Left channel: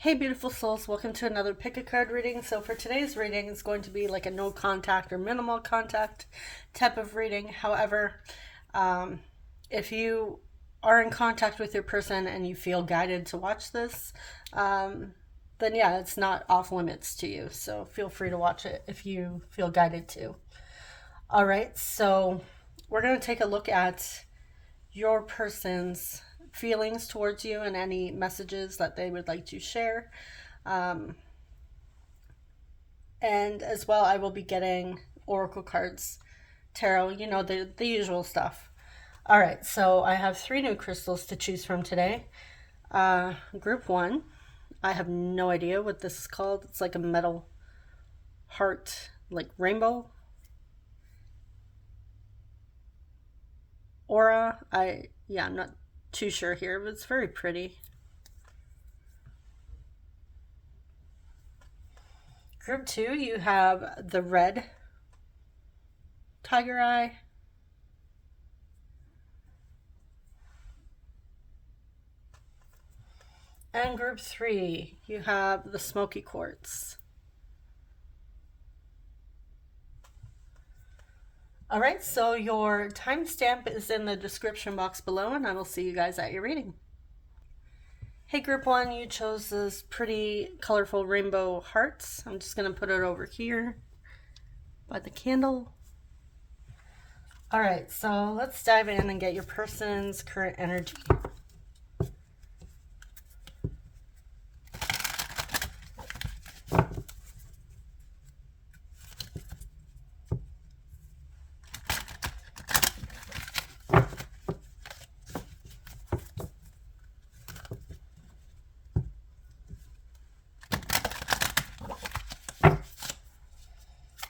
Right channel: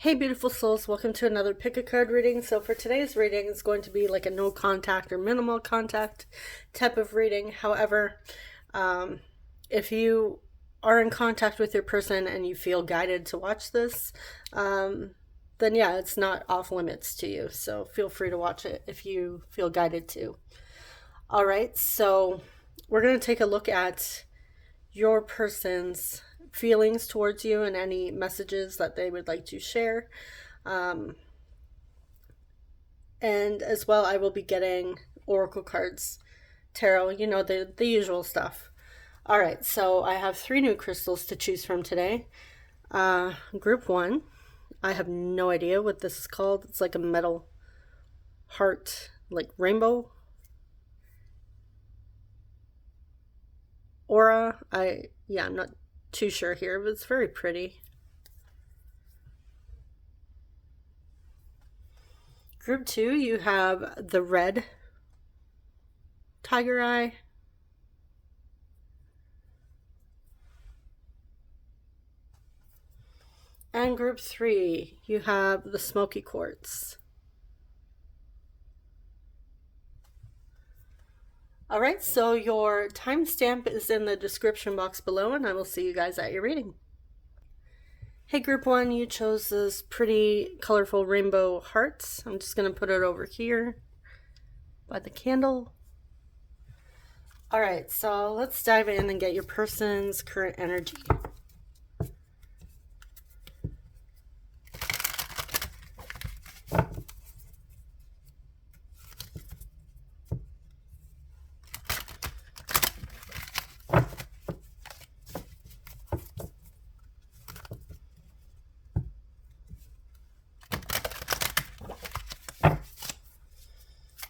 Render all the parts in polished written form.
Hey beautiful souls, welcome to another pick a card reading. So for today's reading, it's going to be like a no contact or minimal contact type of reading. However, if you are in contact with your person and you feel guided to watch this, then yeah, it's not off limits to you. So feel free to watch it if you feel guided to. All right, so we're going to take a look at your person's feelings towards you and any messages that they would like to share. Um, and as well, I will be getting oracle cards, tarot, the usual stuff. All right, so I have 3 new crystals to choose from today. Group 1, I have no idea what this is called. It's like a metal heart, like rainbow aura. I'm not too sure here, but it's very pretty. Group 2, you have the red tiger eye. And group 3, you have the smoky quartz. All right, so your timestamp is in the description box below, and I will see you guys at your reading. Hey, group 1, you chose this pretty colorful rainbow hearts. I'm just going to put it over here by the candle. All right, so let's dive in and get your person's current energy.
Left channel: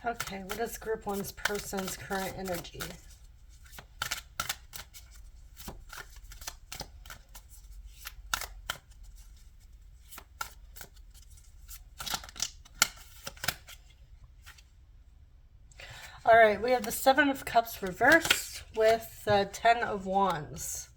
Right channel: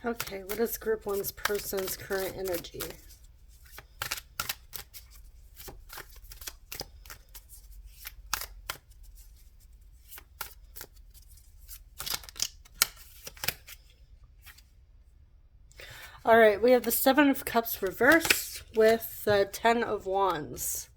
Okay, what is group 1's person's current energy? All right, we have the 7 of Cups reversed with the 10 of Wands.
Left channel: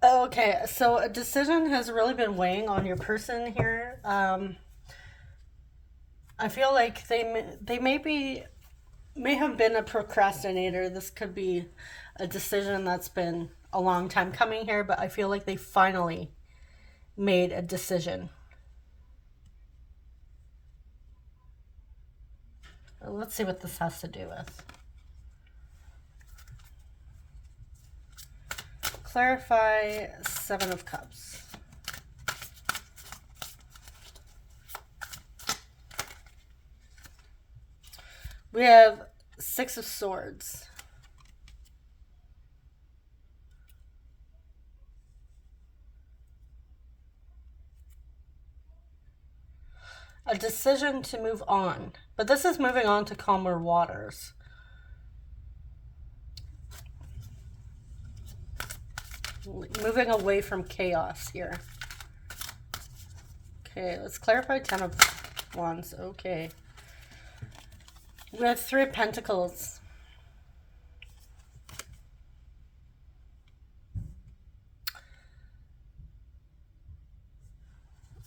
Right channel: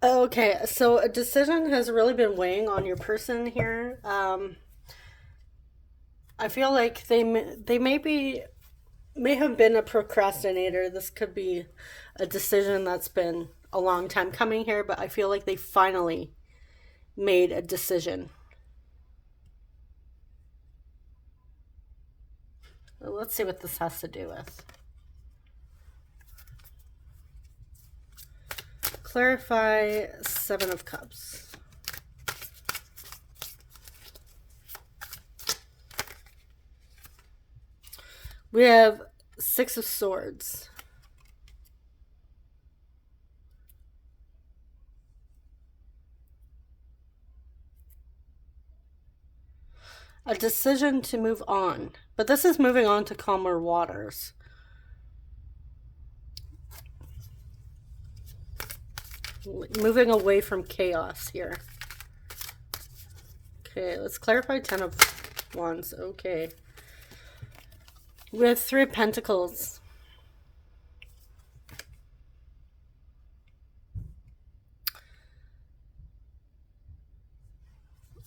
Okay, so a decision has really been weighing on your person here. I feel like they may have been a procrastinator. This could be a decision that's been a long time coming here, but I feel like they finally made a decision. Let's see what this has to do with. Clarify 7 of Cups. We have 6 of Swords. A decision to move on, but this is moving on to calmer waters. Moving away from chaos here. Okay, let's clarify 10 of Wands. Okay. We have 3 of Pentacles.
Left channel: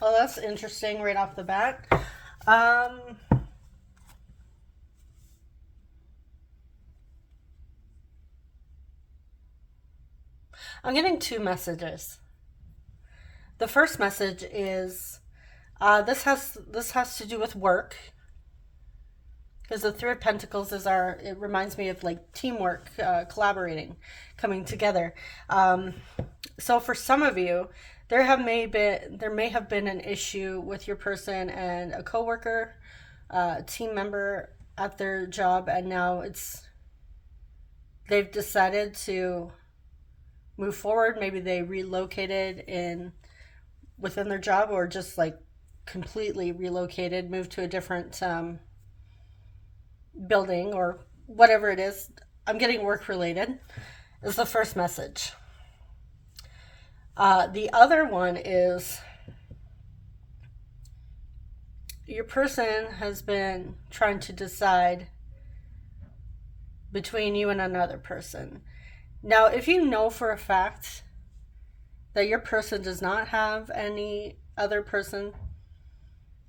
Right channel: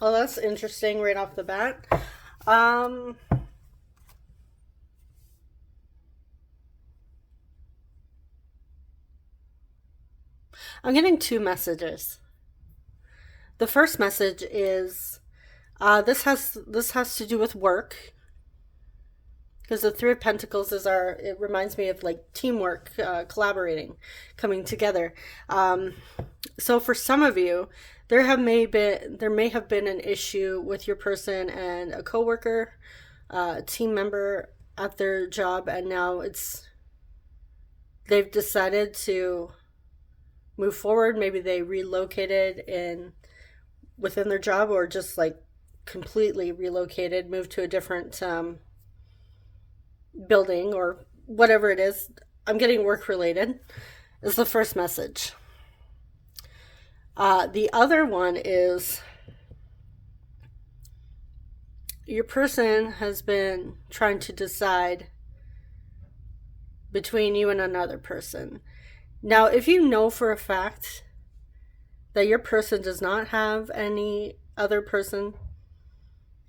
Oh, that's interesting right off the bat. I'm getting 2 messages. The first message is this has to do with work, because the 3 of Pentacles it reminds me of like teamwork, collaborating, coming together. So for some of you, there may have been an issue with your person and a coworker, team member at their job, and now they've decided to move forward. Maybe they relocated within their job, or just like completely relocated, moved to a different building or whatever it is. I'm getting work related is the first message. The other one is your person has been trying to decide between you and another person. Now, if you know for a fact that your person does not have any other person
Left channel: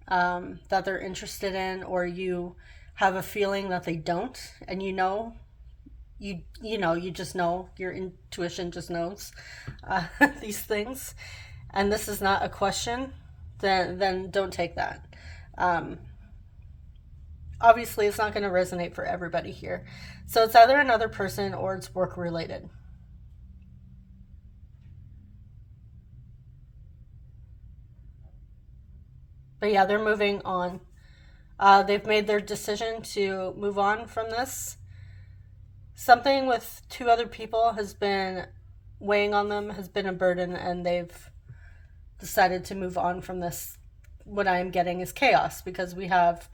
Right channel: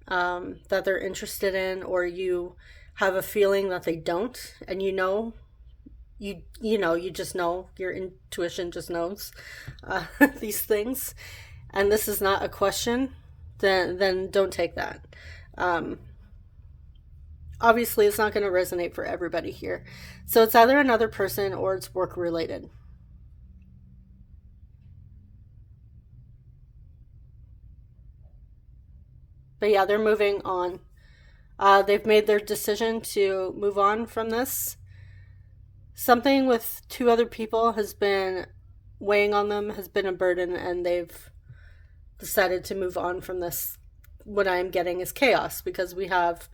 that they're interested in, or you have a feeling that they don't, and you just know, your intuition just knows uh, these things, and this is not a question, then don't take that. Um, Obviously, it's not going to resonate for everybody here, so it's either another person or it's work related. But yeah, they're moving on. They've made their decision to move on from this. Something with two other people has been weighing on them, has been a burden, and they've decided to move on from this. What I am getting is chaos, because we have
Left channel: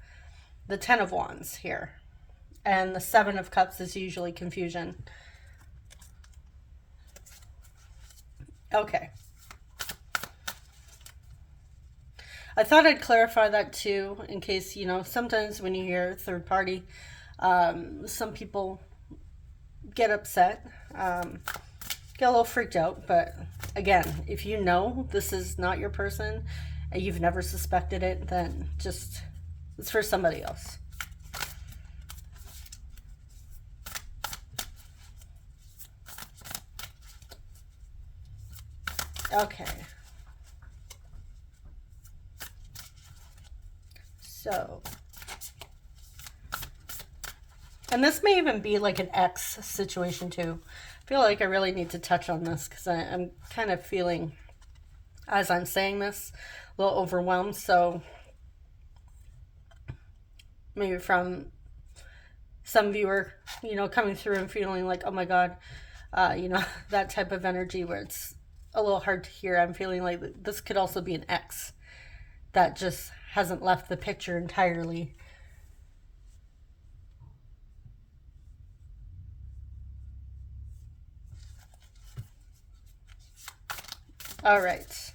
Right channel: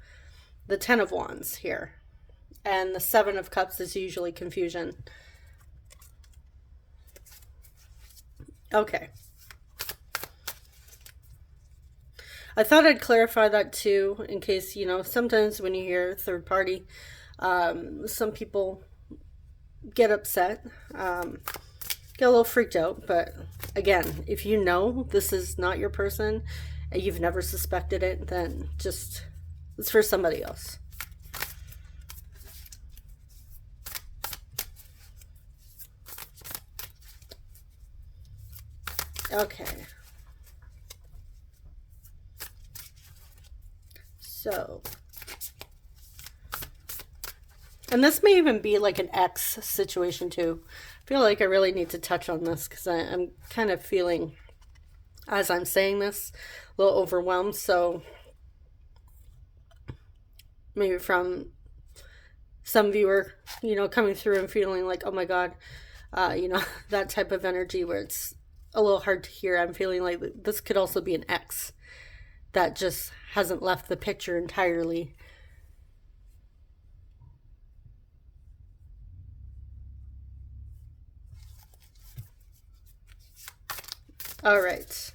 the Ten of Wands here, and the Seven of Cups is usually confusion. Okay. I thought I'd clarify that too, in case, sometimes when you hear third party, some people get upset, get a little freaked out. But again, if you know this is not your person and you've never suspected it, then just, it's for somebody else. Okay. So, and this may even be like an ex situation too. I feel like I really need to touch on this because I'm kind of feeling, as I'm saying this, a little overwhelmed. So maybe from some viewer, coming through and feeling like, oh my God, that type of energy where it's a little hard to hear. I'm feeling like this could also be an ex that just hasn't left the picture entirely. All right.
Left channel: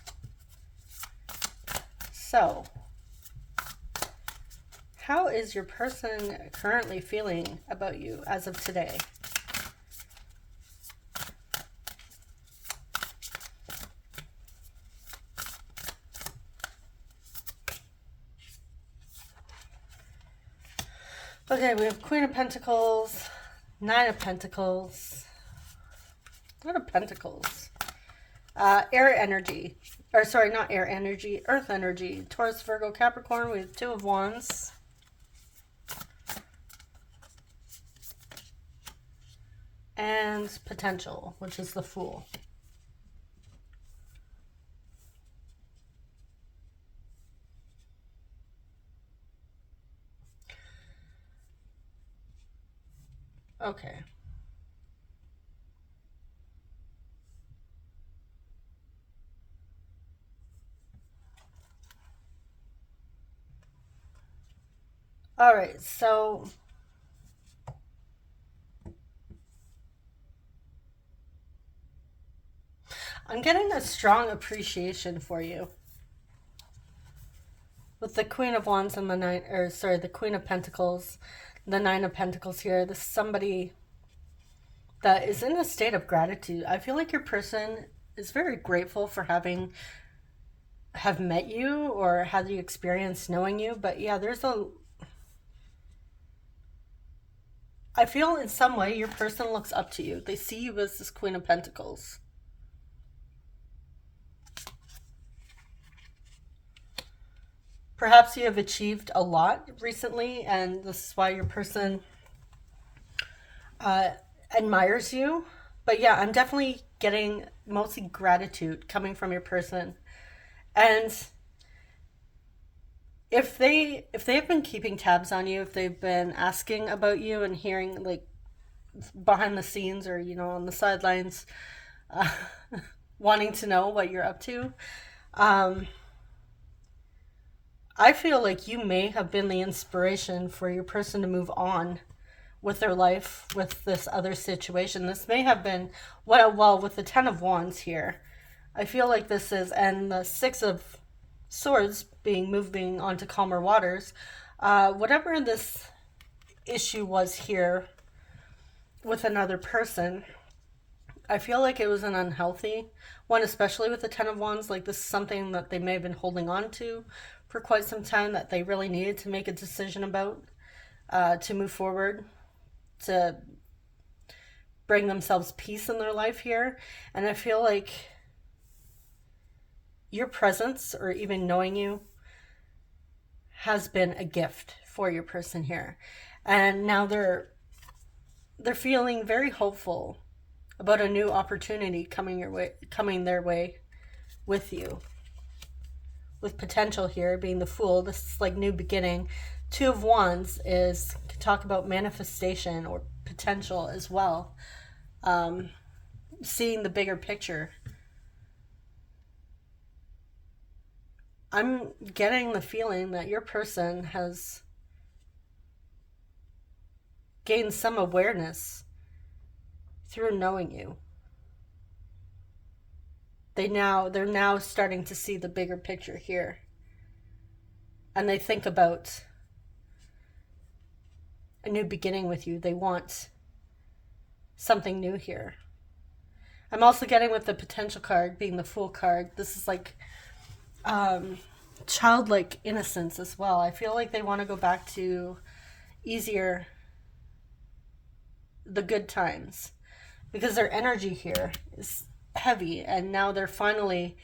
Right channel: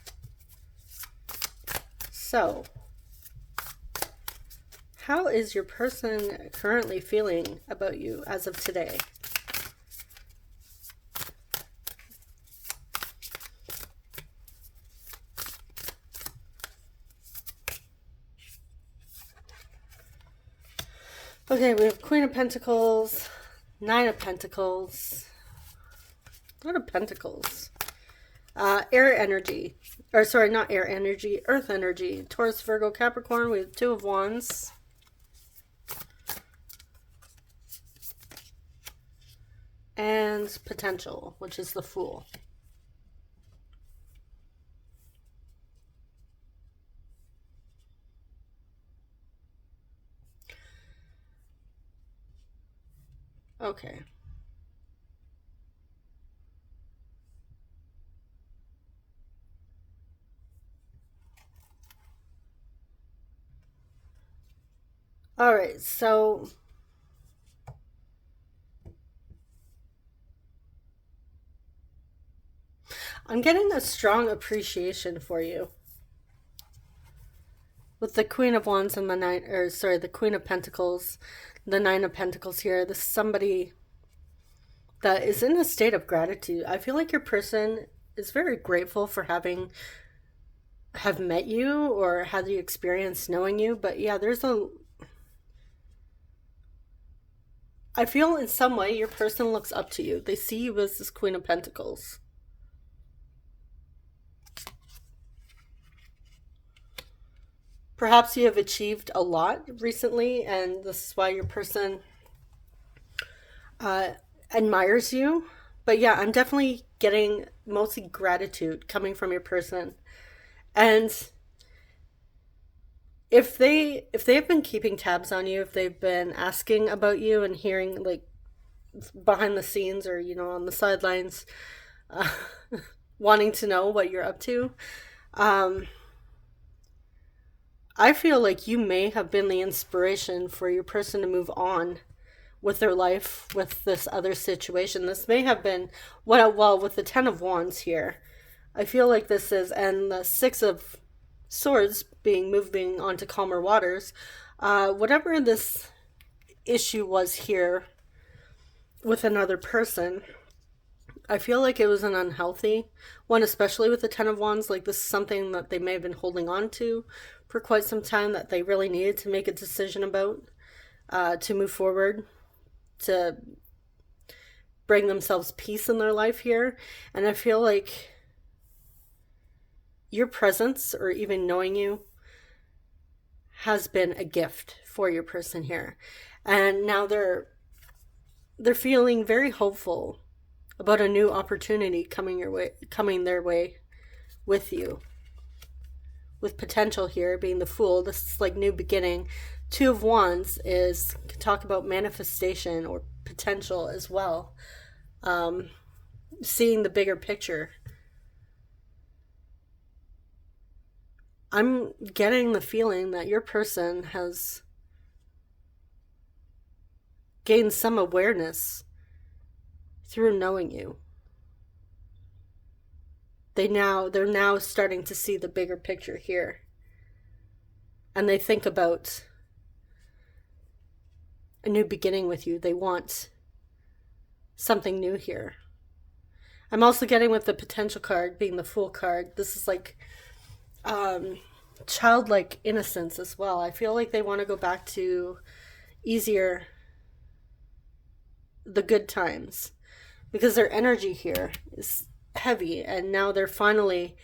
So, how is your person currently feeling about you as of today? Okay, we have Queen of Pentacles, Nine of Pentacles, Lot of Pentacles, air energy, or sorry, not air energy, earth energy, Taurus, Virgo, Capricorn. We have Two of Wands, and potential, which is the Fool. Okay. All right, so I'm getting a strong appreciation for you. With the Queen of Wands and the Queen of Pentacles, the Nine of Pentacles here, this is somebody that is in a state of gratitude. I feel like your person is very grateful for have met you or had the experience knowing you. But yeah, I feel in some way your person looks up to you. They see you as this Queen of Pentacles. Perhaps you have achieved a lot recently, and this is why your person uh, admires you. But yeah, I'm definitely getting mostly gratitude coming from your person. And if they have been keeping tabs on you, if they've been asking about you and hearing like behind the scenes or on the sidelines, uh, wanting to know what you're up to, um, I feel like you may have been the inspiration for your person to move on with their life with this other situation. This may have been well with the Ten of Wands here. I feel like this is, and the Six of Swords being moving onto calmer waters. Whatever this issue was here with another person, I feel like it was an unhealthy one, especially with the Ten of Wands. Like, this is something that they may have been holding on to for quite some time that they really needed to make a decision about, to move forward, to bring themselves peace in their life here. And I feel like your presence, or even knowing you, has been a gift for your person here. And now they're feeling very hopeful about a new opportunity coming their way with you. With potential here being the Fool, this is like new beginning. Two of Wands can talk about manifestation or potential as well. Seeing the bigger picture. I'm getting the feeling that your person has gained some awareness through knowing you. They're now starting to see the bigger picture here. And they think about a new beginning with you. They want something new here. I'm also getting, with the potential card being the Fool card, this is like childlike innocence as well. I feel like they want to go back to easier, the good times, because their energy here is heavy, and now they're finally,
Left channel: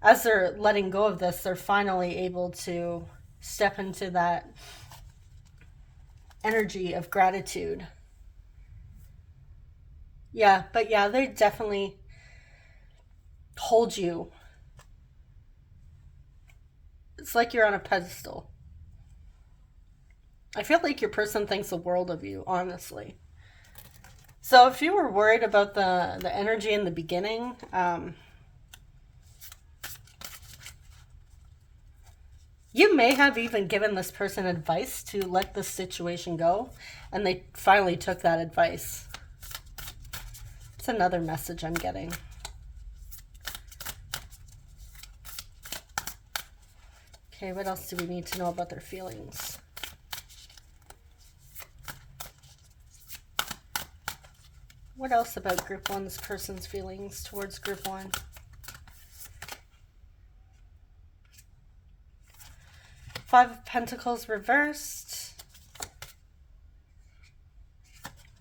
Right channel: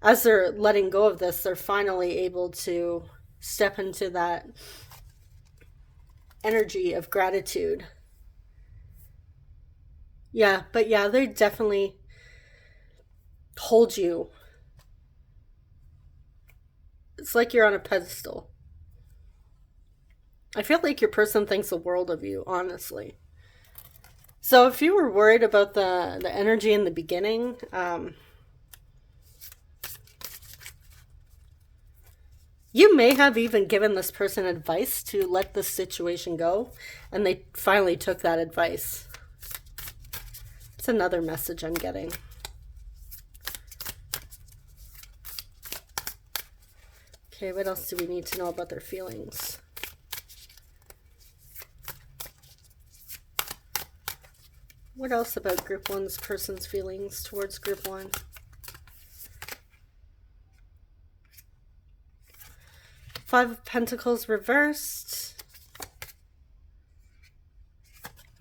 as they're letting go of this, they're finally able to step into that energy of gratitude. Yeah, but yeah, they definitely hold you. It's like you're on a pedestal. I feel like your person thinks the world of you, honestly. So if you were worried about the energy in the beginning, you may have even given this person advice to let this situation go, and they finally took that advice. It's another message I'm getting. Okay, what else do we need to know about their feelings? What else about Group 1's person's feelings towards Group 1? Five of Pentacles reversed.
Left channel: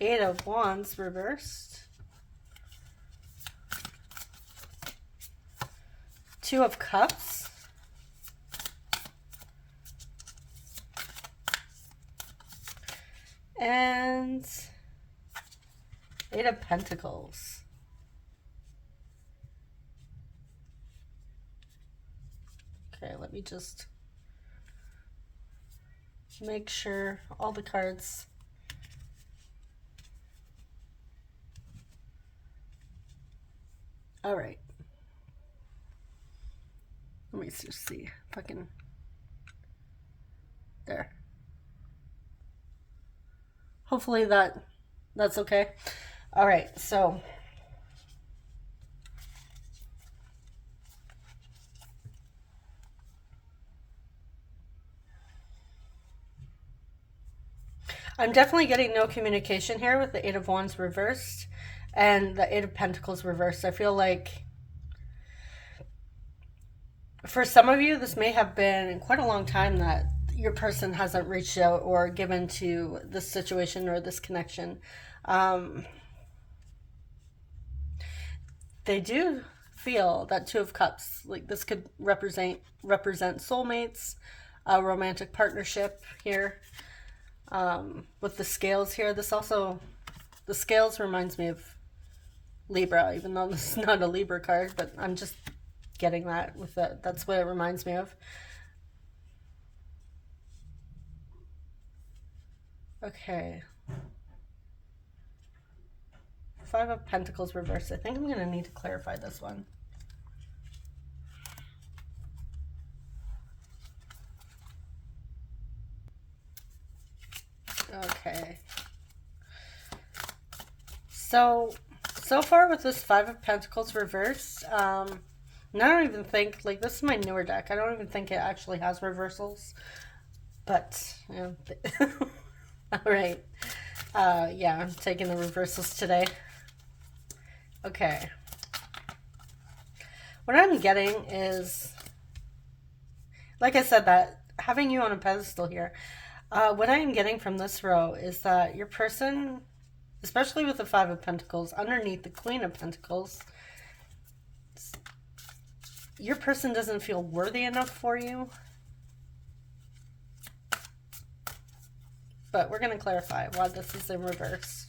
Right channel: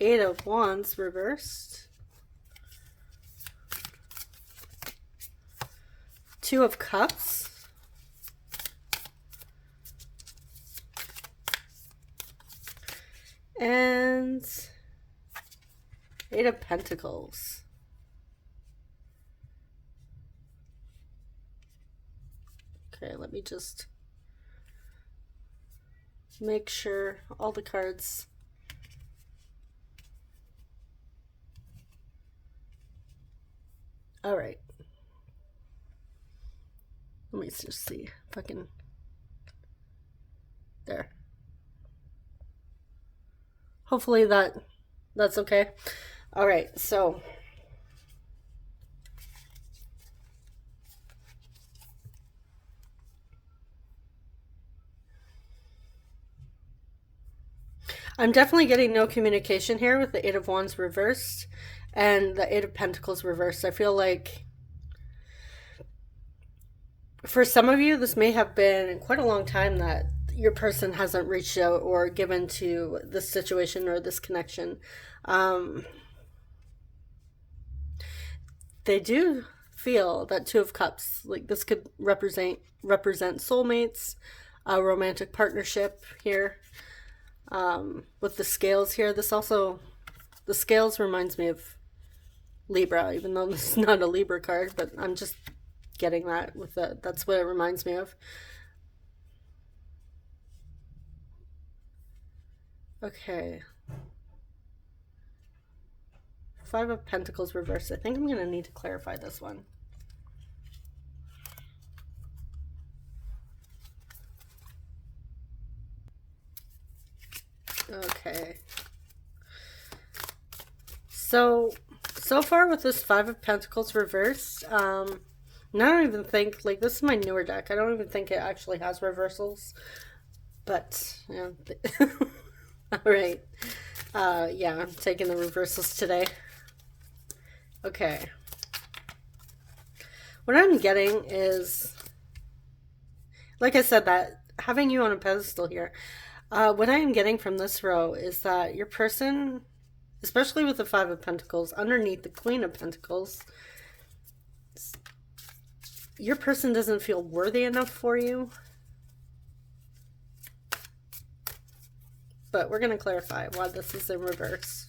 Eight of Wands reversed. Two of Cups. And Eight of Pentacles. Okay, let me just make sure all the cards. All right. Let me just see if I can. There. Hopefully that's okay. All right, so I'm definitely getting no communication here with the Eight of Wands reversed and the Eight of Pentacles reversed. I feel like for some of you, this may have been quite a long time that your person hasn't reached out or given to this situation or this connection. They do feel that Two of Cups, like this could represent soulmates, a romantic partnership here. With the scales here, the scales reminds me of Libra, even though this is not a Libra card, but I'm just getting that with that. That's what it reminds me of. Okay. Five of Pentacles reversed. I think I'm going to need to clarify this one. Okay. So far with this Five of Pentacles reversed, I don't even think, like, this is my newer deck. I don't even think it actually has reversals. But, yeah. All right. Yeah, I'm taking the reversals today. Okay. What I'm getting is, like I said, that having you on a pedestal here, what I am getting from this row is that your person, especially with the Five of Pentacles, underneath the Queen of Pentacles, your person doesn't feel worthy enough for you. But we're going to clarify why this is in reverse.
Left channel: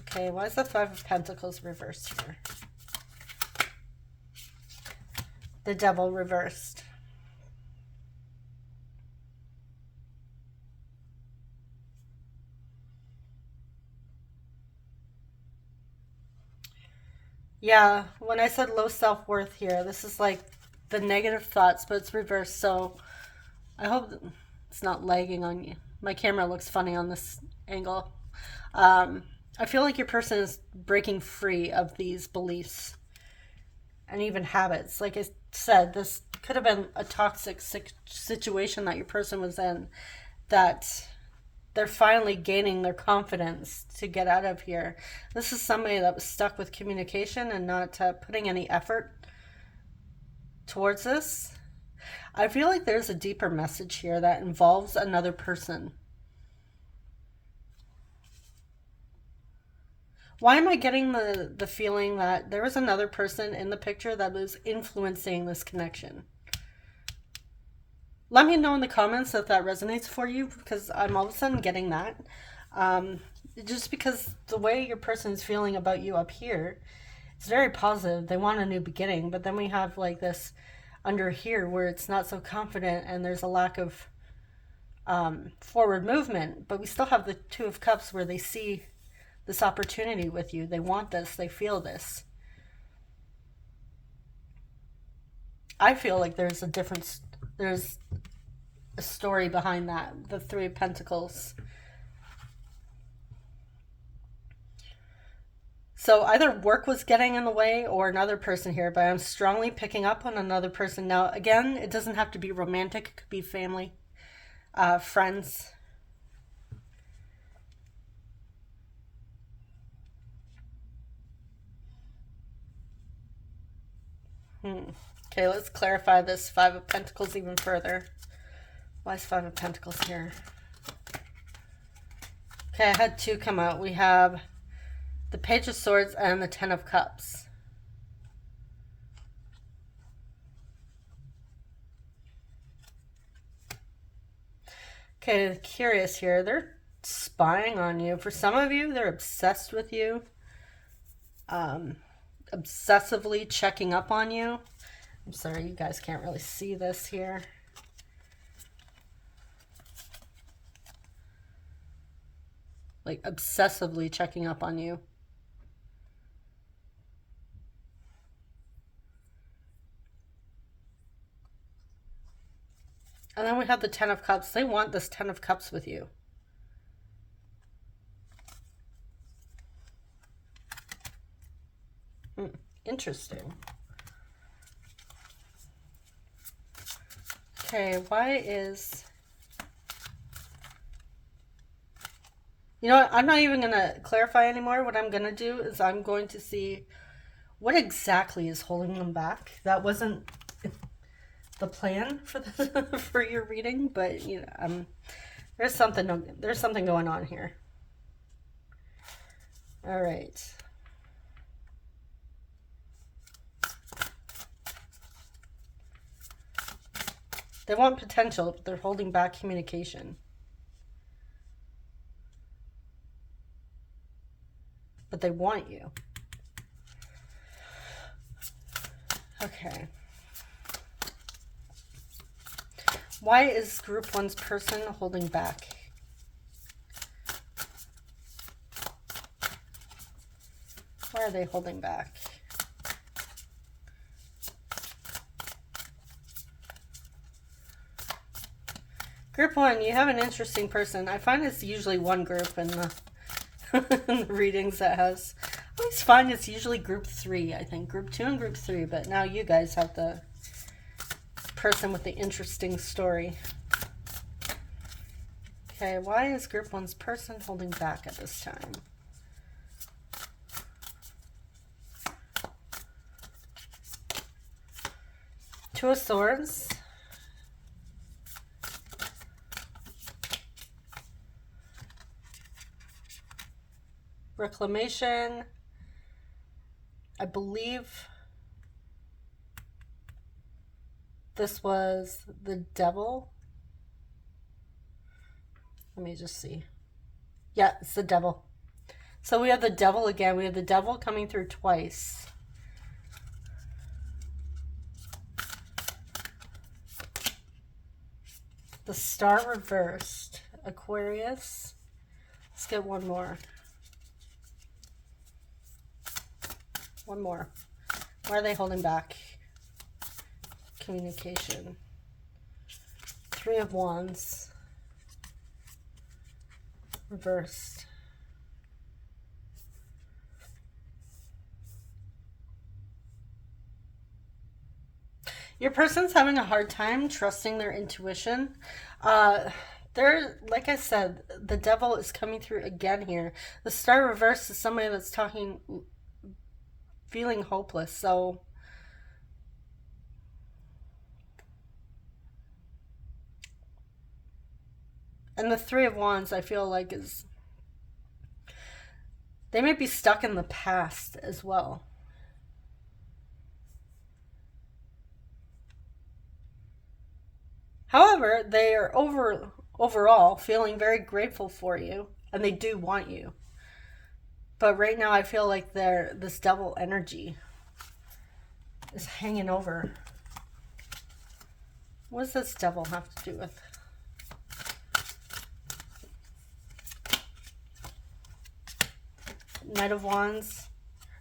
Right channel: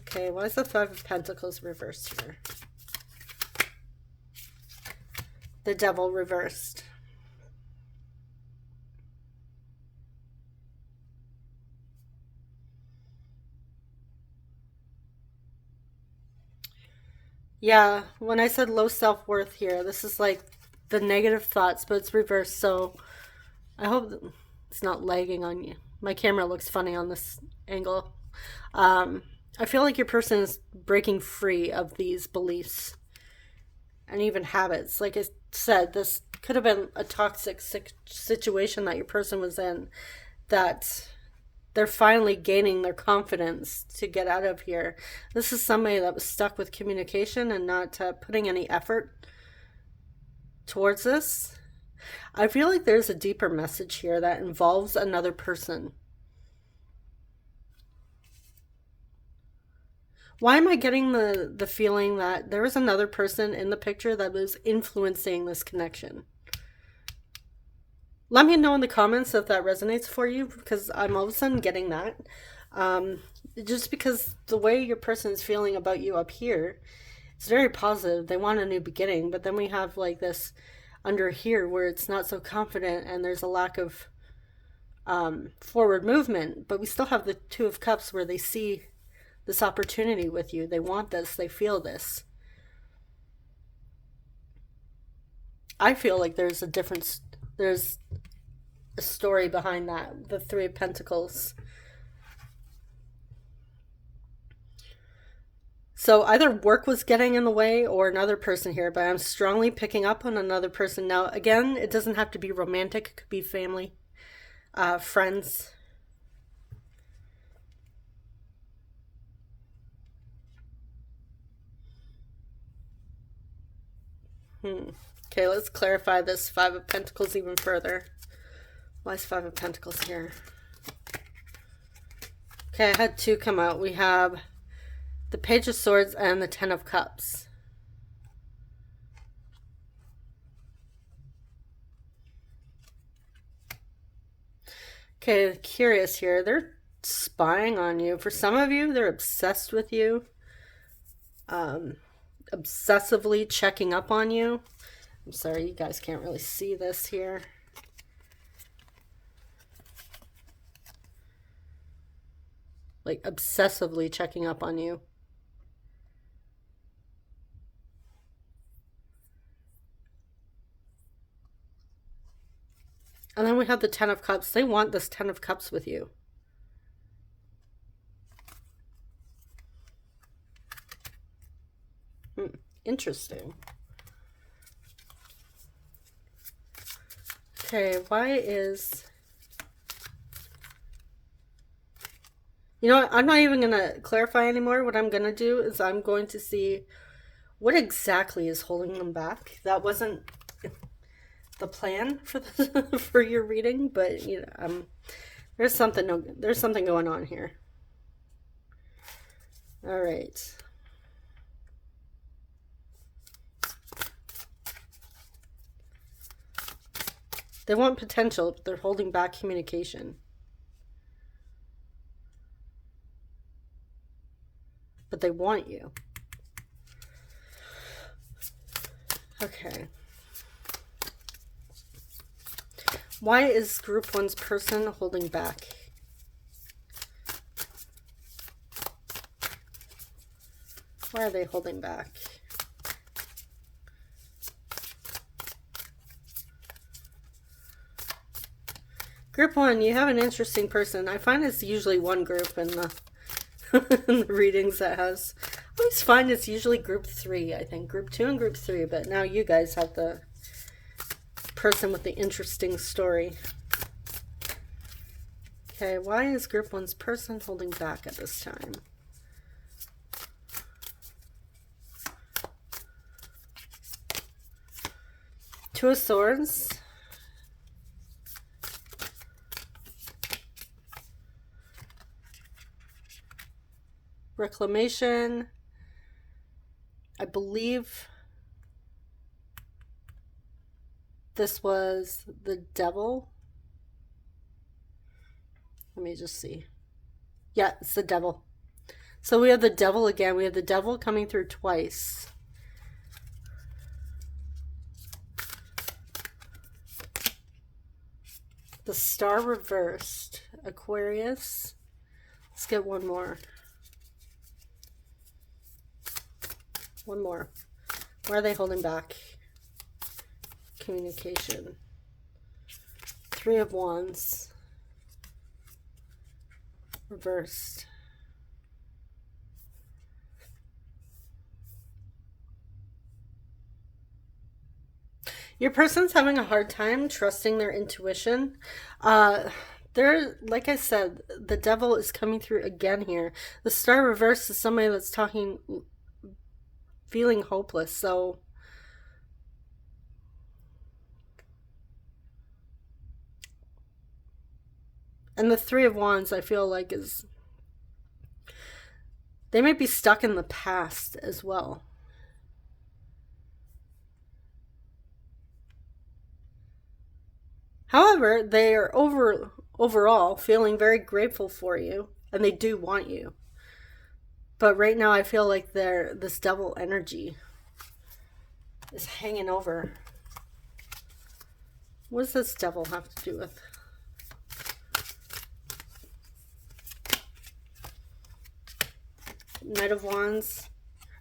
Okay, why is the Five of Pentacles reversed here? The Devil reversed. Yeah, when I said low self-worth here, this is like the negative thoughts, but it's reversed. So I hope it's not lagging on you. My camera looks funny on this angle. I feel like your person is breaking free of these beliefs and even habits. Like I said, this could have been a toxic situation that your person was in, that they're finally gaining their confidence to get out of here. This is somebody that was stuck with communication and not putting any effort towards this. I feel like there's a deeper message here that involves another person. Why am I getting the feeling that there was another person in the picture that was influencing this connection? Let me know in the comments if that resonates for you, because I'm all of a sudden getting that. Just because the way your person's feeling about you up here, it's very positive. They want a new beginning, but then we have like this under here where it's not so confident and there's a lack of forward movement. But we still have the Two of Cups where they see this opportunity with you. They want this. They feel this. I feel like there's a story behind that. The Three of Pentacles. So either work was getting in the way or another person here, but I'm strongly picking up on another person. Now, again, it doesn't have to be romantic. It could be family, friends. Okay, let's clarify this Five of Pentacles even further. Why is Five of Pentacles here? Okay, I had two come out. We have the Page of Swords and the Ten of Cups. Okay, curious here. They're spying on you. For some of you, they're obsessed with you. Obsessively checking up on you. I'm sorry, you guys can't really see this here. Like obsessively checking up on you. And then we have the Ten of Cups. They want this Ten of Cups with you. Interesting. Okay, why is... You know what? I'm not even going to clarify anymore. What I'm going to do is I'm going to see what exactly is holding them back. That wasn't the plan for for your reading, but you know, there's something going on here. All right. They want potential, but they're holding back communication. But they want you. Okay. Why is Group 1's person holding back? Why are they holding back? Group 1, you have an interesting person. I find it's usually one group in the in the readings that has... I always find it's usually Group 3, I think. Group 2 and Group 3, but now you guys have the person with the interesting story. Okay, why is Group 1's person holding back at this time? Two of Swords. Reclamation. I believe this was the Devil. Let me just see. Yeah, it's the Devil. So we have the Devil again. We have the Devil coming through twice. The Star reversed. Aquarius. Let's get one more. One more. Why are they holding back? Communication. Three of Wands. Reversed. Your person's having a hard time trusting their intuition. Like I said, the Devil is coming through again here. The Star reversed is somebody that's talking, feeling hopeless. So and the Three of Wands, I feel like, is they might be stuck in the past as well. However, they are overall feeling very grateful for you, and they do want you. But right now I feel like this Devil energy is hanging over. What does this Devil have to do with? Knight of Wands,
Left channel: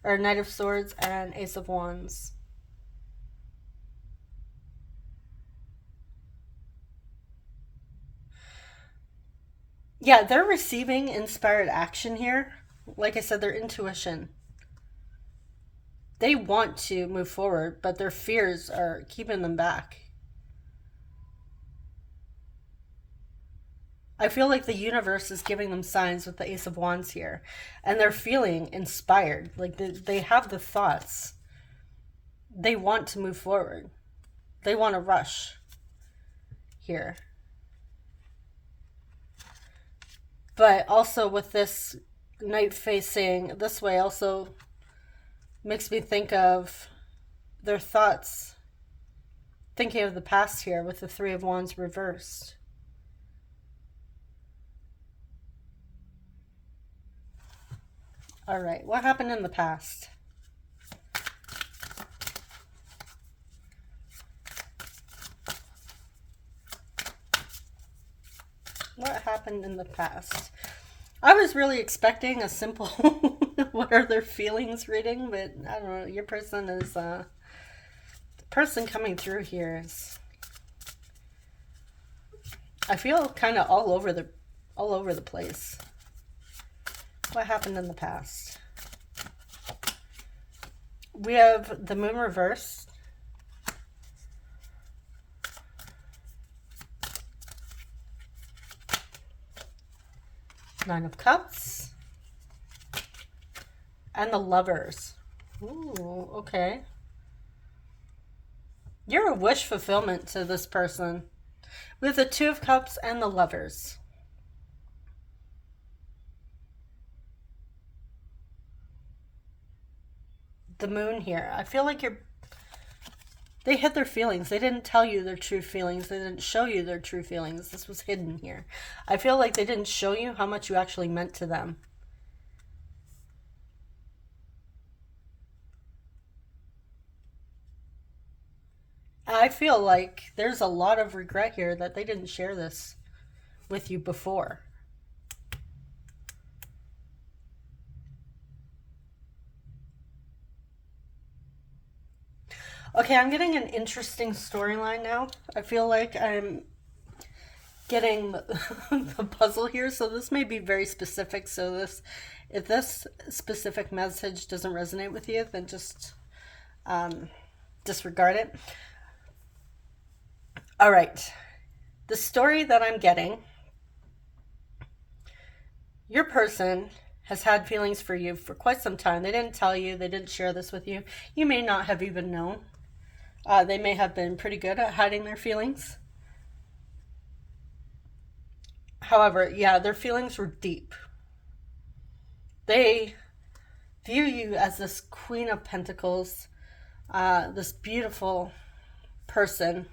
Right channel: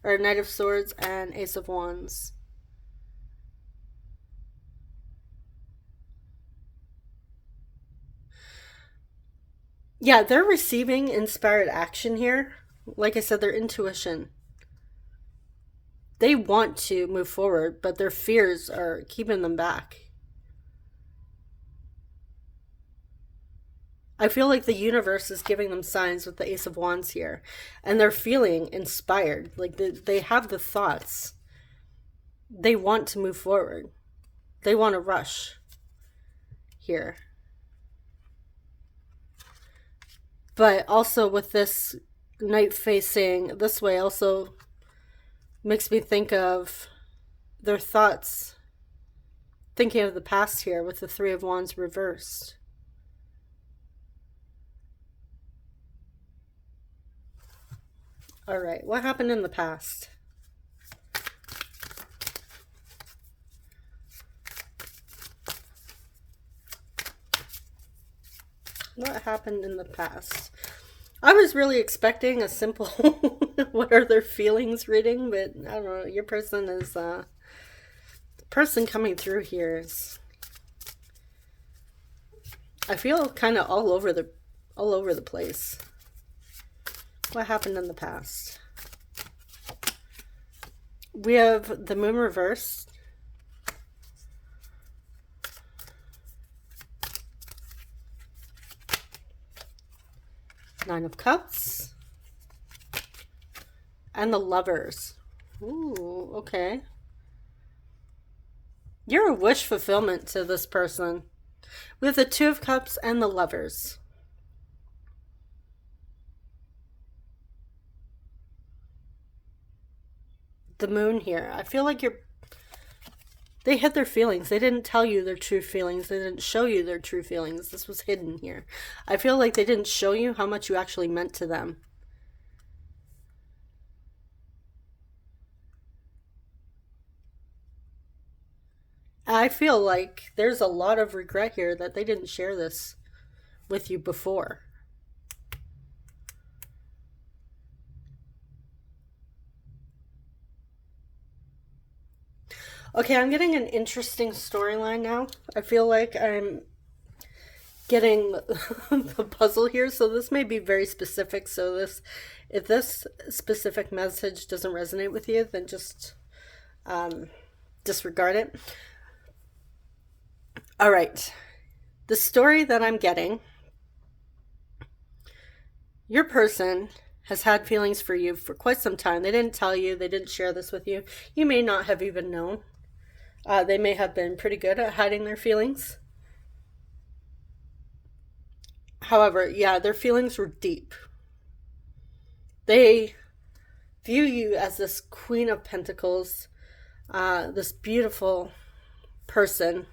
or Knight of Swords and Ace of Wands. Yeah, they're receiving inspired action here. Like I said, their intuition. They want to move forward, but their fears are keeping them back. I feel like the universe is giving them signs with the Ace of Wands here. And they're feeling inspired. Like they have the thoughts. They want to move forward. They want to rush here. But also with this Knight facing this way also makes me think of their thoughts. Thinking of the past here with the Three of Wands reversed. All right, what happened in the past? What happened in the past? I was really expecting a simple what are their feelings reading, but I don't know. Your person is the person coming through here is, I feel kind of all over the place. What happened in the past? We have the Moon reversed. Nine of Cups. And the Lovers. Ooh, okay. You're a wish fulfillment to this person. We have the Two of Cups and the Lovers. The Moon here. I feel like they hid their feelings. They didn't tell you their true feelings. They didn't show you their true feelings. This was hidden here. I feel like they didn't show you how much you actually meant to them. I feel like there's a lot of regret here that they didn't share this with you before. Okay, I'm getting an interesting storyline now. I feel like I'm getting the puzzle here, so this may be very specific. So if this specific message doesn't resonate with you, then just disregard it. All right, the story that I'm getting, your person has had feelings for you for quite some time. They didn't tell you, they didn't share this with you. You may not have even known. They may have been pretty good at hiding their feelings. However, yeah, their feelings were deep. They view you as this Queen of Pentacles, this beautiful person,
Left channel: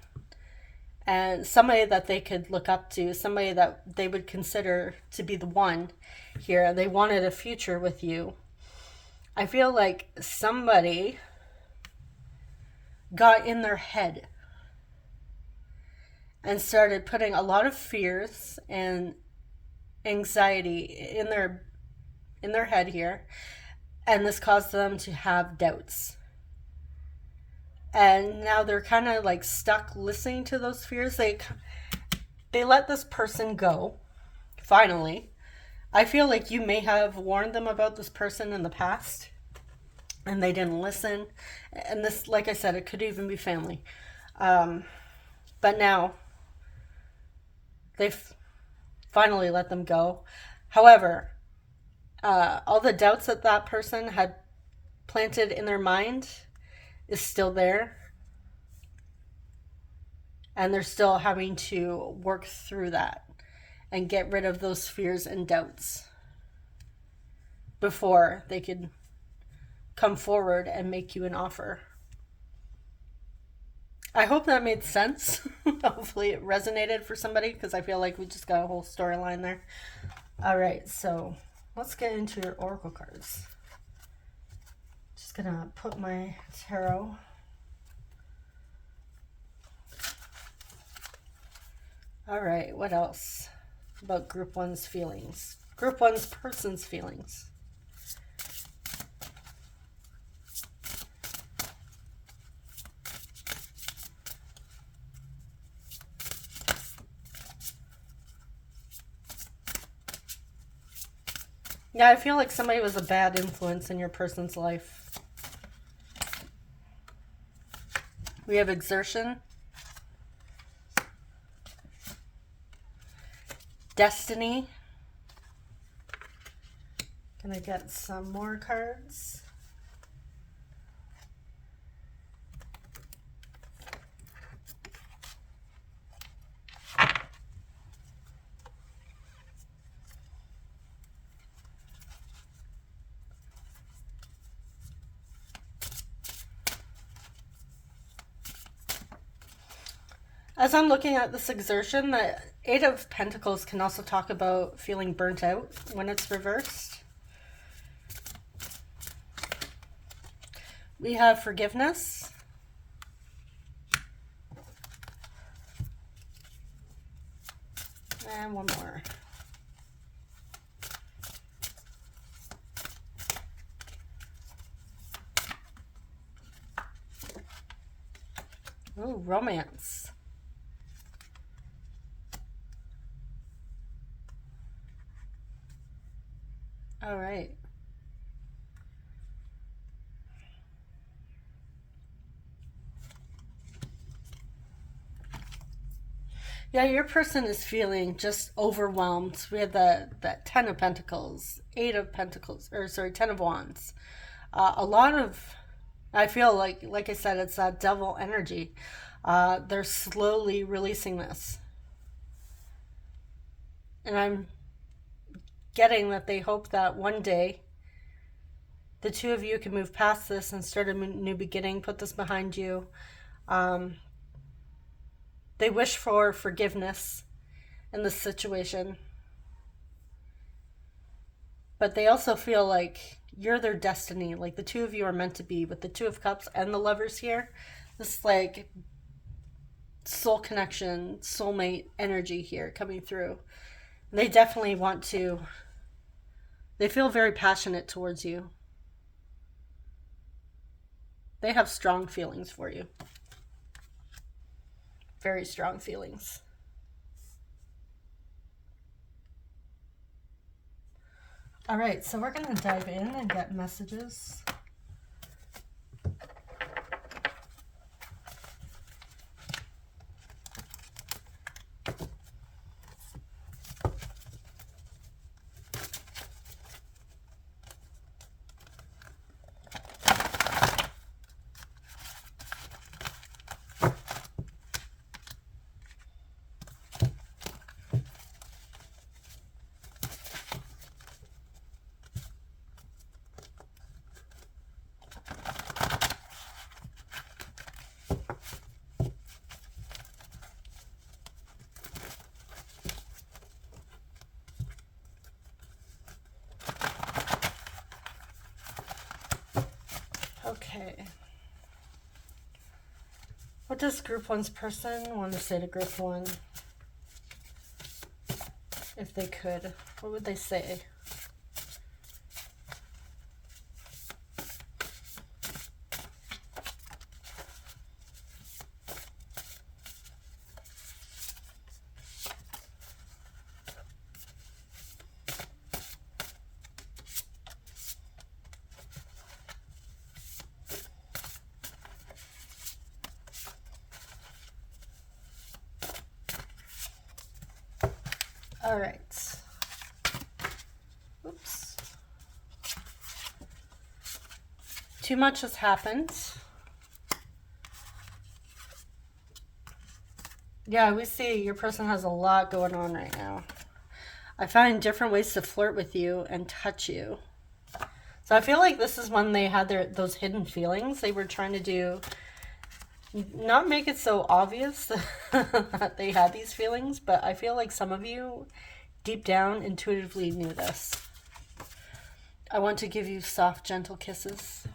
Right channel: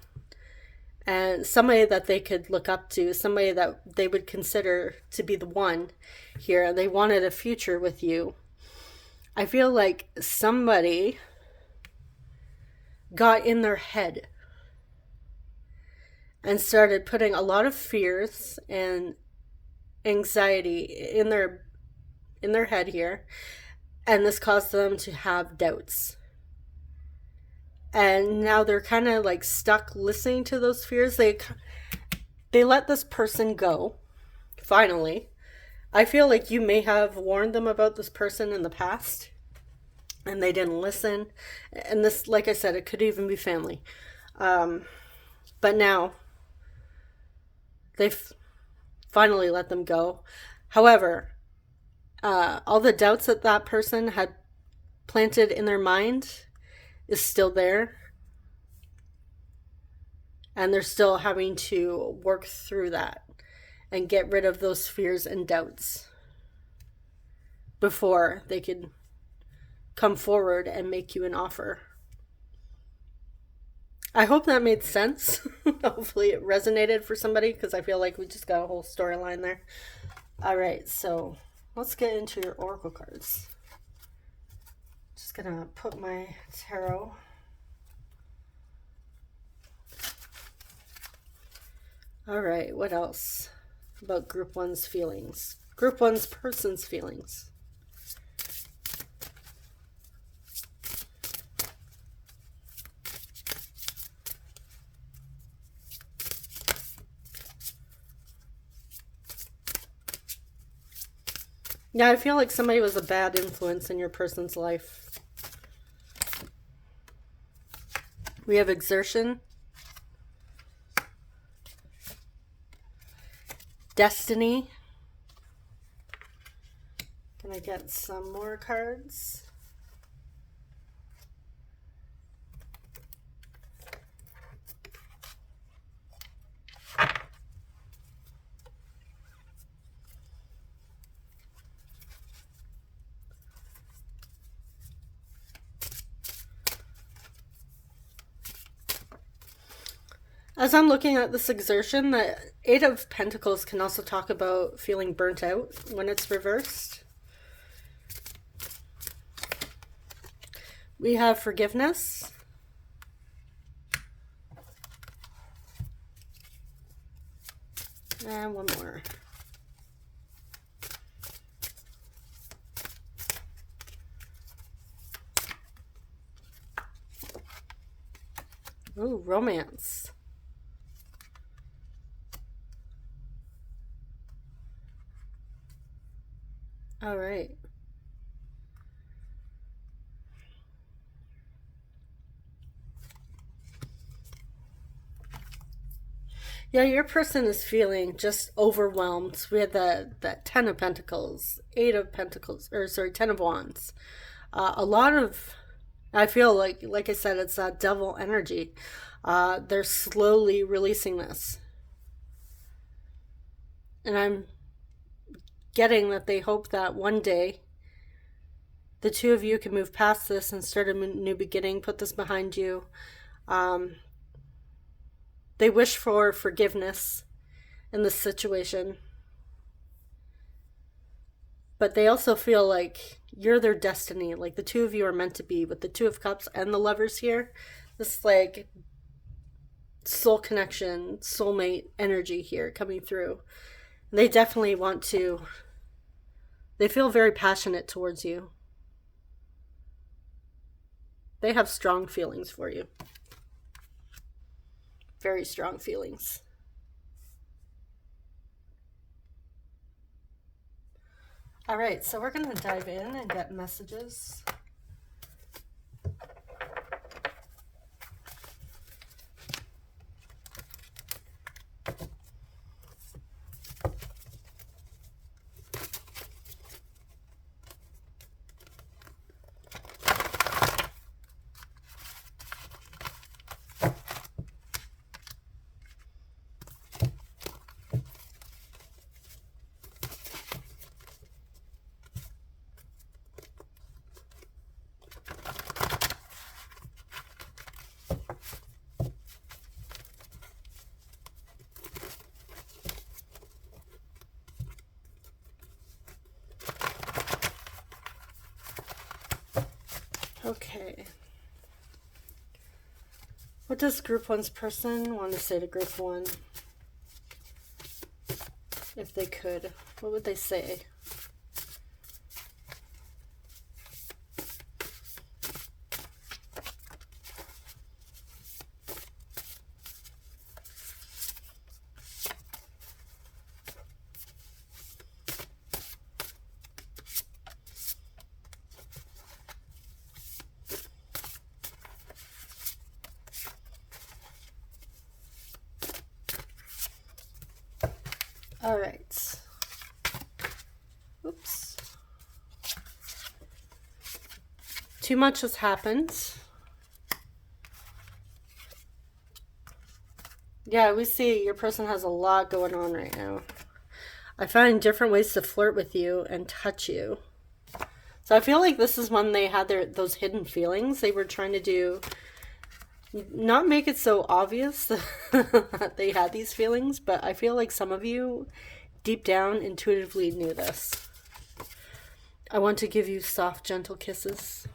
and somebody that they could look up to, somebody that they would consider to be the one here. They wanted a future with you. I feel like somebody got in their head and started putting a lot of fears and anxiety in their head here, and this caused them to have doubts. And now they're kind of like stuck listening to those fears. They let this person go finally. I feel like you may have warned them about this person in the past and they didn't listen. And this, like I said, it could even be family. But now they've finally let them go. However, all the doubts that that person had planted in their mind is still there. And they're still having to work through that and get rid of those fears and doubts before they could come forward and make you an offer. I hope that made sense. Hopefully it resonated for somebody, because I feel like we just got a whole storyline there. All right, so let's get into your oracle cards. Just gonna put my tarot. All right, what else about Group 1's feelings? Group 1's person's feelings. Yeah, I feel like somebody was a bad influence in your person's life. We have exertion, destiny. Can I get some more cards? As I'm looking at this exertion, the Eight of Pentacles can also talk about feeling burnt out when it's reversed. We have forgiveness. And one more. Ooh, romance. All right. Yeah, your person is feeling just overwhelmed. We had that Ten of Pentacles, Eight of Pentacles, or sorry, Ten of Wands. A lot of, I feel like I said, it's that devil energy. They're slowly releasing this. And I'm getting that they hope that one day the two of you can move past this and start a new beginning, put this behind you. They wish for forgiveness in this situation. But they also feel like you're their destiny. Like the two of you are meant to be, with the Two of Cups and the Lovers here. This like soul connection, soulmate energy here coming through. They definitely want to, they feel very passionate towards you. They have strong feelings for you. Very strong feelings. All right, so we're going to dive in and get messages. Okay. What does group one's person want to say to group one? If they could, what would they say? All right. Oops. Too much has happened. Yeah, we see your person has a lot going on right now. I find different ways to flirt with you and touch you. So I feel like this is when they had those hidden feelings. They were trying to do, not make it so obvious that they had these feelings, but I feel like some of you deep down intuitively knew this. I want to give you soft, gentle kisses.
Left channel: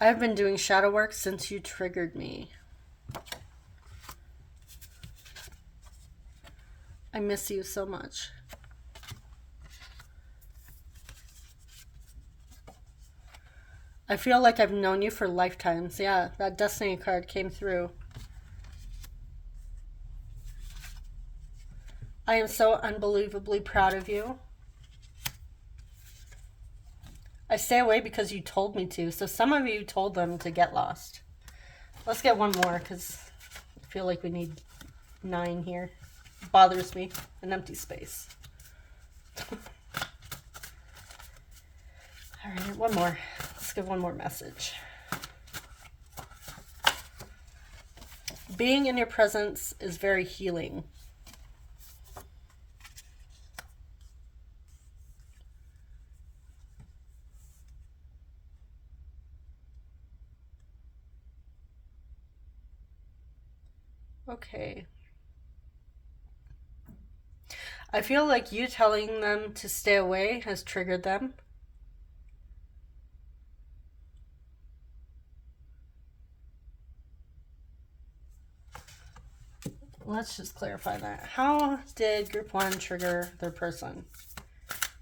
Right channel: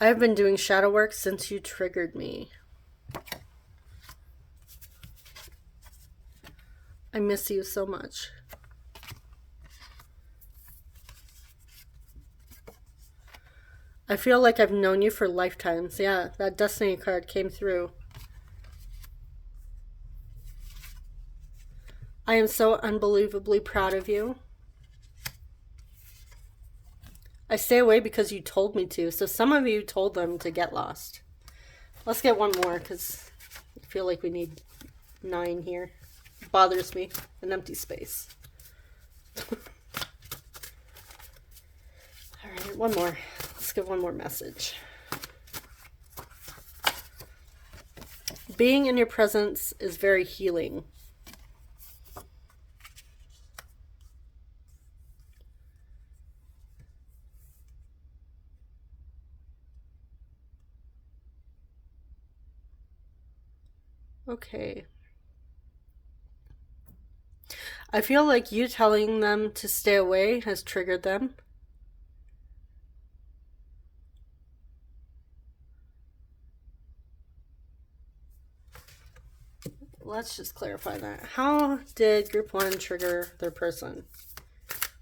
I have been doing shadow work since you triggered me. I miss you so much. I feel like I've known you for lifetimes. Yeah, that Destiny card came through. I am so unbelievably proud of you. I stay away because you told me to. So some of you told them to get lost. Let's get one more because I feel like we need 9 here. It bothers me. An empty space. All right, one more. Let's give one more message. Being in your presence is very healing. Okay. I feel like you telling them to stay away has triggered them. Let's just clarify that. How did group one trigger their person?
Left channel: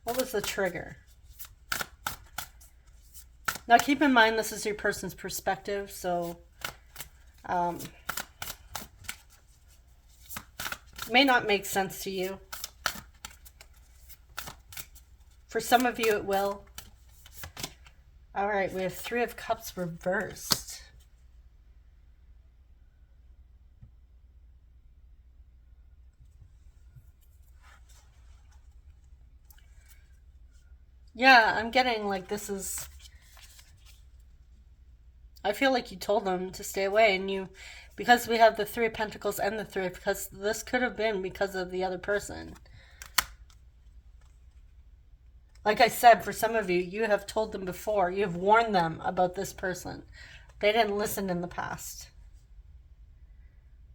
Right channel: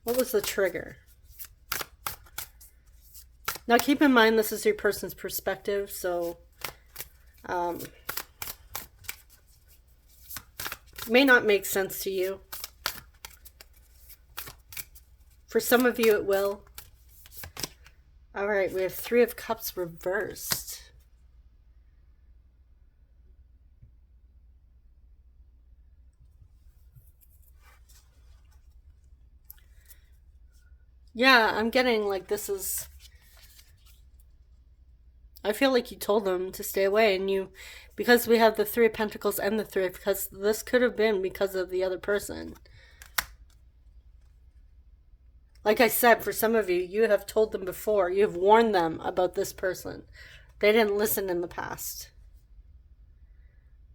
What was the trigger? Now keep in mind this is your person's perspective, so it may not make sense to you. For some of you it will. All right, we have 3 of Cups reversed. Yeah, I'm getting like this is... I feel like you told them to stay away, and you... Because we have the 3 of Pentacles and the 3 because this could have been because of the other person. Like I said, for some of you, you have told them before. You have warned them about this person. They didn't listen in the past.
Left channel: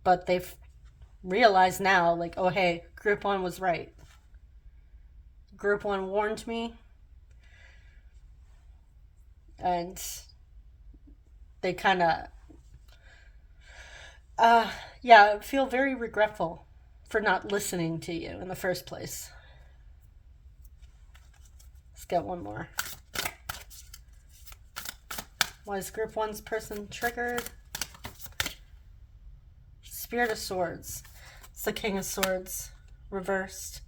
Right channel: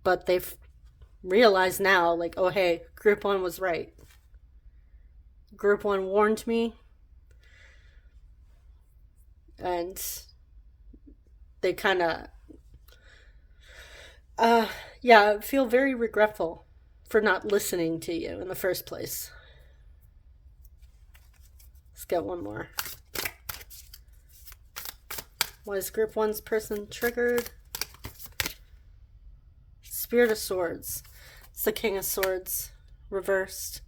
But they've realized now, like, oh, hey, group one was right. Group one warned me. And they kind of, yeah, feel very regretful for not listening to you in the first place. Let's get one more. Why is group one's person triggered? Spirit of Swords. It's the King of Swords reversed.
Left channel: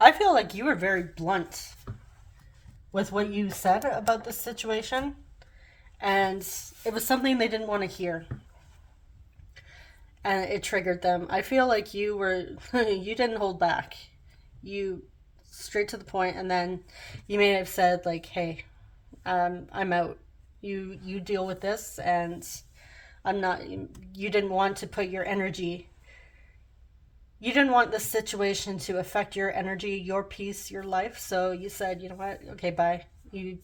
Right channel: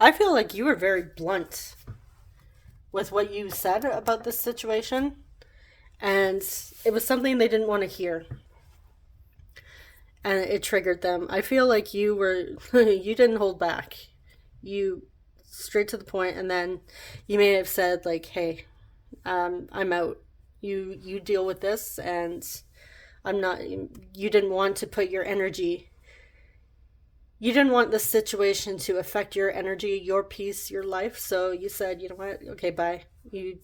I feel like you were very blunt with what you said about this situation, and it was something they didn't want to hear, and it triggered them. I feel like you were you didn't hold back. You straight to the point, and then you may have said like, hey, I'm out. You deal with this, and I'm not... You didn't want to put your energy... You didn't want this situation to affect your energy, your peace, your life. So you said, you know what? Okay, bye. You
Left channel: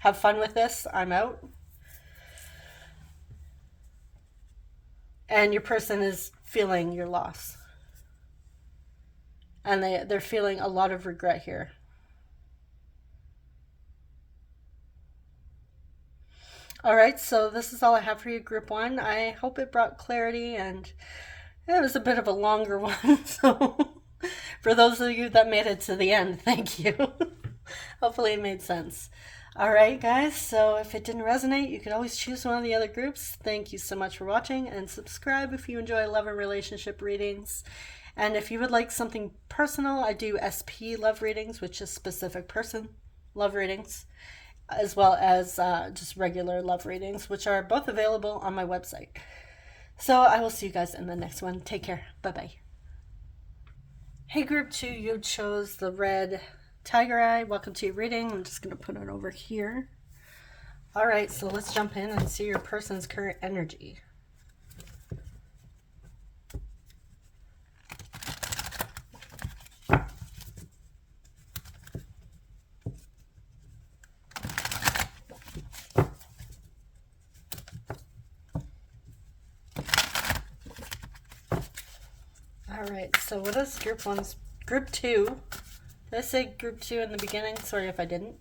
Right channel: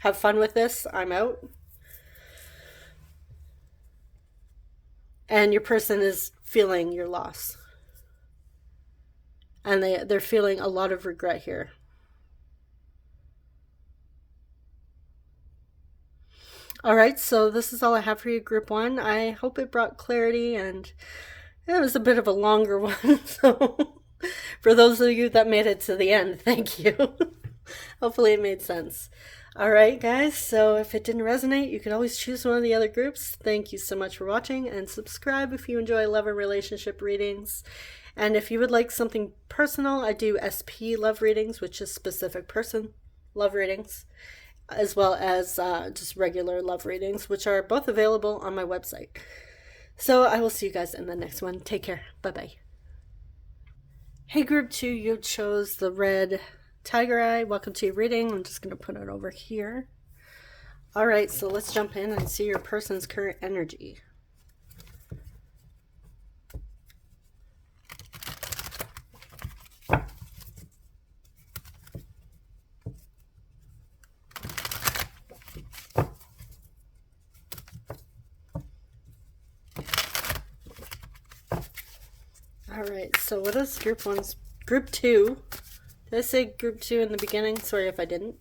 have fun with this. I'm out. And your person is feeling your loss. And they're feeling a lot of regret here. All right, so this is all I have for you, Group 1. I hope it brought clarity, and it was a bit of a longer one. So, for those of you that made it to the end, thank you. Hopefully, it made sense. All right, guys, so if it didn't resonate, you could always choose one of the other groups. Thank you so much for watching, and subscribe if you enjoy love and relationship readings. And if you would like something personal, I do SP love readings, which is specific person love readings, as well as just regular love readings, which are both available on my website. So I will see you guys in the next one. Take care. Bye-bye. Hey, Group 2, you chose the red tiger eye. Welcome to your reading. I'm just going to put it over here. All right, so let's jump in and see your person's current energy. Alright, so what is Group 2? Did I say Group 2 in the beginning? Sorry if I didn't.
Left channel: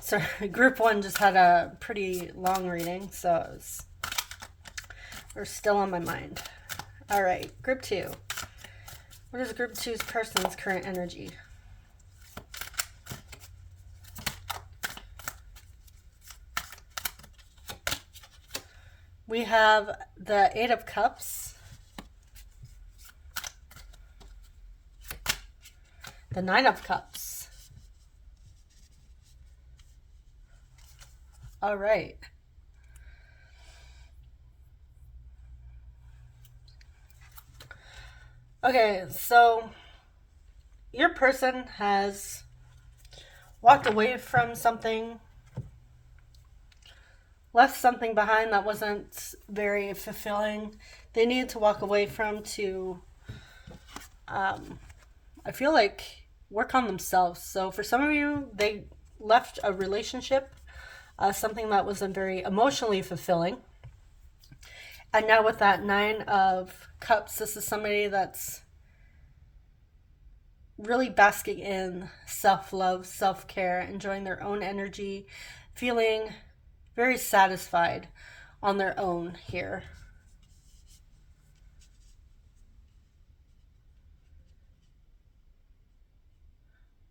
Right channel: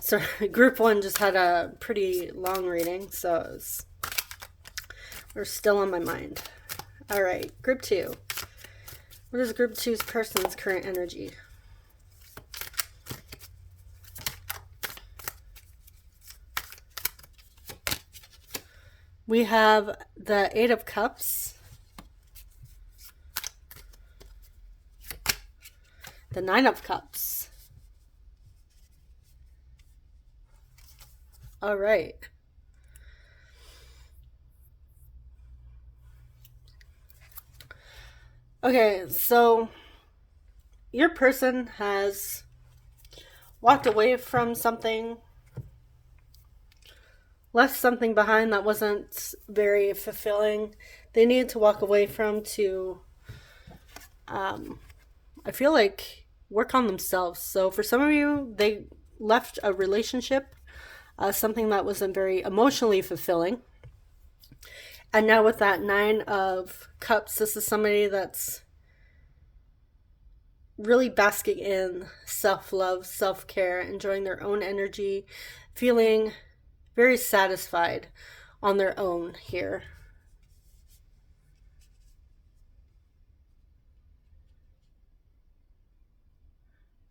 Sorry, Group 1 just had a pretty long reading, so we're still on my mind. Alright, Group 2. What is Group 2's person's current energy? We have the Eight of Cups, the Nine of Cups. All right. Okay, so your person has walked away from something, left something behind that wasn't very fulfilling. They needed to walk away from to, I feel like, work on themselves. So for some of you, they left a relationship, something that wasn't very emotionally fulfilling. And now with that Nine of Cups, this is somebody that's really basking in self-love, self-care, enjoying their own energy, feeling very satisfied on their own here.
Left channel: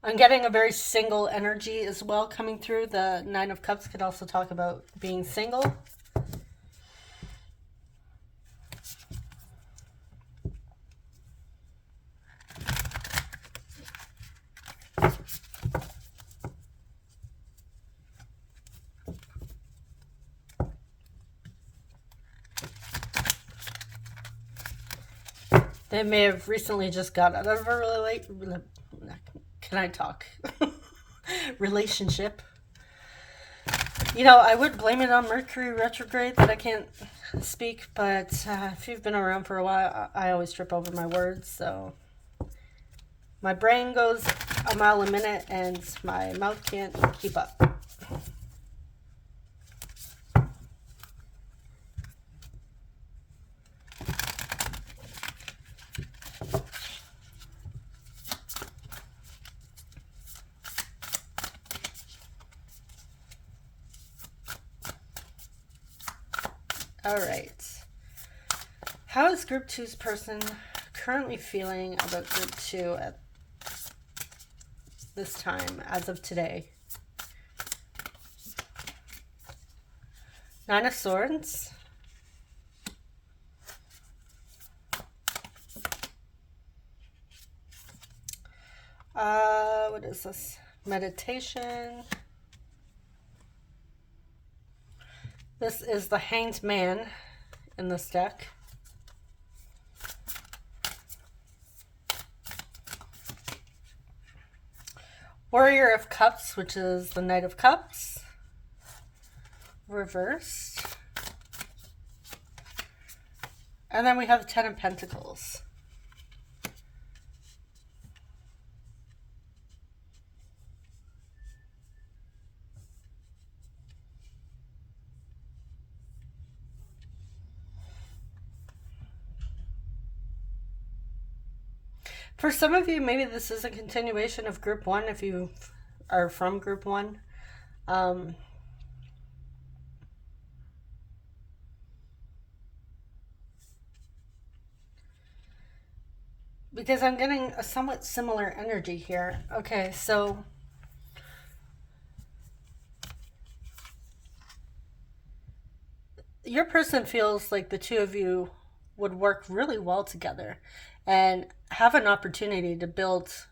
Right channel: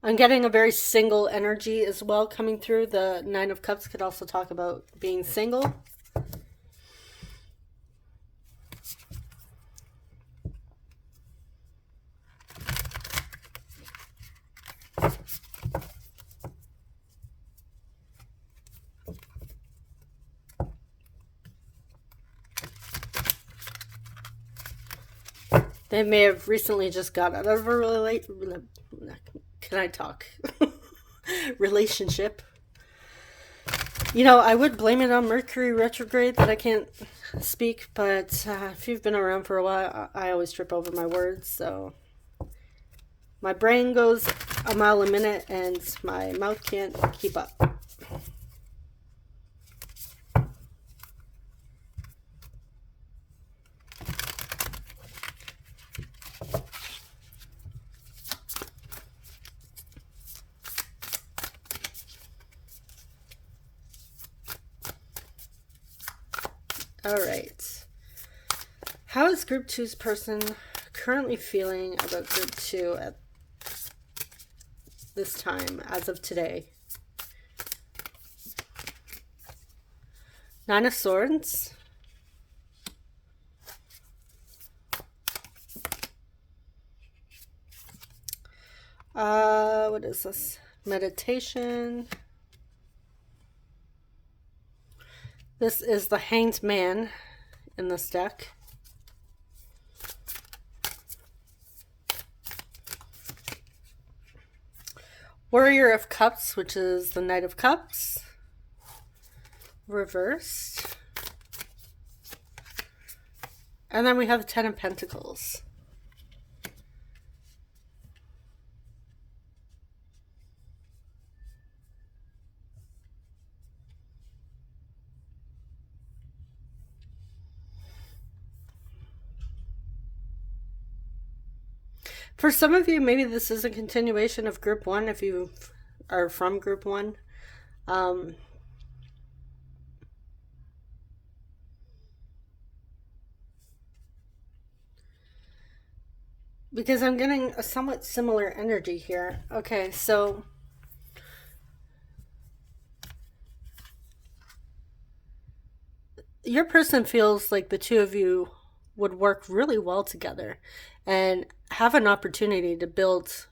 I'm getting a very single energy as well coming through. The Nine of Cups could also talk about being single. They may have recently just got out of a can I talk? Relationship. You know, I would blame it on Mercury retrograde that I can't speak, but if you've been around for a while, I always trip over my words, so my brain goes a mile a minute and my mouth can't keep up. All right. How is Group 2's person currently feeling about Group 2 at this time, as of today? Nine of Swords. What is this? Meditation. This is the Hanged Man in this deck. Warrior of Cups, which is the Knight of Cups. Reversed. And then we have Ten of Pentacles. For some of you, maybe this is a continuation of group one if you are from group one. Because I'm getting a somewhat similar energy here. Okay, so your person feels like the two of you would work really well together and have an opportunity to build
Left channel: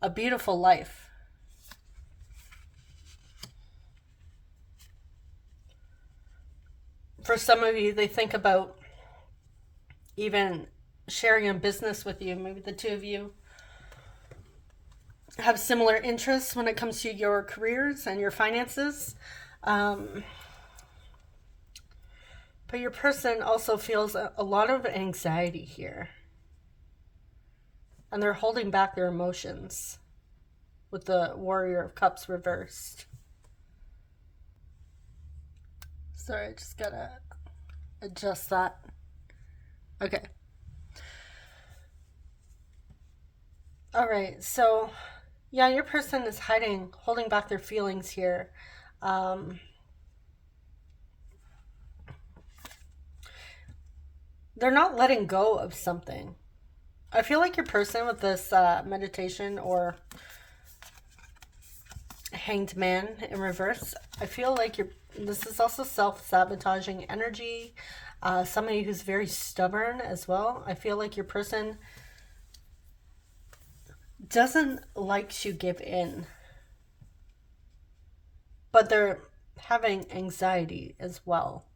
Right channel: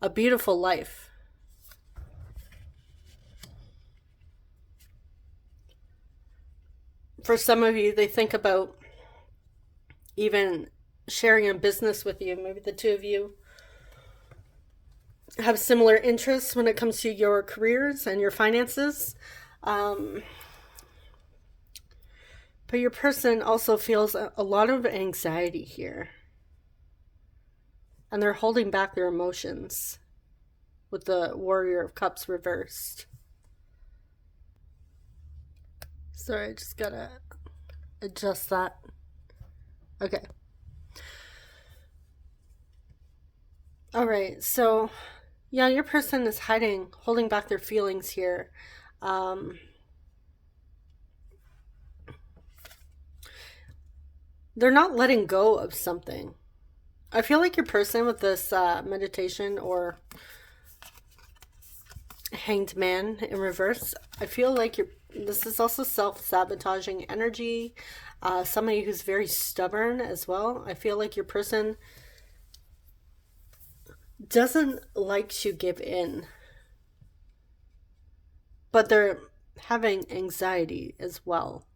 a beautiful life. For some of you, they think about even sharing a business with you. Maybe the two of you have similar interests when it comes to your careers and your finances. But your person also feels a lot of anxiety here. And they're holding back their emotions with the Warrior of Cups reversed. Sorry, I just gotta adjust that. Okay. All right, so yeah, your person is holding back their feelings here. They're not letting go of something. I feel like your person with this meditation or Hanged Man in reverse, I feel like this is also self-sabotaging energy. Somebody who's very stubborn as well. I feel like your person doesn't like to give in, but they're having anxiety as well.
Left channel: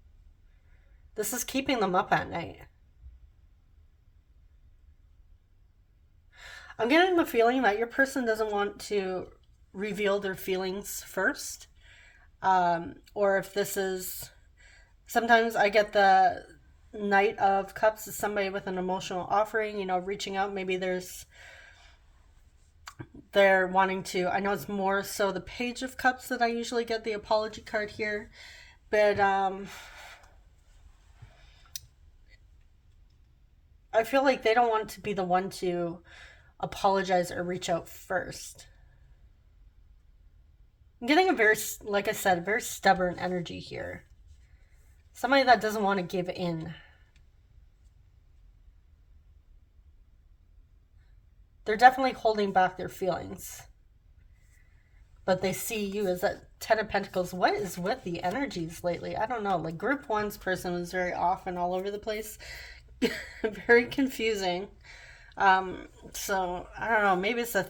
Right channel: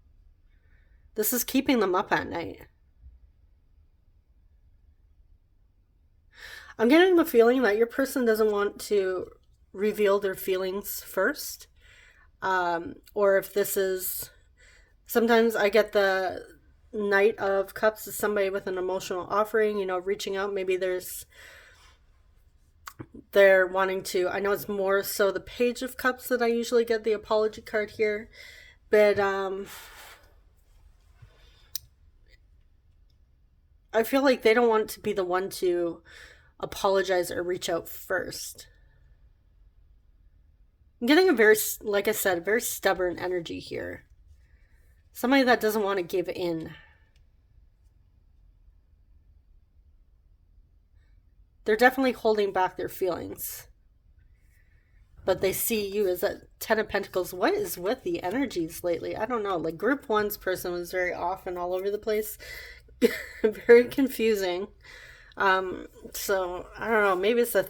This is keeping them up at night. I'm getting the feeling that your person doesn't want to reveal their feelings first. Or if this is, sometimes I get the Knight of Cups is somebody with an emotional offering, reaching out. Maybe they're wanting to, I know it's more so the Page of Cups that I usually get the apology card here, but I feel like they don't want to be the one to apologize or reach out first. I'm getting a very, like I said, very stubborn energy here. Somebody that doesn't want to give in. They're definitely holding back their feelings. But they see you as a Ten of Pentacles. What is with the energies lately? I don't know. Like group one's person was very off and all over the place. Very confusing. So I don't know. Maybe it's a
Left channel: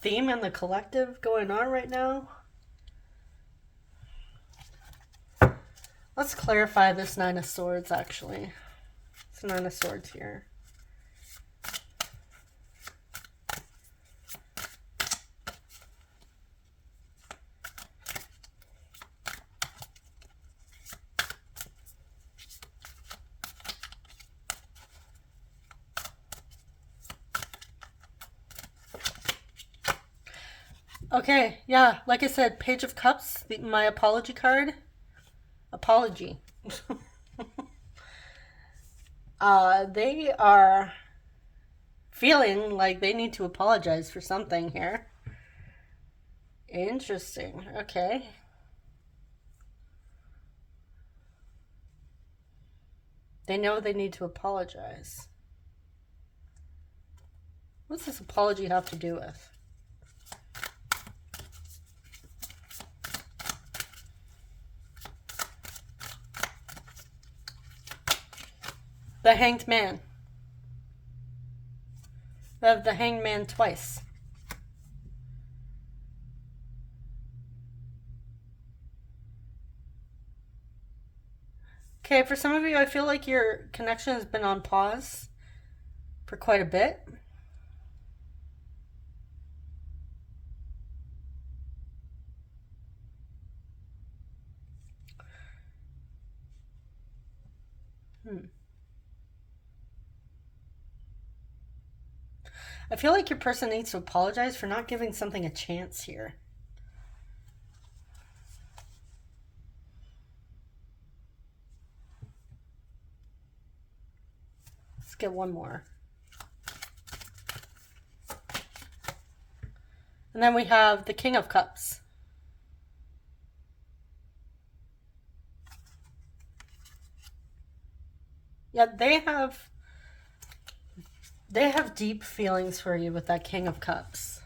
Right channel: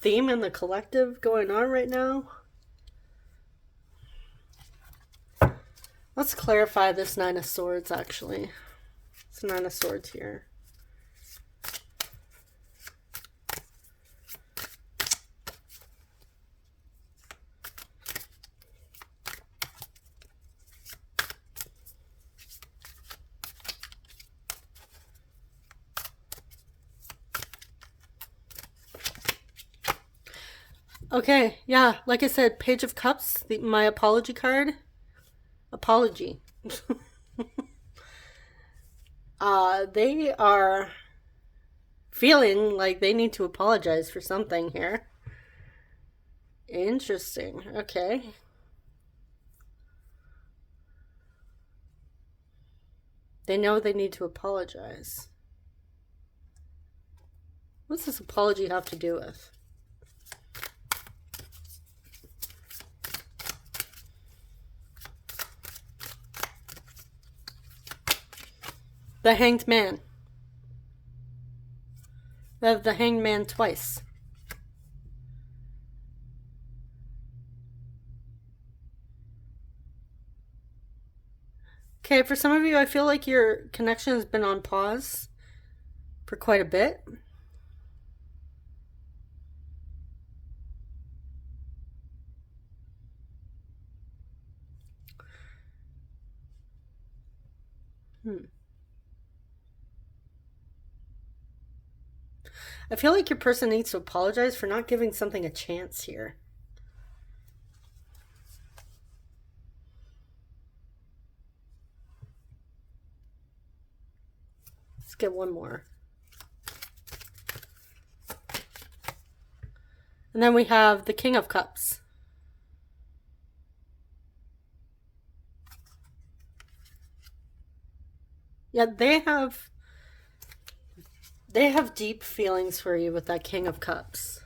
theme in the collective going on right now. Let's clarify this Nine of Swords, actually. It's Nine of Swords here. Okay, yeah, like I said, Page of Cups, my apology card. Apology. They are feeling like they need to apologize for something here. Interesting. Okay. They know they need to apologize. What's this apology have to do with? The Hanged Man. They have the Hanged Man twice. Okay, for some of you, I feel like your connection has been on pause for quite a bit. I feel like your person needs to apologize for not giving something a chance here. Let's get one more. And then we have the King of Cups. Yeah, they have deep feelings for you with that King of Cups.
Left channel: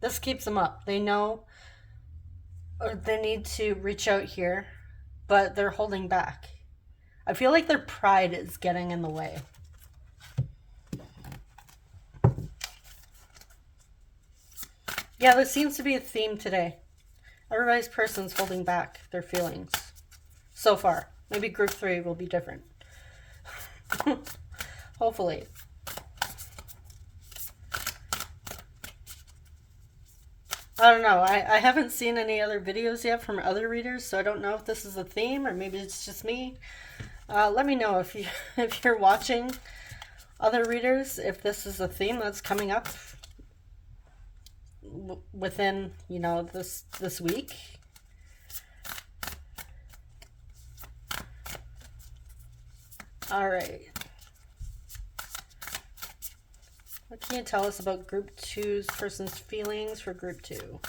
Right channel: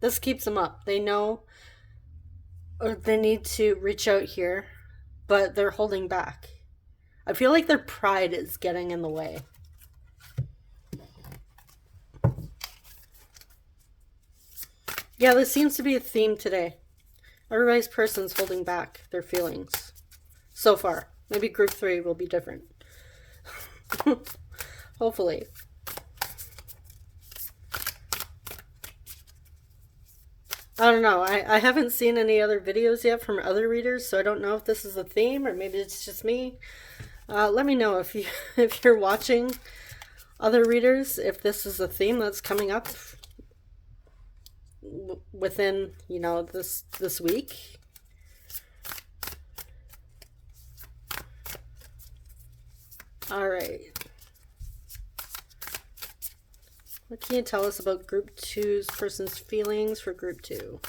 This keeps them up. They know, or they need to reach out here, but they're holding back. I feel like their pride is getting in the way. Yeah, this seems to be a theme today. Everybody's person's holding back their feelings. So far. Maybe group 3 will be different. Hopefully. I don't know. I haven't seen any other videos yet from other readers, so I don't know if this is a theme or maybe it's just me. Let me know if if you're watching other readers, if this is a theme that's coming up within, you know, this week. All right. What can you tell us about group 2's person's feelings for group 2?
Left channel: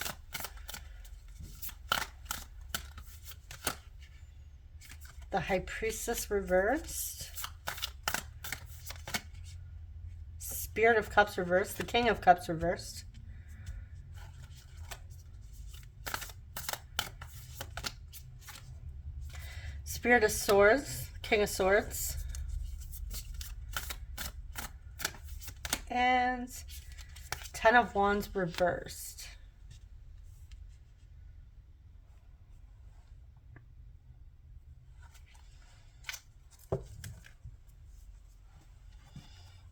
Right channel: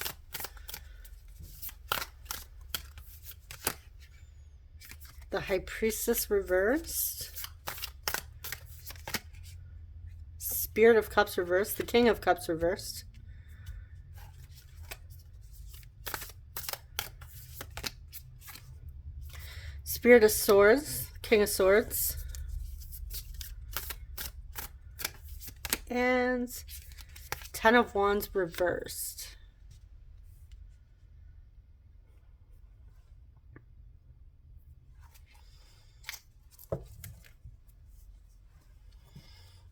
The High Priestess reversed. Spirit of Cups reversed. The King of Cups reversed. Spirit of Swords. King of Swords. And Ten of Wands reversed.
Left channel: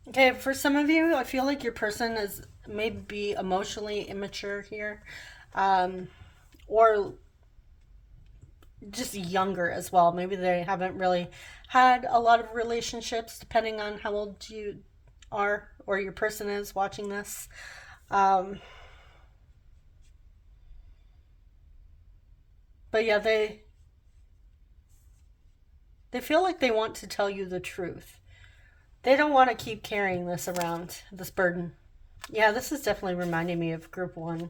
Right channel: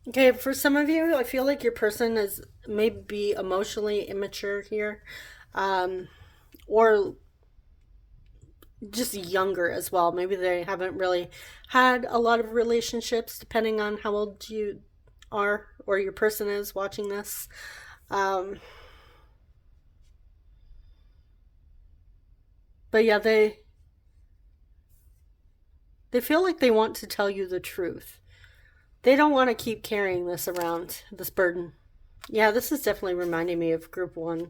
Okay, for some of you, I feel like your person is maybe emotionally immature here, or just younger as well. Maybe they haven't really had a lot of relationships, depending on how old you are or your person is watching this. But yeah, they feel like they want to tell you the truth. They don't want to keep carrying this around, this burden. Yeah, this is definitely reminding me of group 1.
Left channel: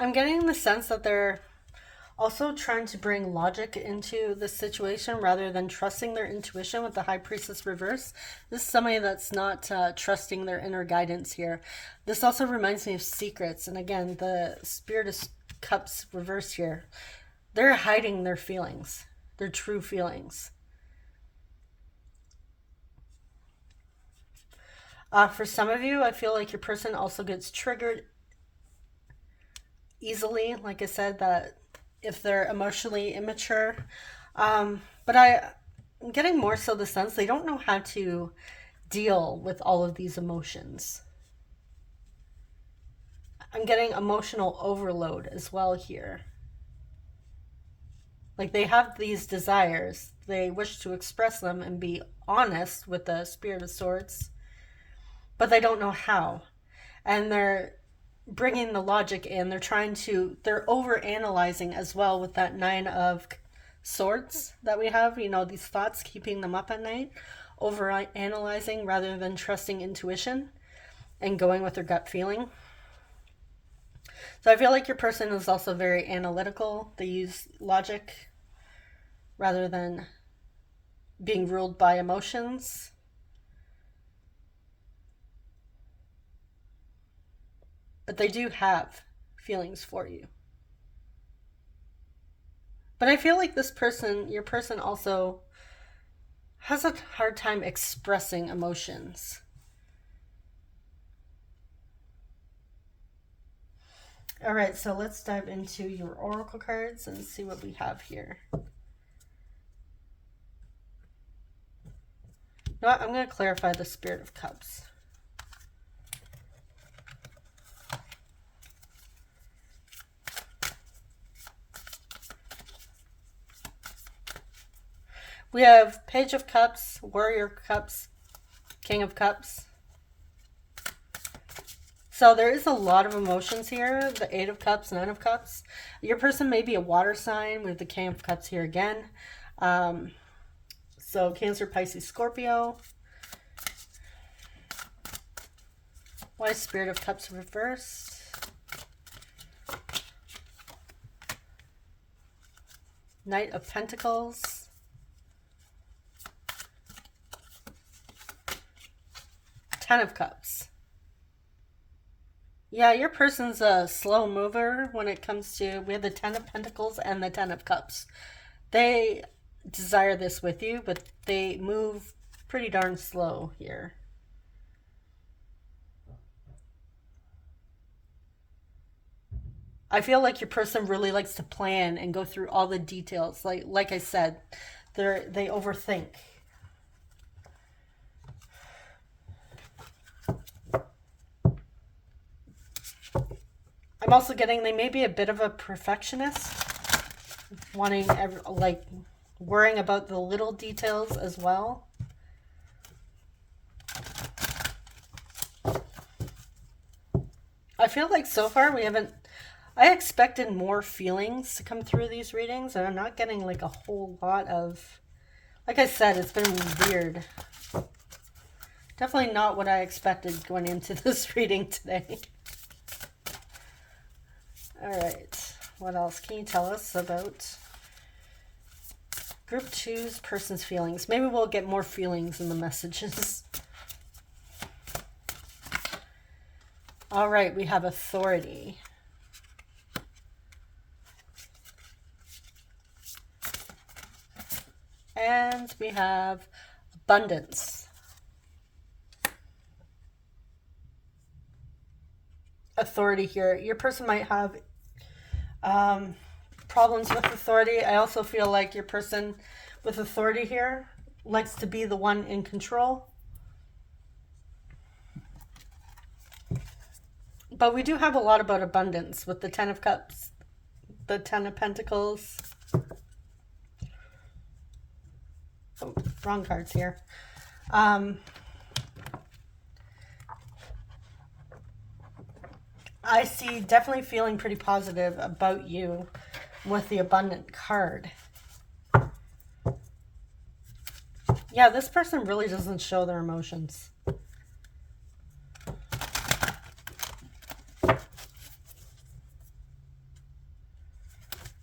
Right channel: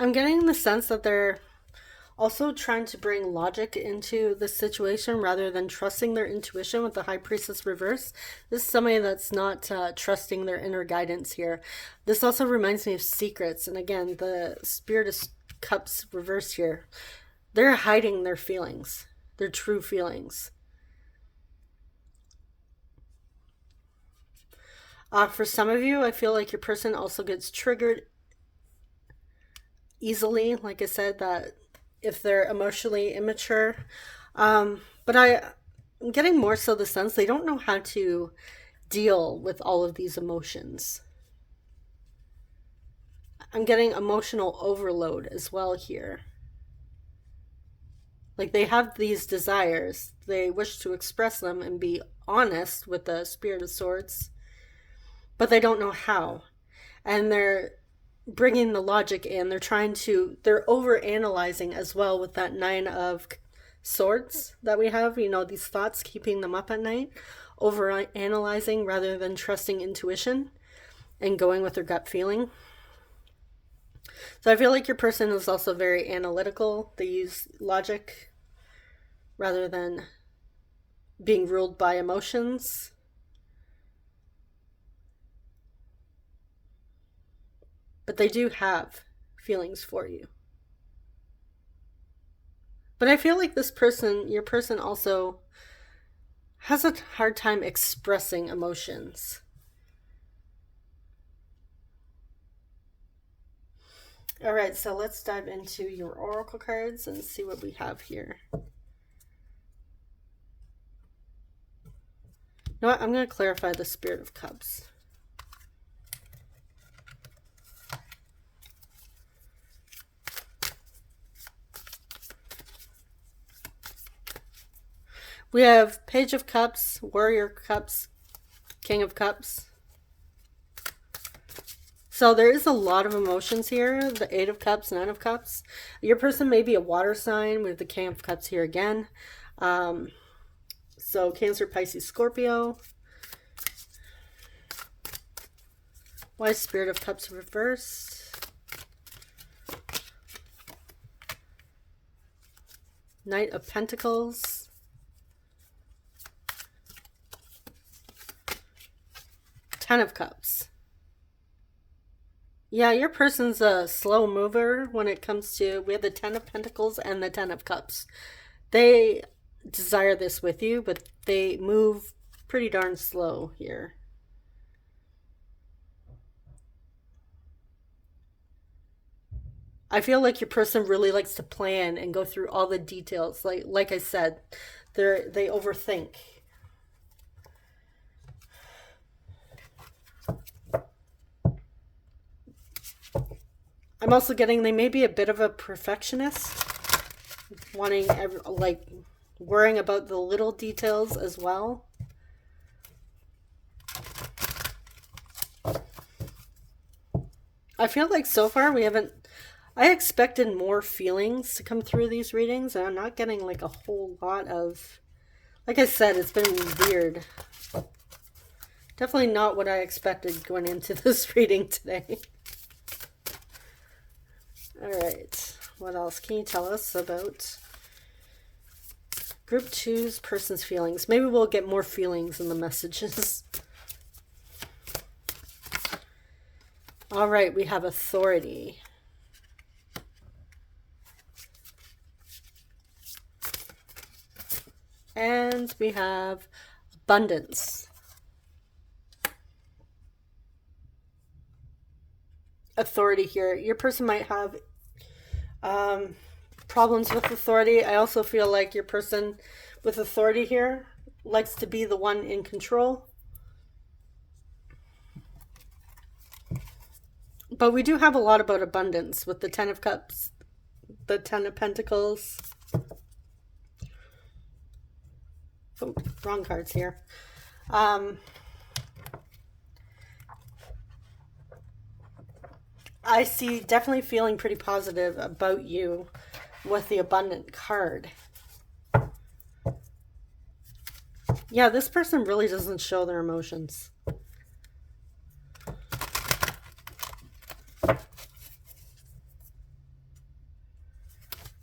I'm getting the sense that they're also trying to bring logic into the situation rather than trusting their intuition with the High Priestess reverse. This is somebody that's not trusting their inner guidance here. This also reminds me of secrets. And again, the Spirit of Cups reverse here. They're hiding their feelings, their true feelings. For some of you, I feel like your person also gets triggered easily. Like I said, that if they're emotionally immature. But I'm getting more so the sense they don't know how to deal with all of these emotions. I'm getting emotional overload as well here. Like they have these desires, they wish to express them and be honest with the Spirit of Swords, but they don't know how. And they're bringing the logic in. They're over analyzing as well with that 9 of Swords that we have, you know, these thoughts keeping them up at night, over analyzing rather than trusting intuition and going with their gut feeling. So I feel like your person is also very analytical. They use logic rather than being ruled by emotions. But they do have feelings for you. But I feel like your person also has a hard time expressing emotions. All right, so let's dive into your oracle cards and see what we have here. You know what? I'm going to clarify the Spirit of Cups. We have Page of Cups, Warrior Cups, King of Cups, So there is a lot of emotions here. The Eight of Cups, Nine of Cups. Your person may be a water sign with the King of Cups here again. So Cancer, Pisces, Scorpio. Why is Spirit of Cups reversed? Knight of Pentacles. Ten of Cups. Yeah, your person's a slow mover when it comes to, we have the Ten of Pentacles and the Ten of Cups. They desire this with you, but they move pretty darn slow here. I feel like your person really likes to plan and go through all the details. Like I said, they overthink. I'm also getting they may be a bit of a perfectionist, wanting like worrying about the little details as well. I feel like so far we haven't, I expected more feelings to come through these readings, and I'm not getting like a whole lot of, like I said, it's been weird. Definitely not what I expected going into this reading today. All right, what else can you tell us about Group 2's person's feelings? Maybe we'll get more feelings in the messages. All right, we have authority. And we have abundance. Authority here. Your person might have problems with authority. I also feel like your person with authority here likes to be the one in control. But we do have a lot about abundance with the Ten of Cups, the Ten of Pentacles. Oh, wrong cards here. I see definitely feeling pretty positive about you with the abundant card. Yeah, this person really doesn't show their emotions.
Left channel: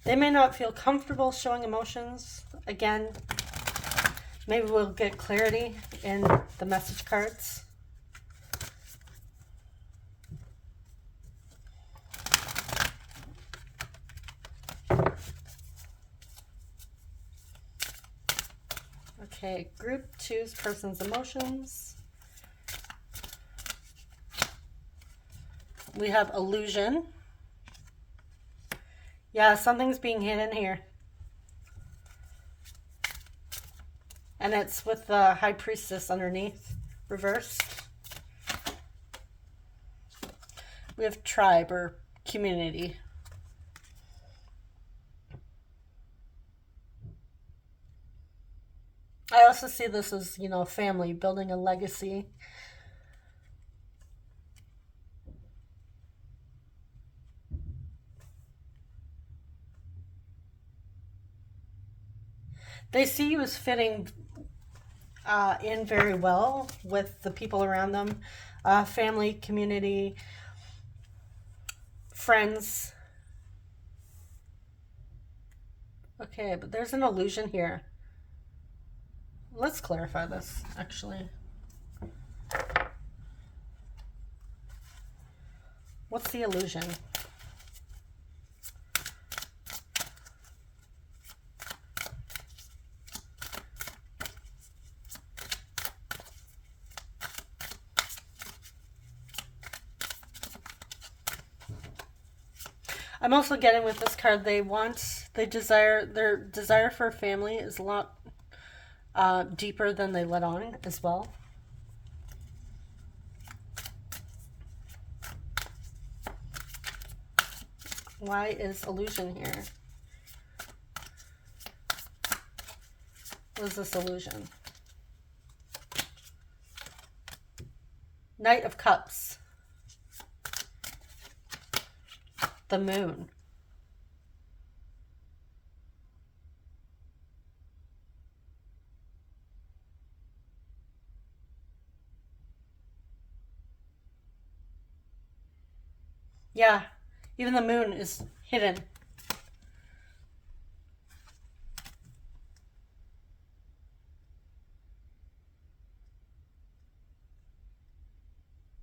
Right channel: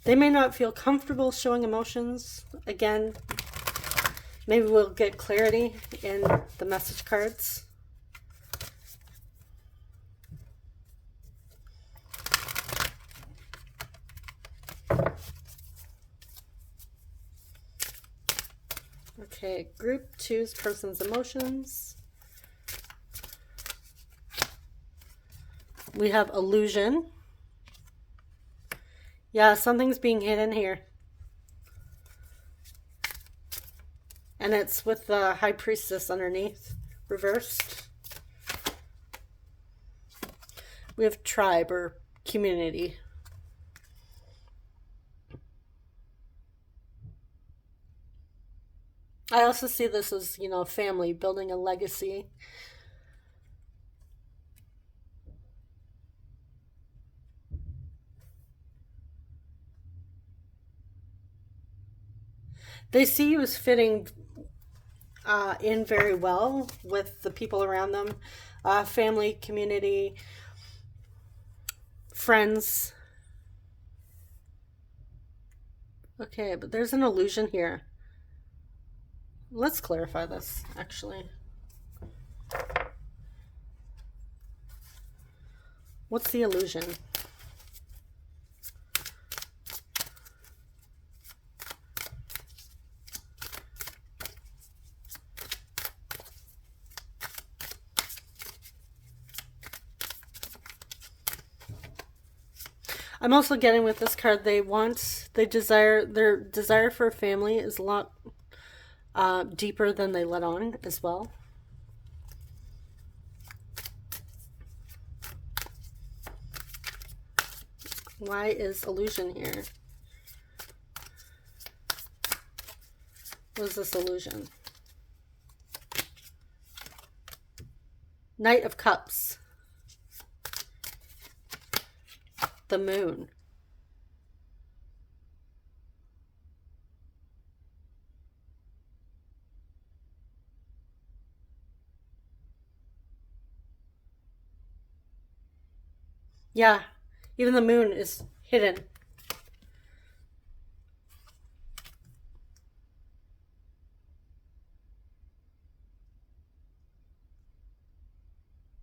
They may not feel comfortable showing emotions. Again, maybe we'll get clarity in the message cards. Okay, Group 2's person's emotions. We have illusion. Yeah, something's being hidden here. And it's with the High Priestess underneath, reversed. We have tribe or community. I also see this as, you know, family, building a legacy. They see you as fitting in very well with the people around them. Family, community, friends. Okay, but there's an illusion here. Let's clarify this, actually. What's the illusion? I'm also getting with this card, their desire for a family is a lot deeper than they let on as well. Why is illusion here? What is this illusion? Knight of Cups. the moon. Yeah, even the moon is hidden.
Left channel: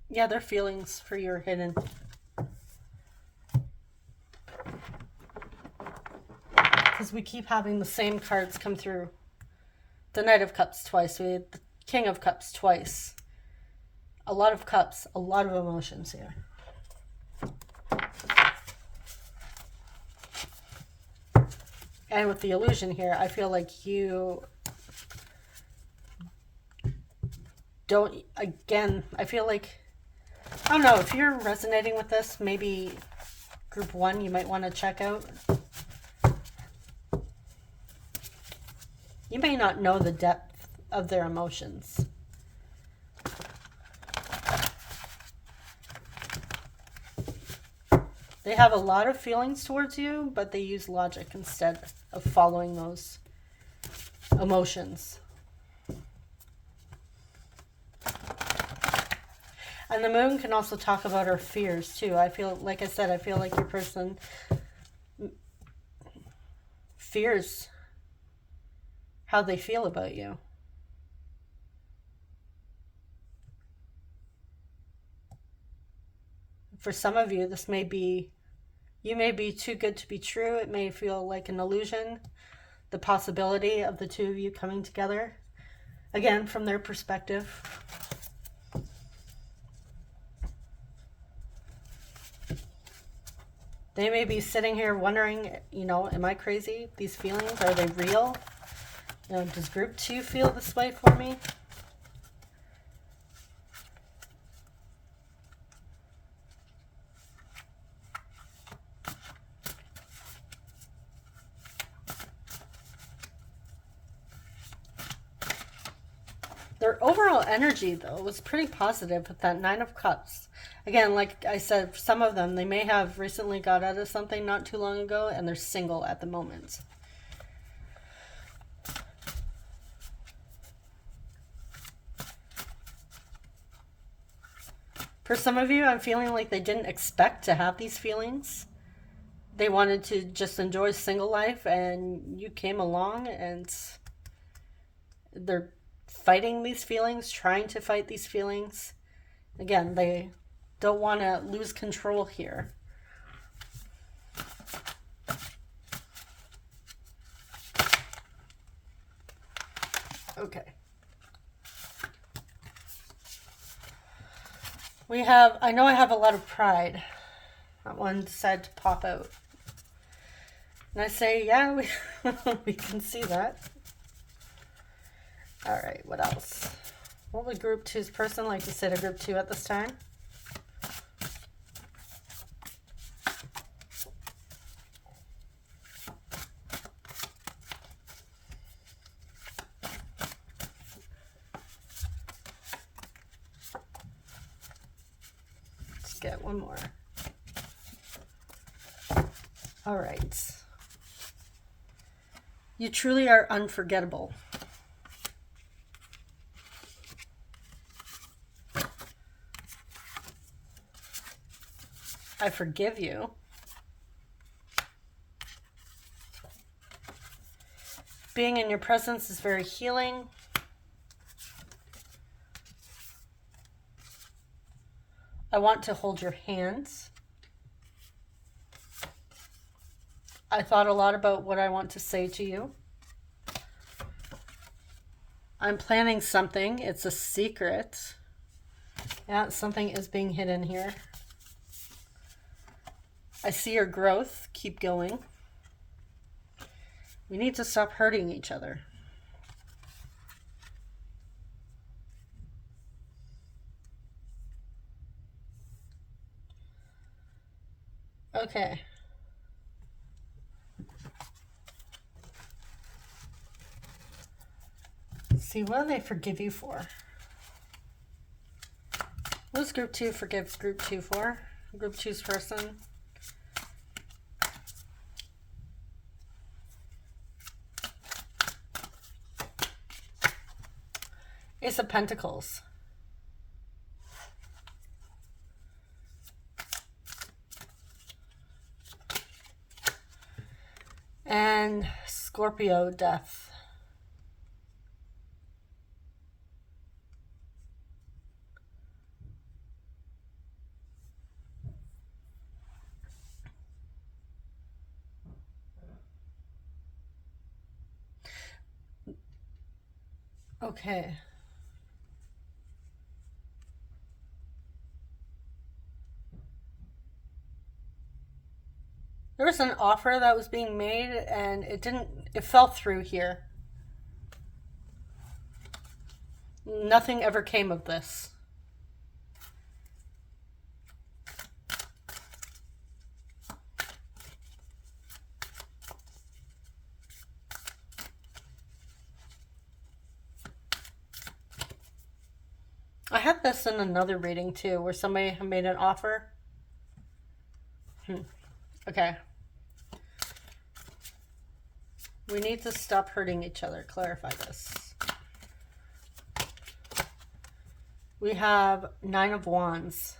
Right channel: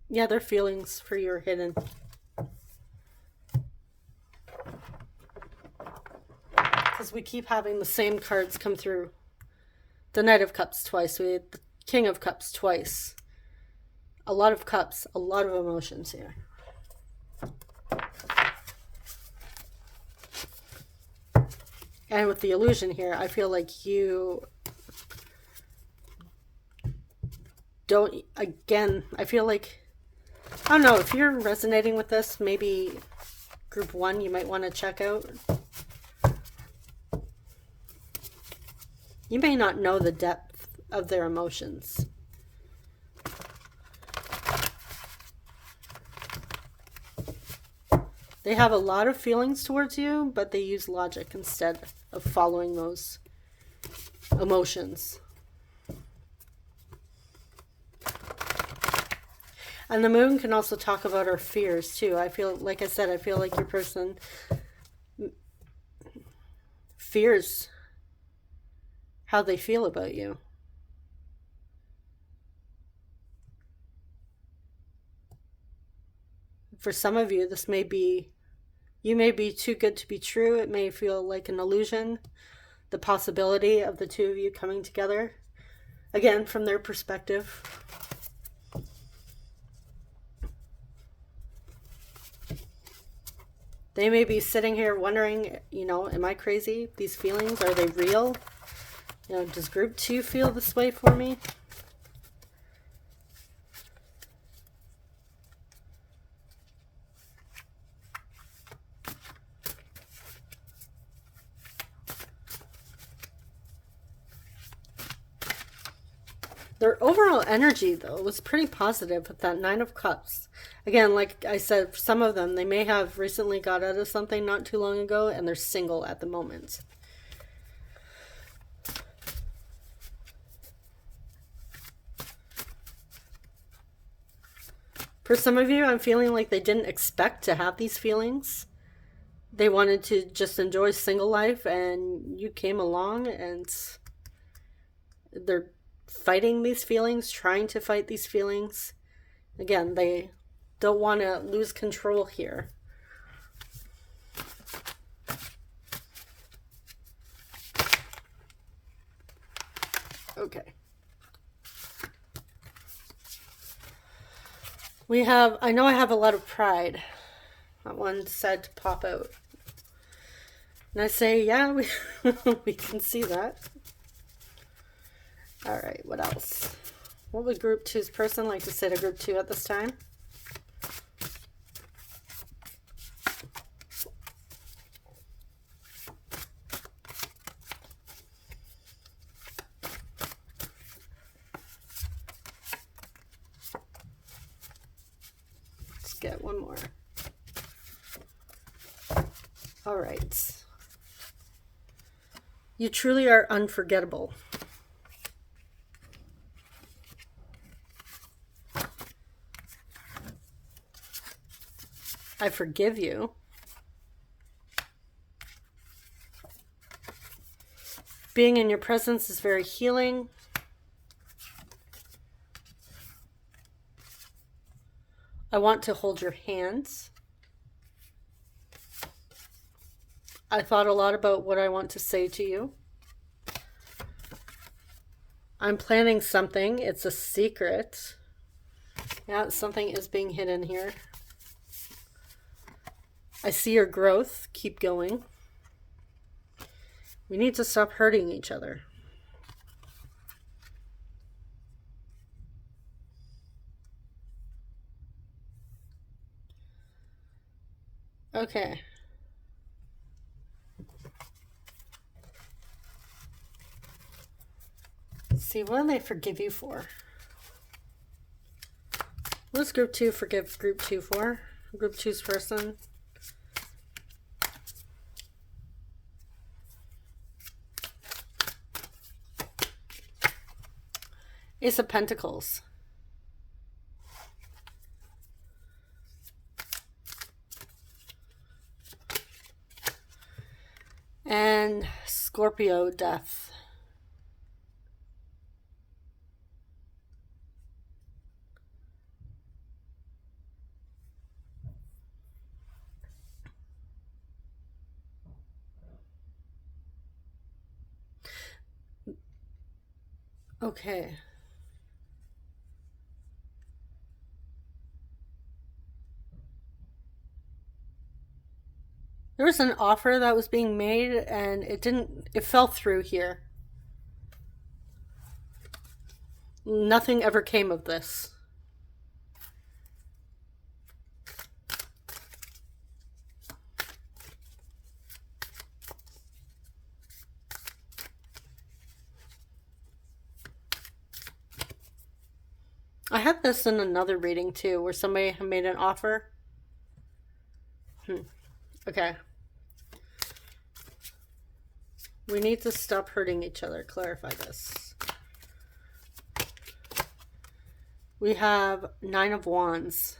Yeah, their feelings for you are hidden. Because we keep having the same cards come through. The Knight of Cups twice. We had the King of Cups twice. A lot of cups, a lot of emotions here. And with the illusion here, I feel like you don't, again, I feel like, I don't know, if you're resonating with this, maybe group 1 you might want to check out. You may not know the depth of their emotions. They have a lot of feelings towards you, but they use logic instead of following those emotions. And the moon can also talk about our fears too. I feel, like I said, I feel like your person fears how they feel about you. For some of you, this may be, you may be too good to be true. It may feel like an illusion, the possibility of the two of you coming together. Again, from their perspective. They may be sitting here wondering, you know, am I crazy? These feelings, are they real? You know, does group 2 feel this way for me? Their overall energy, though, was pretty positive with that 9 of Cups. Again, like I said, some of them, they may have recently got out of something not too long ago, and they're single at the moment. For some of you, I'm feeling like they didn't expect to have these feelings. They wanted to just enjoy single life, and you came along, and they're fighting these feelings, trying to fight these feelings. Again, they don't want to lose control here. Okay. We have, I know I have a lot of pride. That one decided to pop out. And I say, yeah, we can see that. All right, what else? What would group 2's person like to say to group 2 at this time? Let's get one more. All right. You truly are unforgettable. I forgive you. Being in your presence is very healing. I want to hold your hands. I thought a lot about what I want to say to you. I'm planning something. It's a secret. Yeah, something is being hidden here. I see your growth. Keep going. We need to stop hurting each other. Okay. Let's see, what do they forgive you for? What does group 2 forgive group 2 for? Group 2's person. Ace of Pentacles. And Scorpio Death. Okay. There was an offer that was being made and it fell through here. Nothing ever came of this. I had this in another reading too, where somebody made an offer. Okay. We need to stop hurting each other. Clarify this. We have 9 of Wands.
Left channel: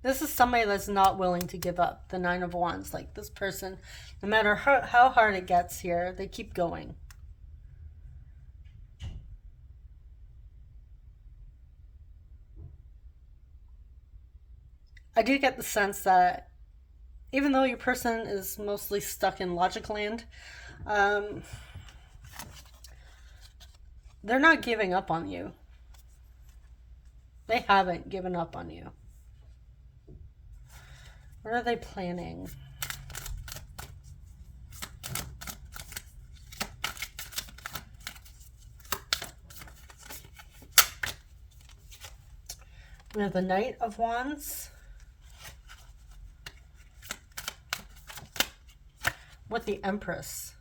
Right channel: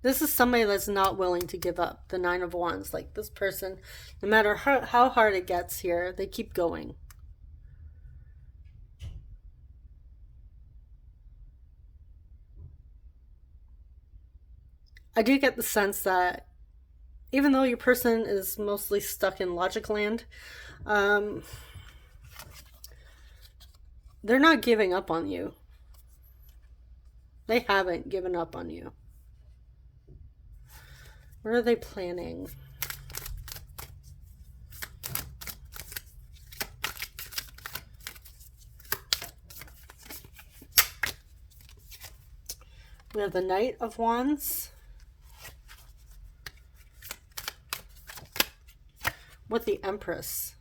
This is somebody that's not willing to give up. The 9 of Wands. Like this person, no matter how hard it gets here, they keep going. I do get the sense that even though your person is mostly stuck in logic land, they're not giving up on you. They haven't given up on you. What are they planning? We have the Knight of Wands. With the Empress.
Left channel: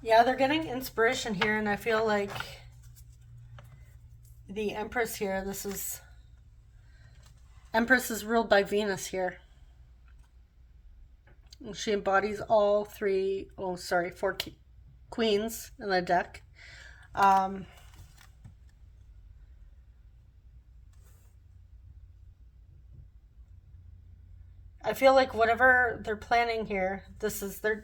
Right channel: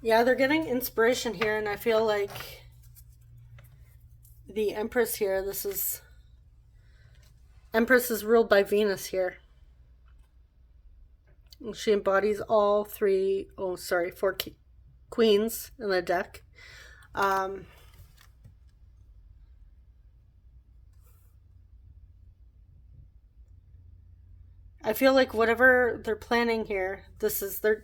Yeah, they're getting inspiration here, and I feel like the Empress here, Empress is ruled by Venus here. And she embodies all 4 queens in the deck. I feel like whatever they're planning here, they're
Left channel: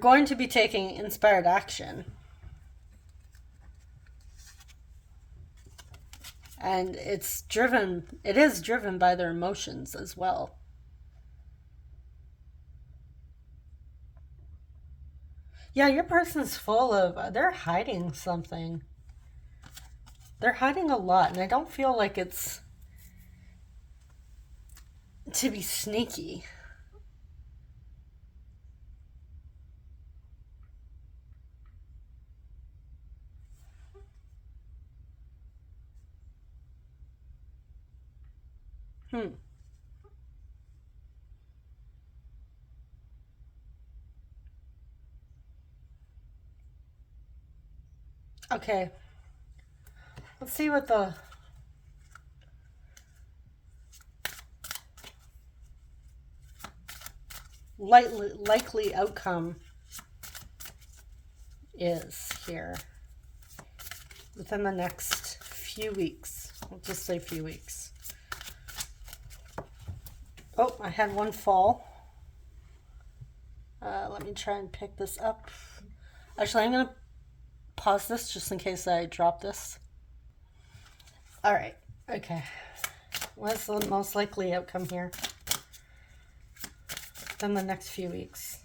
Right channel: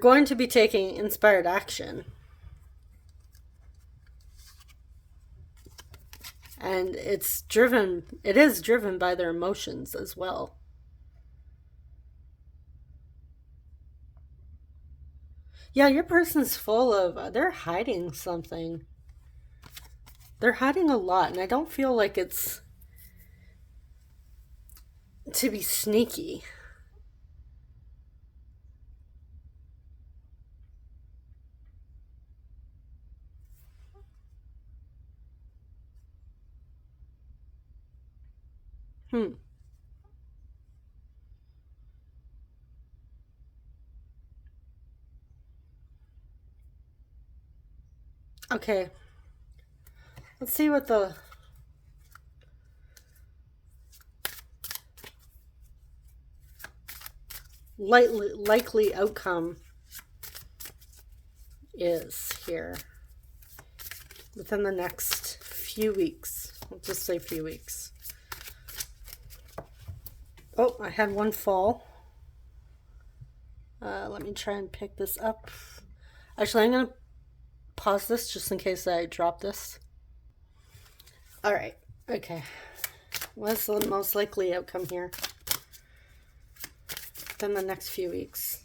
going to be taking inspired action. And it is driven by their emotions as well. Yeah, your person's they're hiding something. They're hiding a lot, and I don't feel like it's to be sneaky. Okay. Let's see what the likely outcome is here within the next few weeks. We'll just say few weeks. Oh, I had one fall. Let me try and pick this up. Actually, I'm going to pause this just in case I drop this. All right. Okay. What's the most likely outcome here? Within the next few weeks.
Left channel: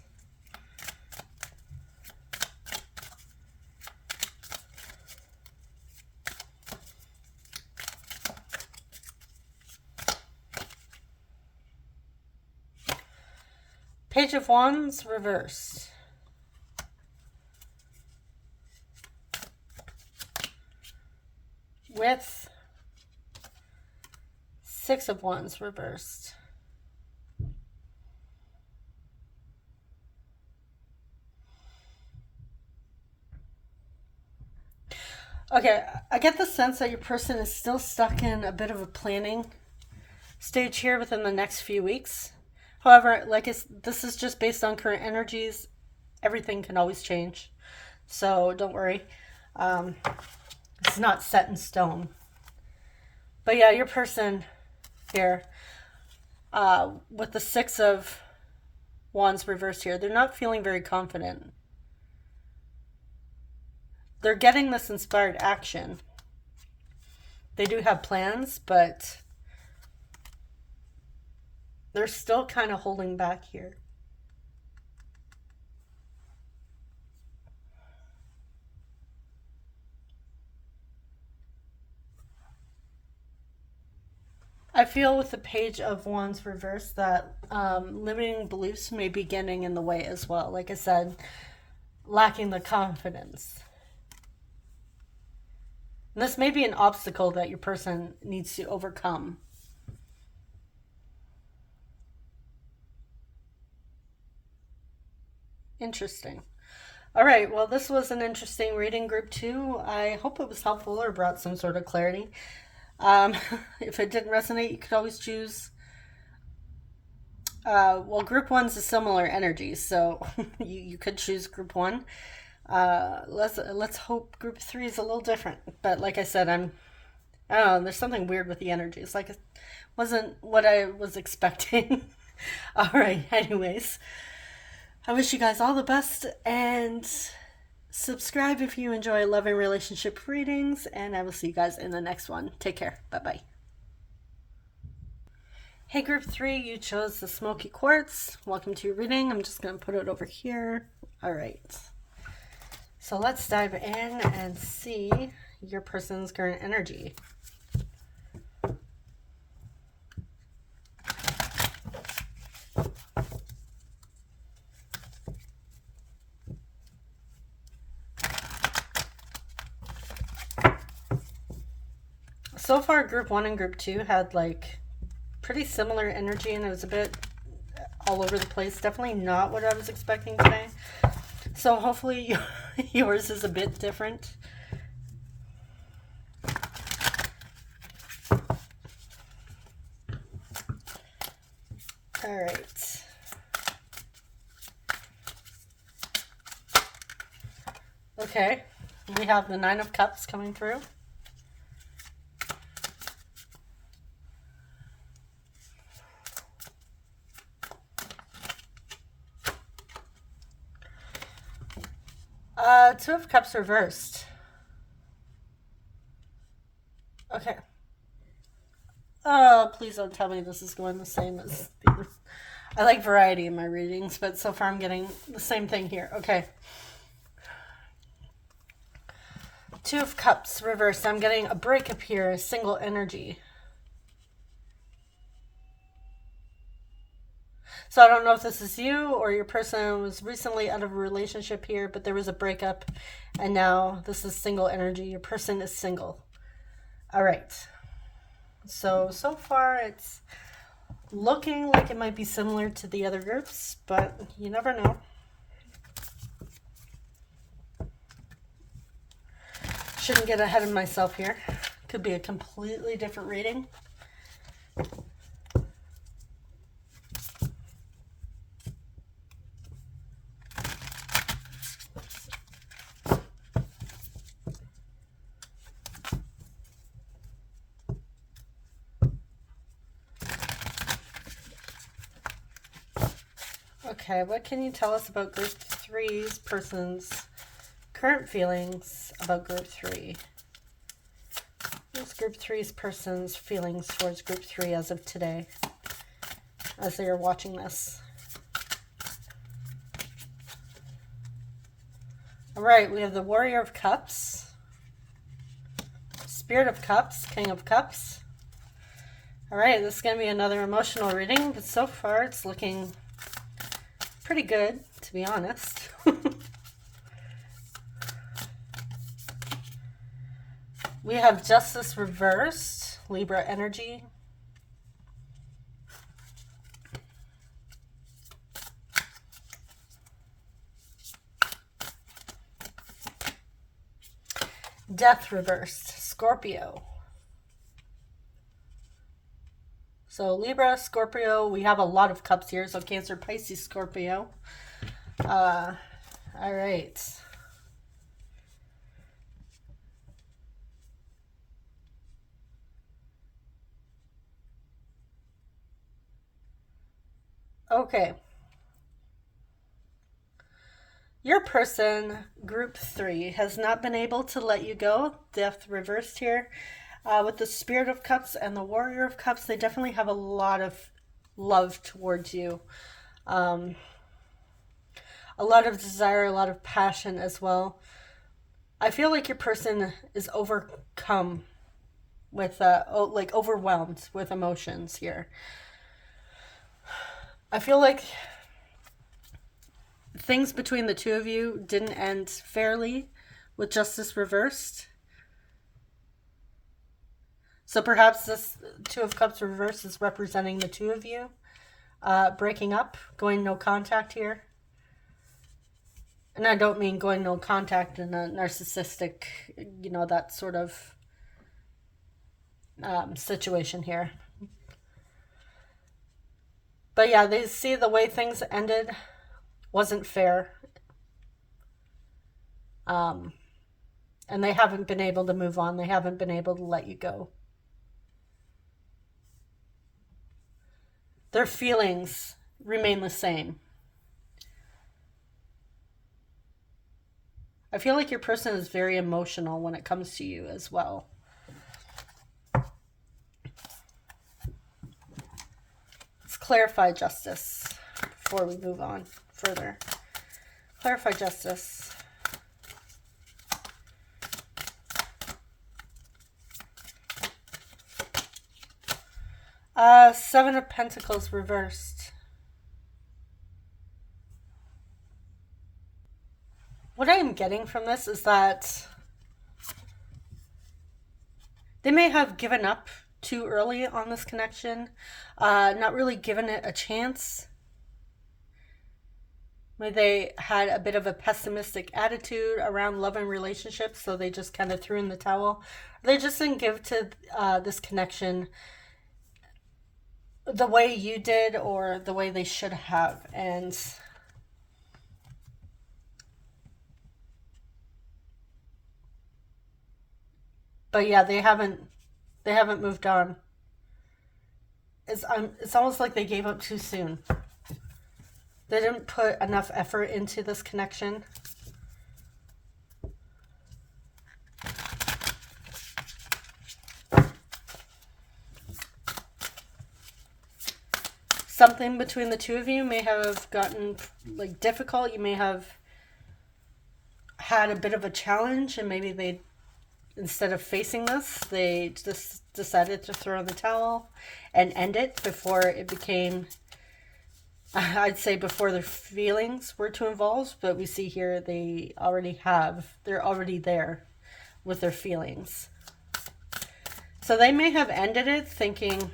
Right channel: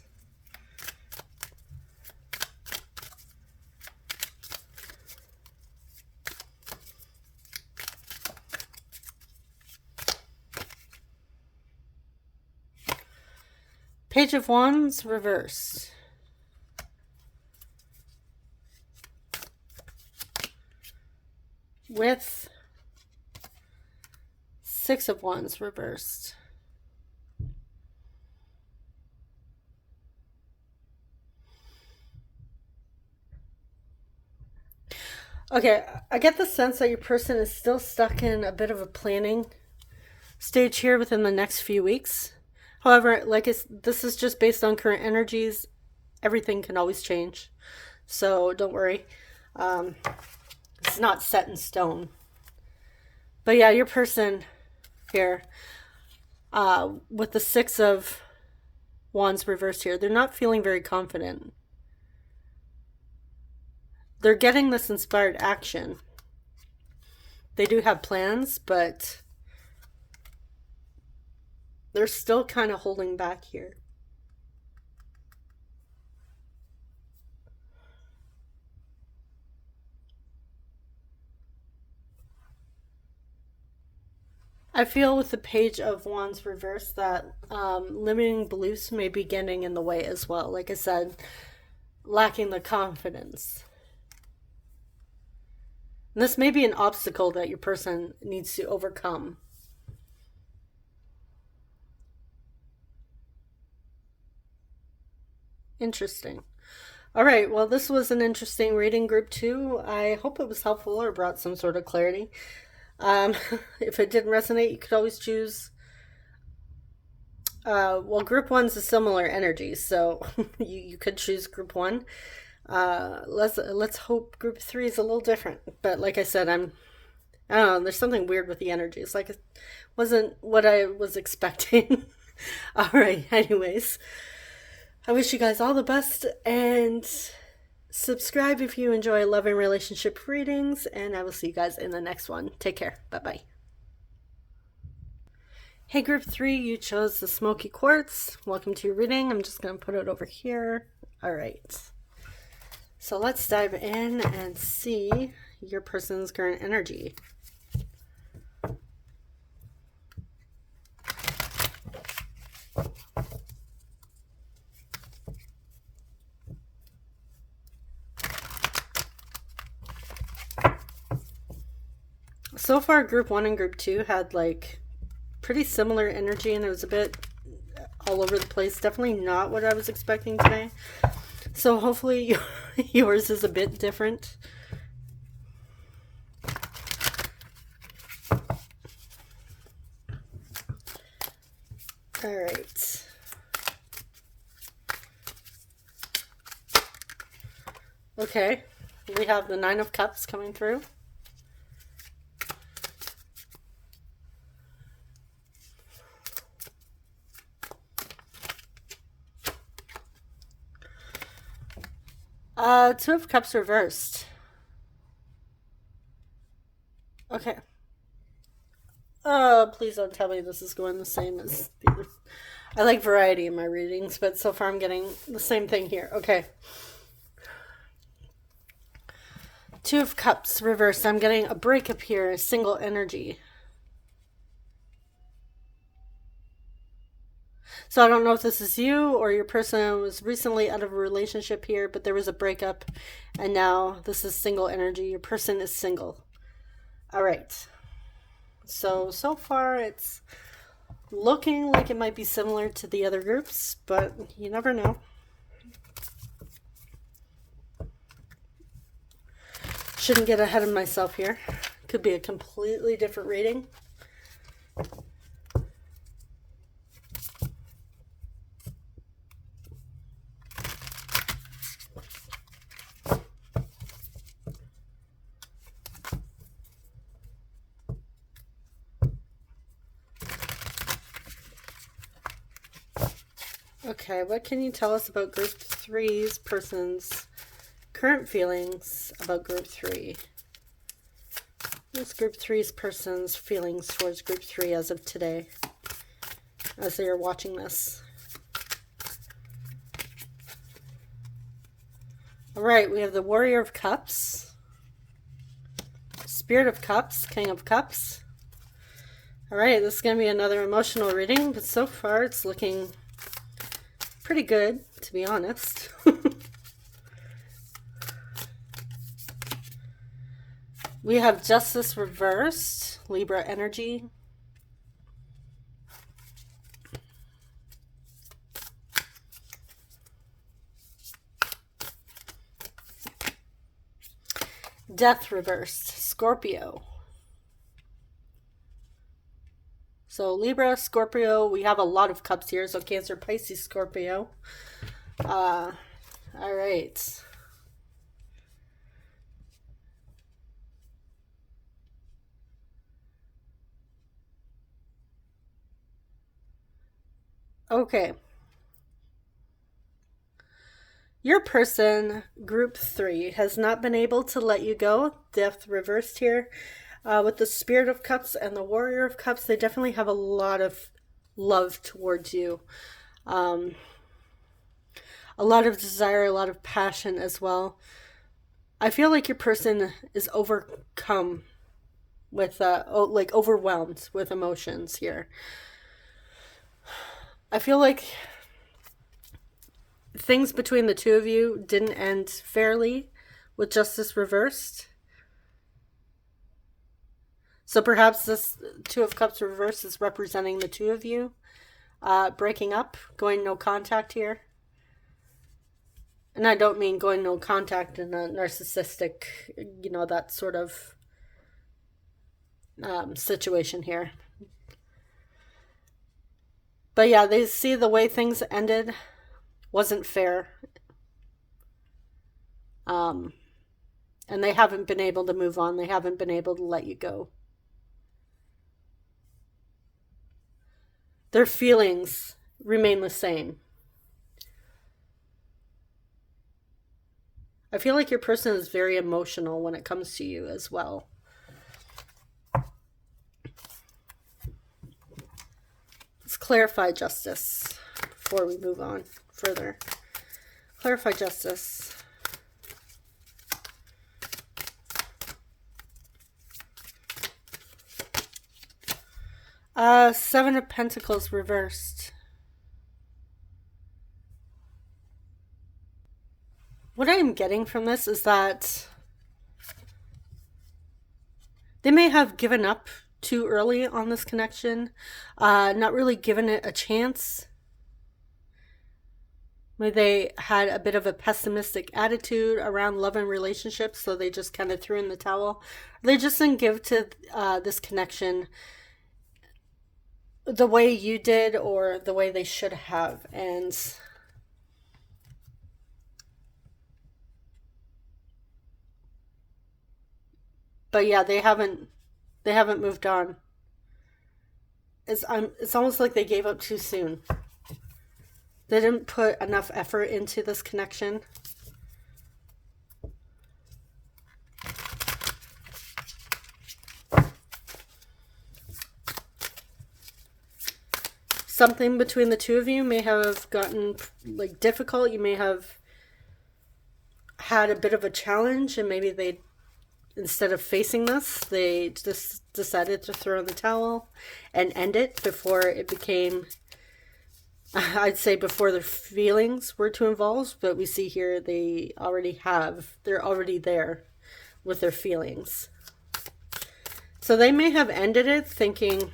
Page of Wands reversed. With 6 of Wands reversed. Okay, I get the sense that your person is still stuck in a bit of a planning stage here within the next few weeks. However, this is just based on current energies. Everything can always change. So don't worry. Um, it's not set in stone. But yeah, your person here, with the Six of Wands reversed here, they're not feeling very confident. They're getting this inspired action. They do have plans, but they're still kind of holding back here. I feel with the Page of Wands reversed that limiting beliefs may be getting in the way as well. Like I said, lacking the confidence. And this may be an obstacle that your person needs to overcome. Interesting. All right, well, this was an interesting reading, group two. I hope it was helpful or brought some sort of clarity. Um, if it didn't resonate, you could always choose. Well, group one's a similar energy, so you could choose group one. Let's hope group three is a little different. But like I said, I don't know. There's something weird with the energies. Like it wasn't what I was expecting. All right. Anyways, I wish you guys all the best and subscribe if you enjoy love and relationship readings. And I will see you guys in the next one. Take care. Bye bye. Hey, group three, you chose the smoky quartz. Welcome to your reading. I'm just going to put it over here. All right. So let's dive in and see your person's current energy. So far, group one and group two had like pretty similar energy, and it was a bit all over the place. Definitely not what I was expecting today. So hopefully yours is a bit different. All right. Okay, we have the Nine of Cups coming through. Two of Cups reversed. Okay. Oh, please don't tell me this is going the same as the other. I like variety in my readings, but so far I'm getting the same thing here. Okay. Two of Cups reversed. I'm getting a breakup here, a single energy. So I don't know if this is you or your person was recently out of a relationship here, but there was a breakup, and now this is single energy. Your person is single. All right. So far it's looking like it might be similar to the other groups, but you never know. Shouldn't get ahead of myself here. Could be a completely different reading. Okay, what can you tell us about group three's person's current feelings about group three? What's group three's person's feelings towards group three as of today, as they are watching this? All right, we have the Warrior of Cups, Spirit of Cups, King of Cups. All right, this is going to be another emotional reading, but so far it's looking pretty good, to be honest. We have Justice reversed, Libra energy. Death reversed, Scorpio. So Libra, Scorpio, we have a lot of cups here. So Cancer, Pisces, Scorpio. All right. Okay. Your person, group 3, has not been able to let you go. Death reversed here. With the Spirit of Cups and the Warrior of Cups, they definitely have a lot of love towards you. A lot of desire, a lot of passion as well. I feel like your person is overcome with, like overwhelmed with emotions here. I feel like things between the two of you didn't end fairly with justice reversed. So perhaps this Two of Cups reversed is representing the two of you breaking up, going no contact here. And I don't mean going no contact in a narcissistic, that sort of situation here. But yeah, they see the way things ended wasn't fair. And they haven't been able to move on. They haven't been able to let you go. Their feelings remain the same. I feel like your person is very emotional when it comes to you as well. Let's clarify justice before we move on further. Clarify justice. Seven of Pentacles reversed. What I am getting from this is that they may have given up too early on this connection, not really given it a chance. Maybe they had a bit of a pessimistic attitude around love and relationships, so they just kind of threw in the towel. They just didn't give to this connection the way you did or the way they should have. And but yeah, they haven't moved on. It's almost like they gave up too soon. They didn't put enough effort into this connection. Something between the two of you may have gotten like difficult. You may have had a bit of a challenge, and maybe they, instead of facing this, they just decided to throw in the towel and end it before it became, I'd say, before their feelings were too involved. But we see here they're already there with their feelings. So they may have ended it thinking,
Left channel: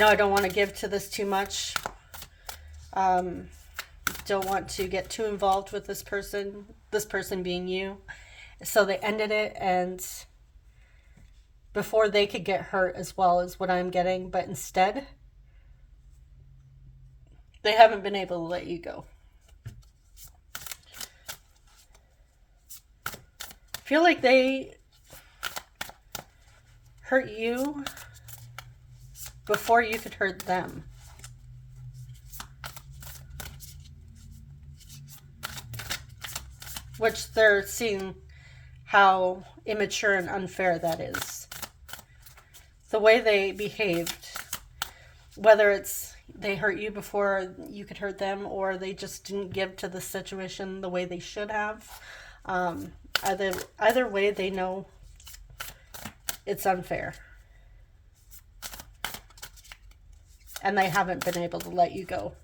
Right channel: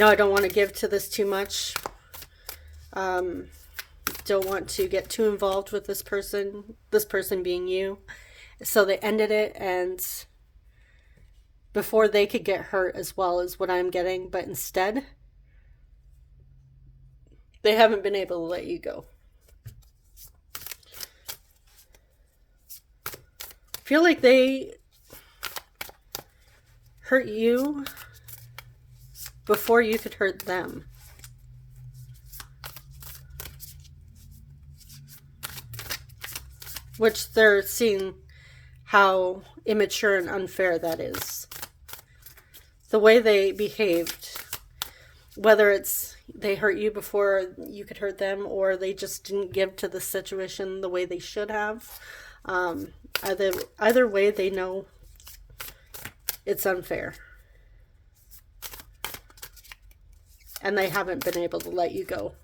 I don't want to give to this too much. Don't want to get too involved with this person being you. So they ended it, and before they could get hurt as well, is what I'm getting. But instead, they haven't been able to let you go. I feel like they hurt you before you could hurt them. Which they're seeing how immature and unfair that is. The way they behaved, whether it's they hurt you before you could hurt them, or they just didn't give to the situation the way they should have. Either way, they know it's unfair. And they haven't been able to let you go.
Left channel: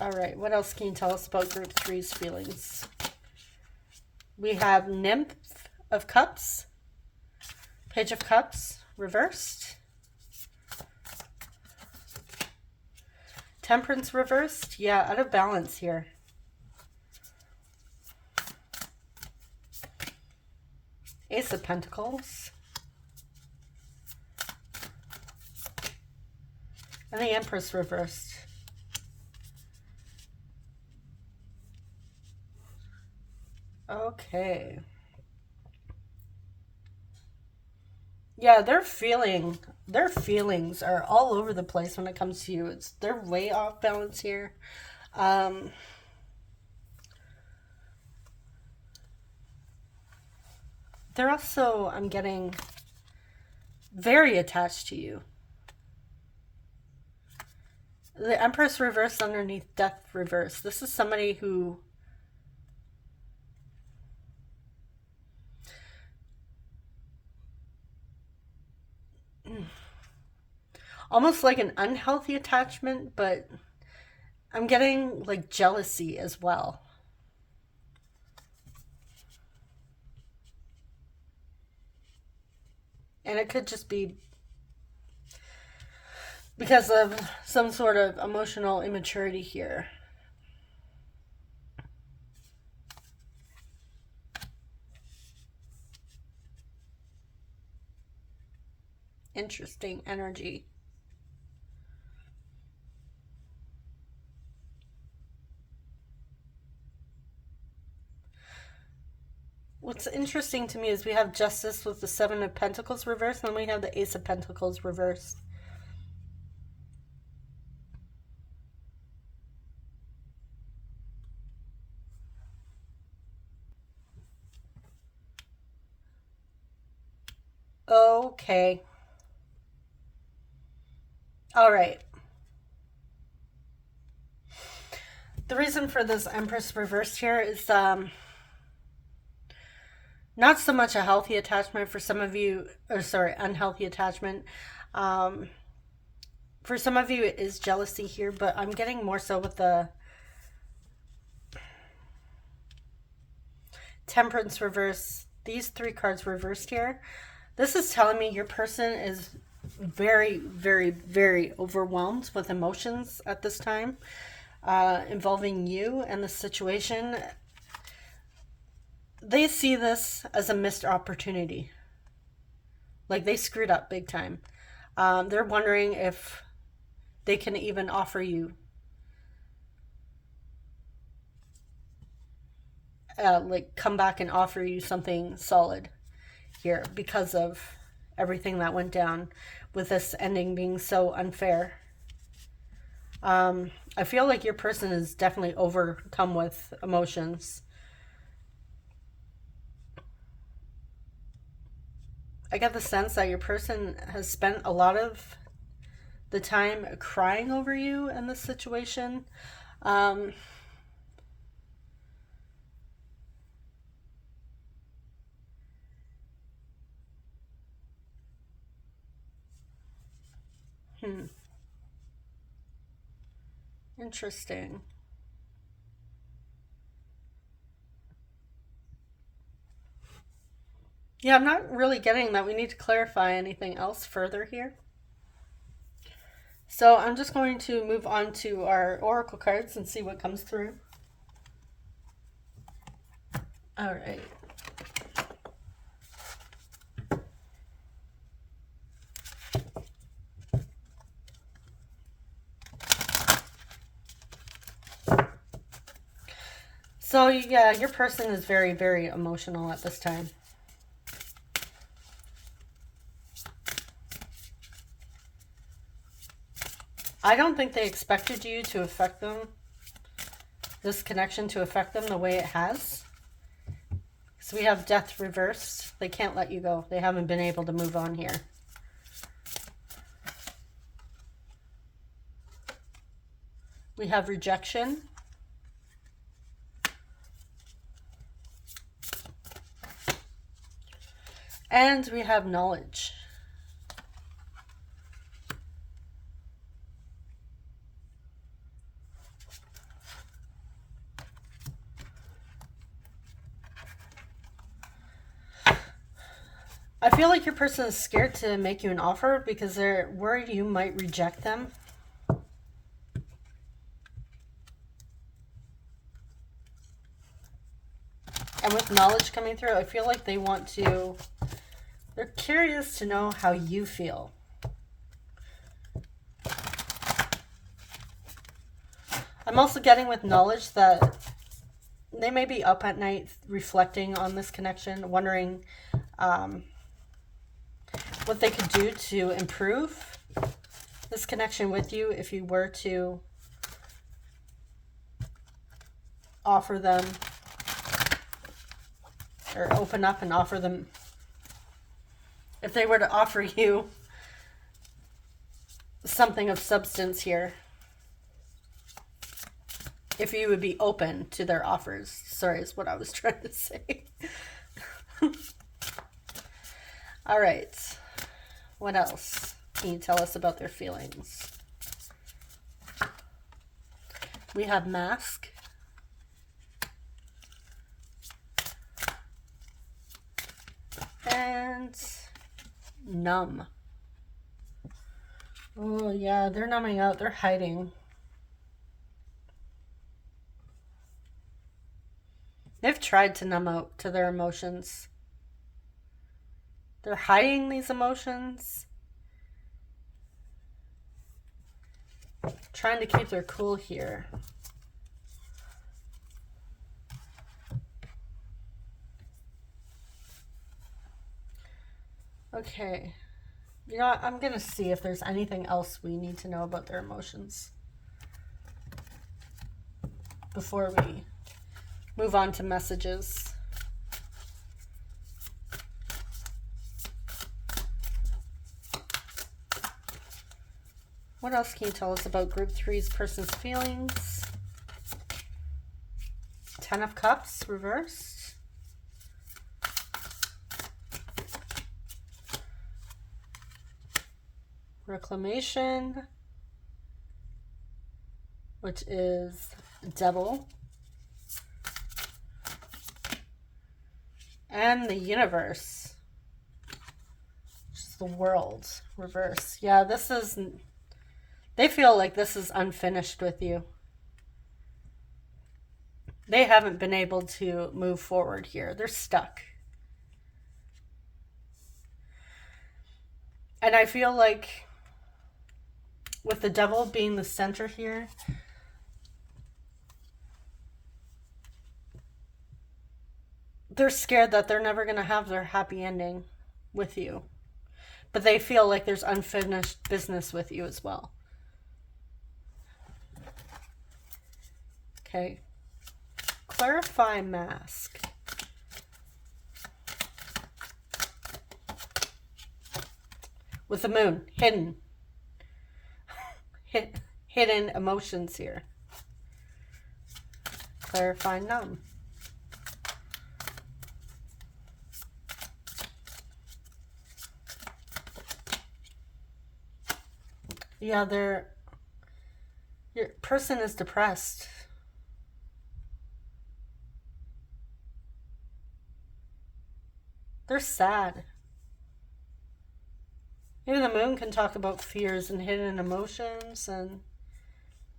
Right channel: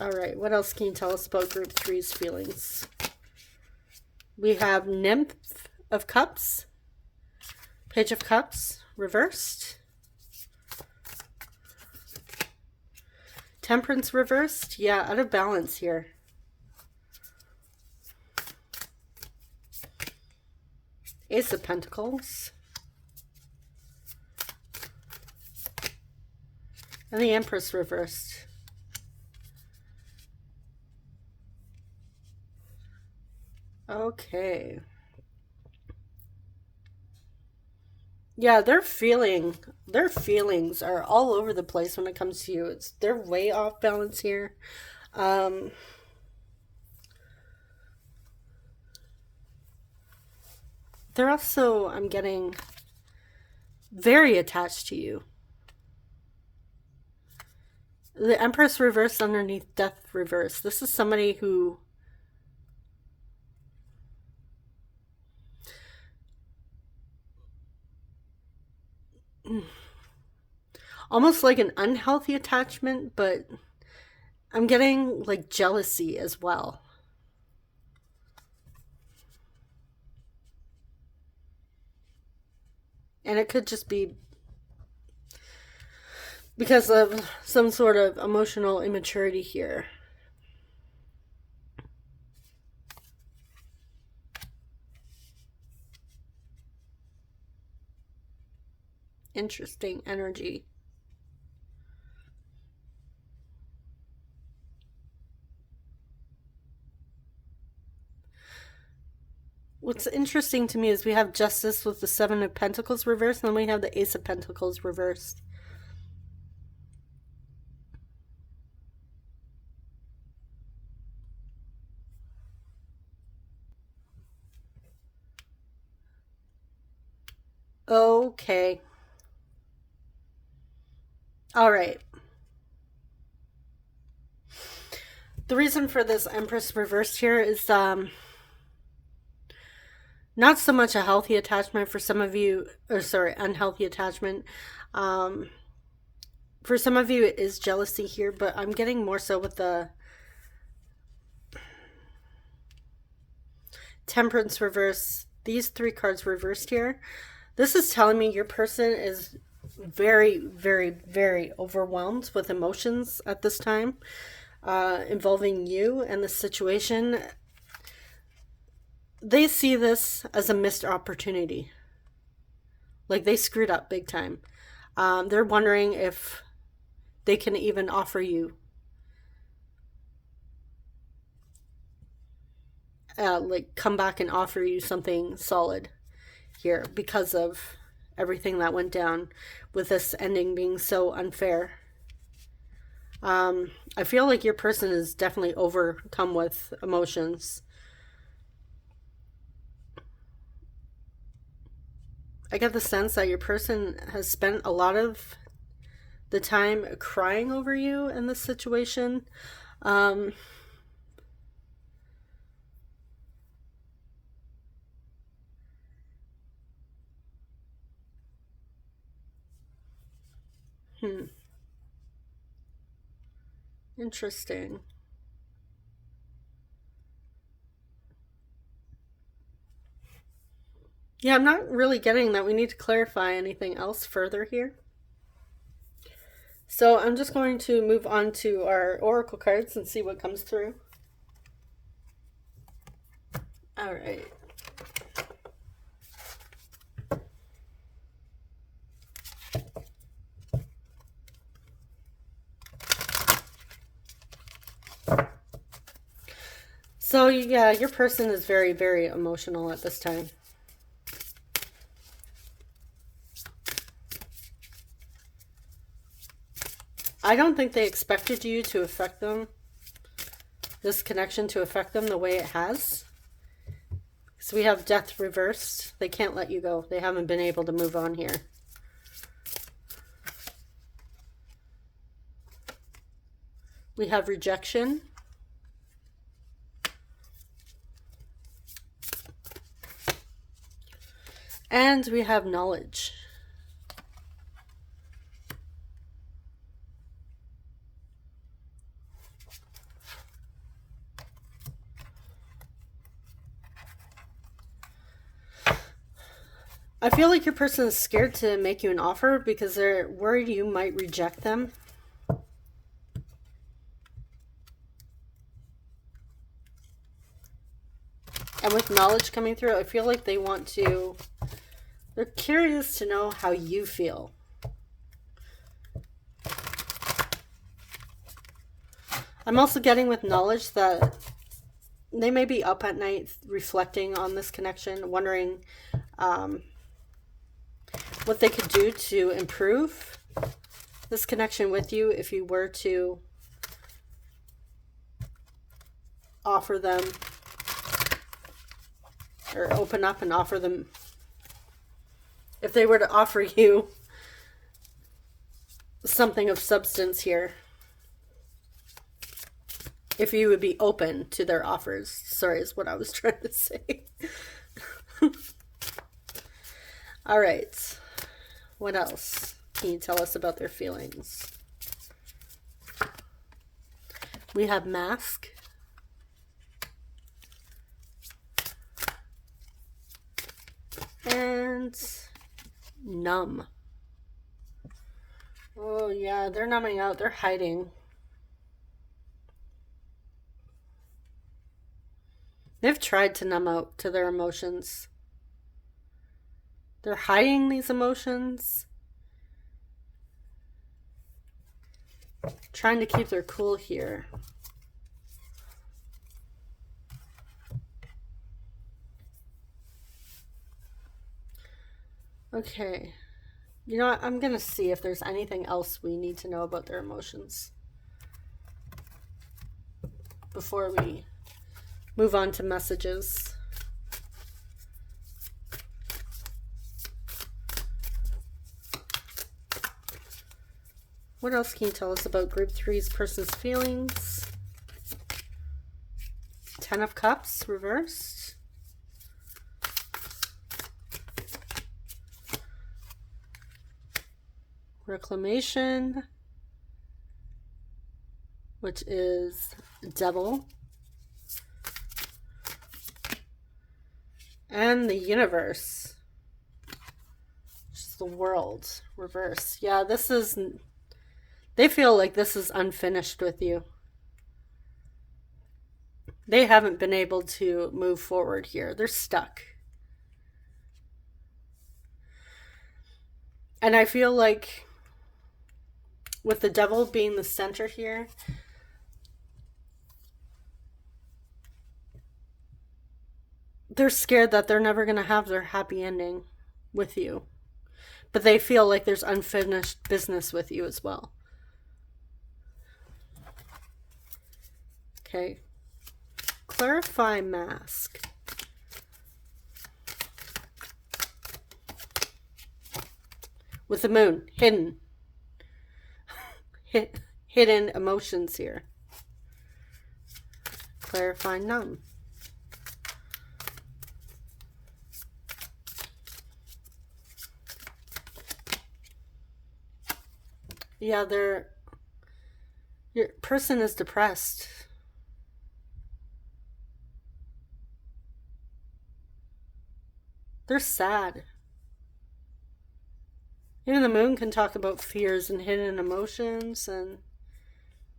All right, what else can you tell us about Group 3's feelings? We have Nymph of Cups, Page of Cups, reversed. Temperance reversed. Yeah, out of balance here. Ace of Pentacles. And the Empress reversed. Okay. Yeah, their feelings are all over the place when it comes to you. They're way off balance here. They're also, I'm getting, very attached to you. The Empress reversed underneath Death reversed. This is somebody who almost like an unhealthy attachment, but I'm getting like jealousy as well. And it could just be because of some sort of emotional immaturity here. Interesting energy. What's interesting to me is we have Justice with the Seven of Pentacles reversed, and then we have the Ace of Pentacles reversed. Okay. All right. The reason for this Empress reversed here is not so much a healthy attachment for some of you, or sorry, unhealthy attachment. For some of you, it is jealousy here, but I'm getting more so with the Temperance reverse. These three cards reversed here. This is telling me your person is very, very, very overwhelmed with emotions at this time, involving you and the situation. They see this as a missed opportunity. Like they screwed up big time. They're wondering if they can even offer you like come back and offer you something solid here because of everything that went down with this ending being so unfair. I feel like your person is definitely overcome with emotions. I get the sense that your person has spent a lot of the time crying over you in this situation. Interesting. Yeah, I'm not really getting that we need to clarify anything else further here. So I'm just going to move on to our oracle cards and see what comes through. All right. So yeah, your person is very, very emotional at this time. I don't think they expected you to affect them, this connection to affect them the way it has. So we have Death reversed. They can't let you go. They haven't been able to move on here. We have Rejection. And we have Knowledge. I feel like your person is scared to make you an offer because they're worried you might reject them. And with knowledge coming through, I feel like they want to, they're curious to know how you feel. I'm also getting with knowledge that they may be up at night reflecting on this connection, wondering what they could do to improve this connection with you if you were to offer them or open up and offer them, if they were to offer you something of substance here, if you would be open to their offers. Sorry, is what I was trying to say. All right. What else can you tell us about their feelings? We have mask. And numb. Oh yeah, they're numbing out. They're hiding. They've tried to numb out to their emotions. They're hiding these emotions. Trying to keep their cool here. Okay. You know what? I'm going to see if there's anything else we need to know about their emotions before we move on to messages. What else can you tell us about Group 3's person's feelings? 10 of Cups reversed. Reclamation, which is Devil. And the Universe, which is the World, reverse. Yeah, this is, they feel like this is unfinished with you. They haven't been able to move forward here. They're stuck. And I feel like with the Devil being the center here, they're scared that they're never going to have their happy ending with you. But they feel like there's unfinished business with you as well. Okay. Clarify mask. With the moon, hidden. Hidden emotions here. Clarify numb. Yeah, your person is depressed. They're sad. Even the moon can talk about fears and hidden emotions, and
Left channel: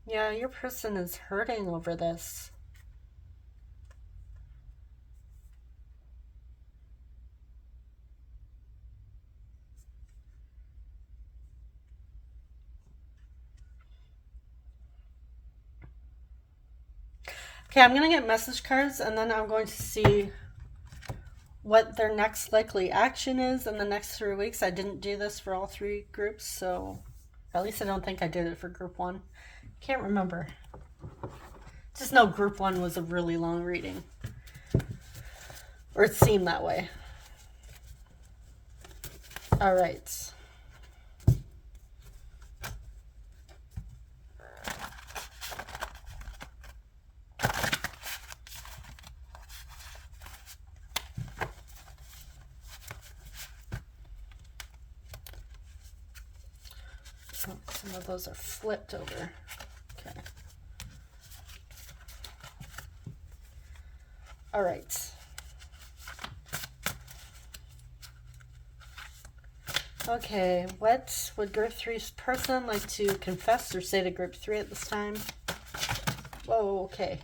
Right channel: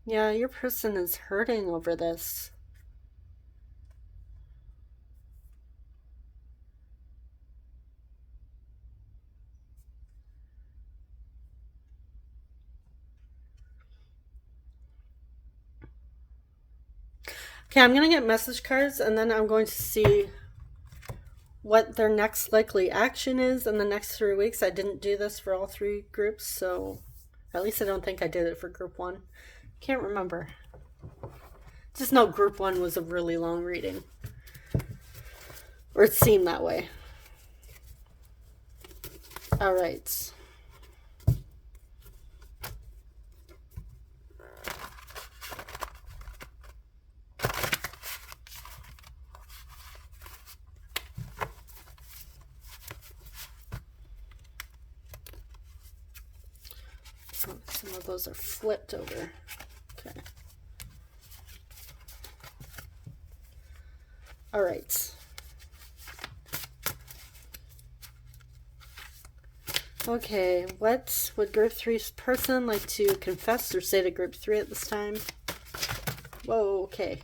yeah, your person is hurting over this. Okay, I'm going to get message cards, and then I'm going to see what their next likely action is in the next 3 weeks. I didn't do this for all 3 groups, so at least I don't think I did it for group 1. Can't remember. Just know group 1 was a really long reading. Or it seemed that way. All right. Some of those are flipped over. Okay. All right. Okay, what would group 3's person like to confess or say to group 3 at this time? Whoa, okay.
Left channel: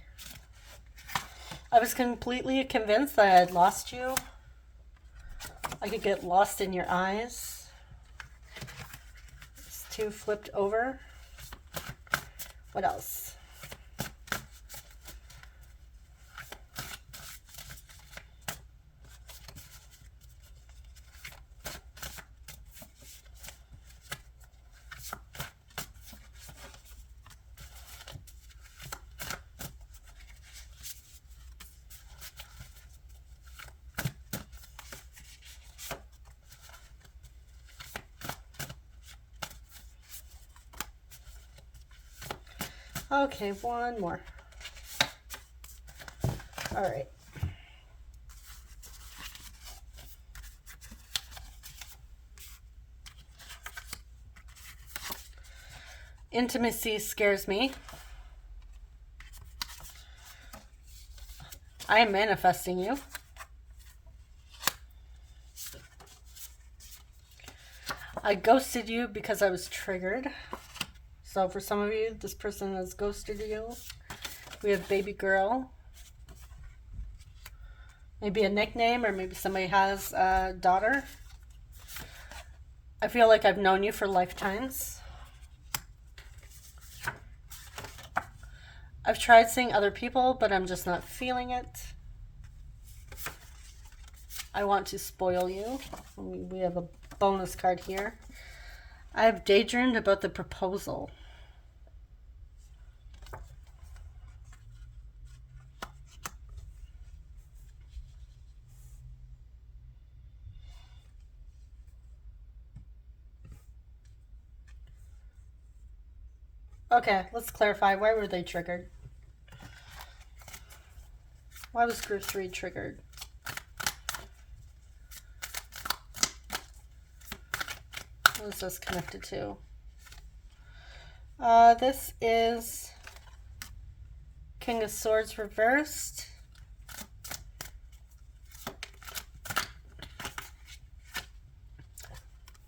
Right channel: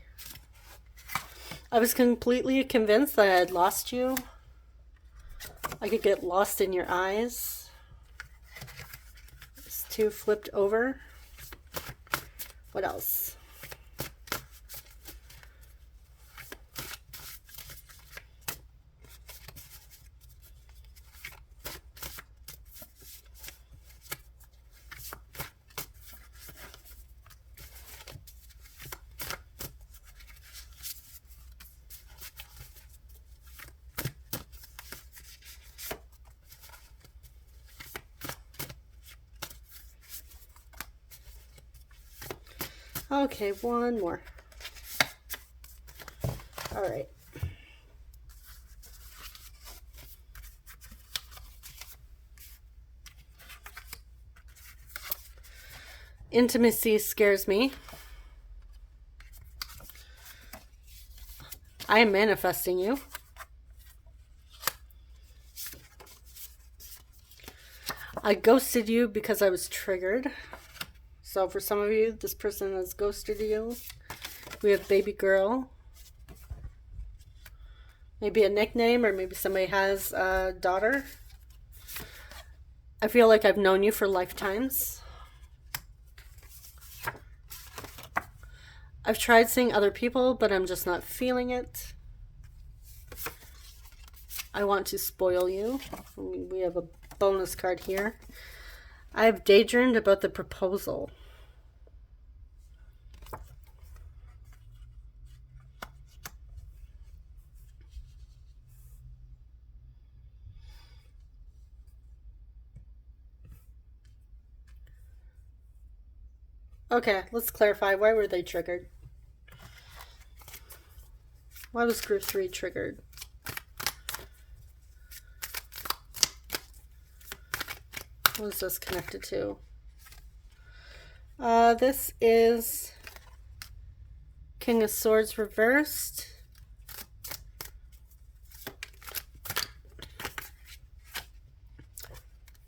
I was completely convinced that I had lost you. I could get lost in your eyes. It's two flipped over. What else? Okay, one more. All right. Intimacy scares me. I am manifesting you. I ghosted you because I was triggered. So for some of you, this person has ghosted you. We have baby girl. Maybe a nickname, or maybe somebody has a daughter. I feel like I've known you for lifetimes. I've tried seeing other people, but I'm just not feeling it. I want to spoil you. We have a bonus card here. I've daydreamed about the proposal. Okay, let's clarify. Why were they triggered? Why was group 3 triggered? What is this connected to? This is King of Swords reversed.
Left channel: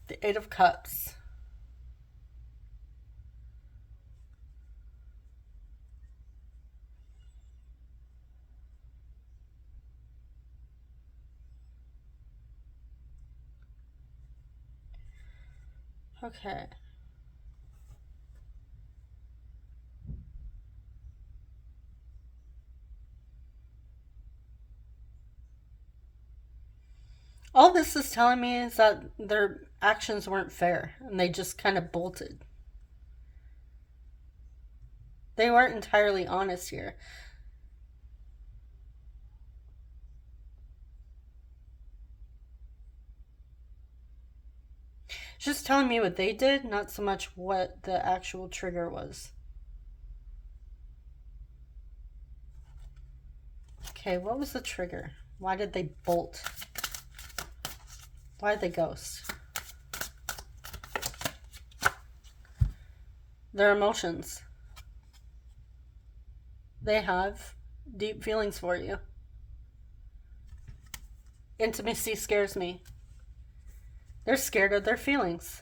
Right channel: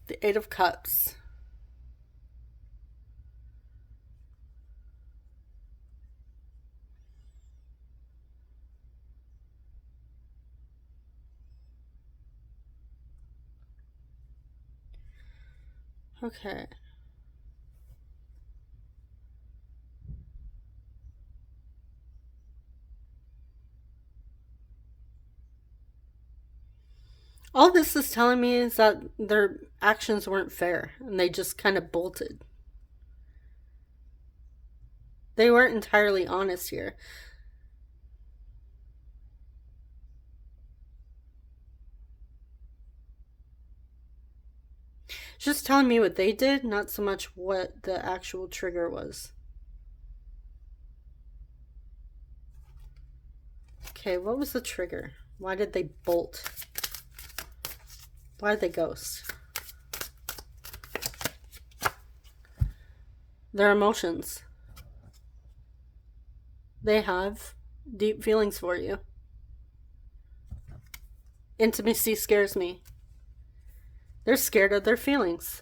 The Eight of Cups. Okay. All this is telling me is that their actions weren't fair and they just kind of bolted. They weren't entirely honest here. It's just telling me what they did, not so much what the actual trigger was. Okay, what was the trigger? Why did they bolt? Why did they ghost? Their emotions. They have deep feelings for you. Intimacy scares me. They're scared of their feelings.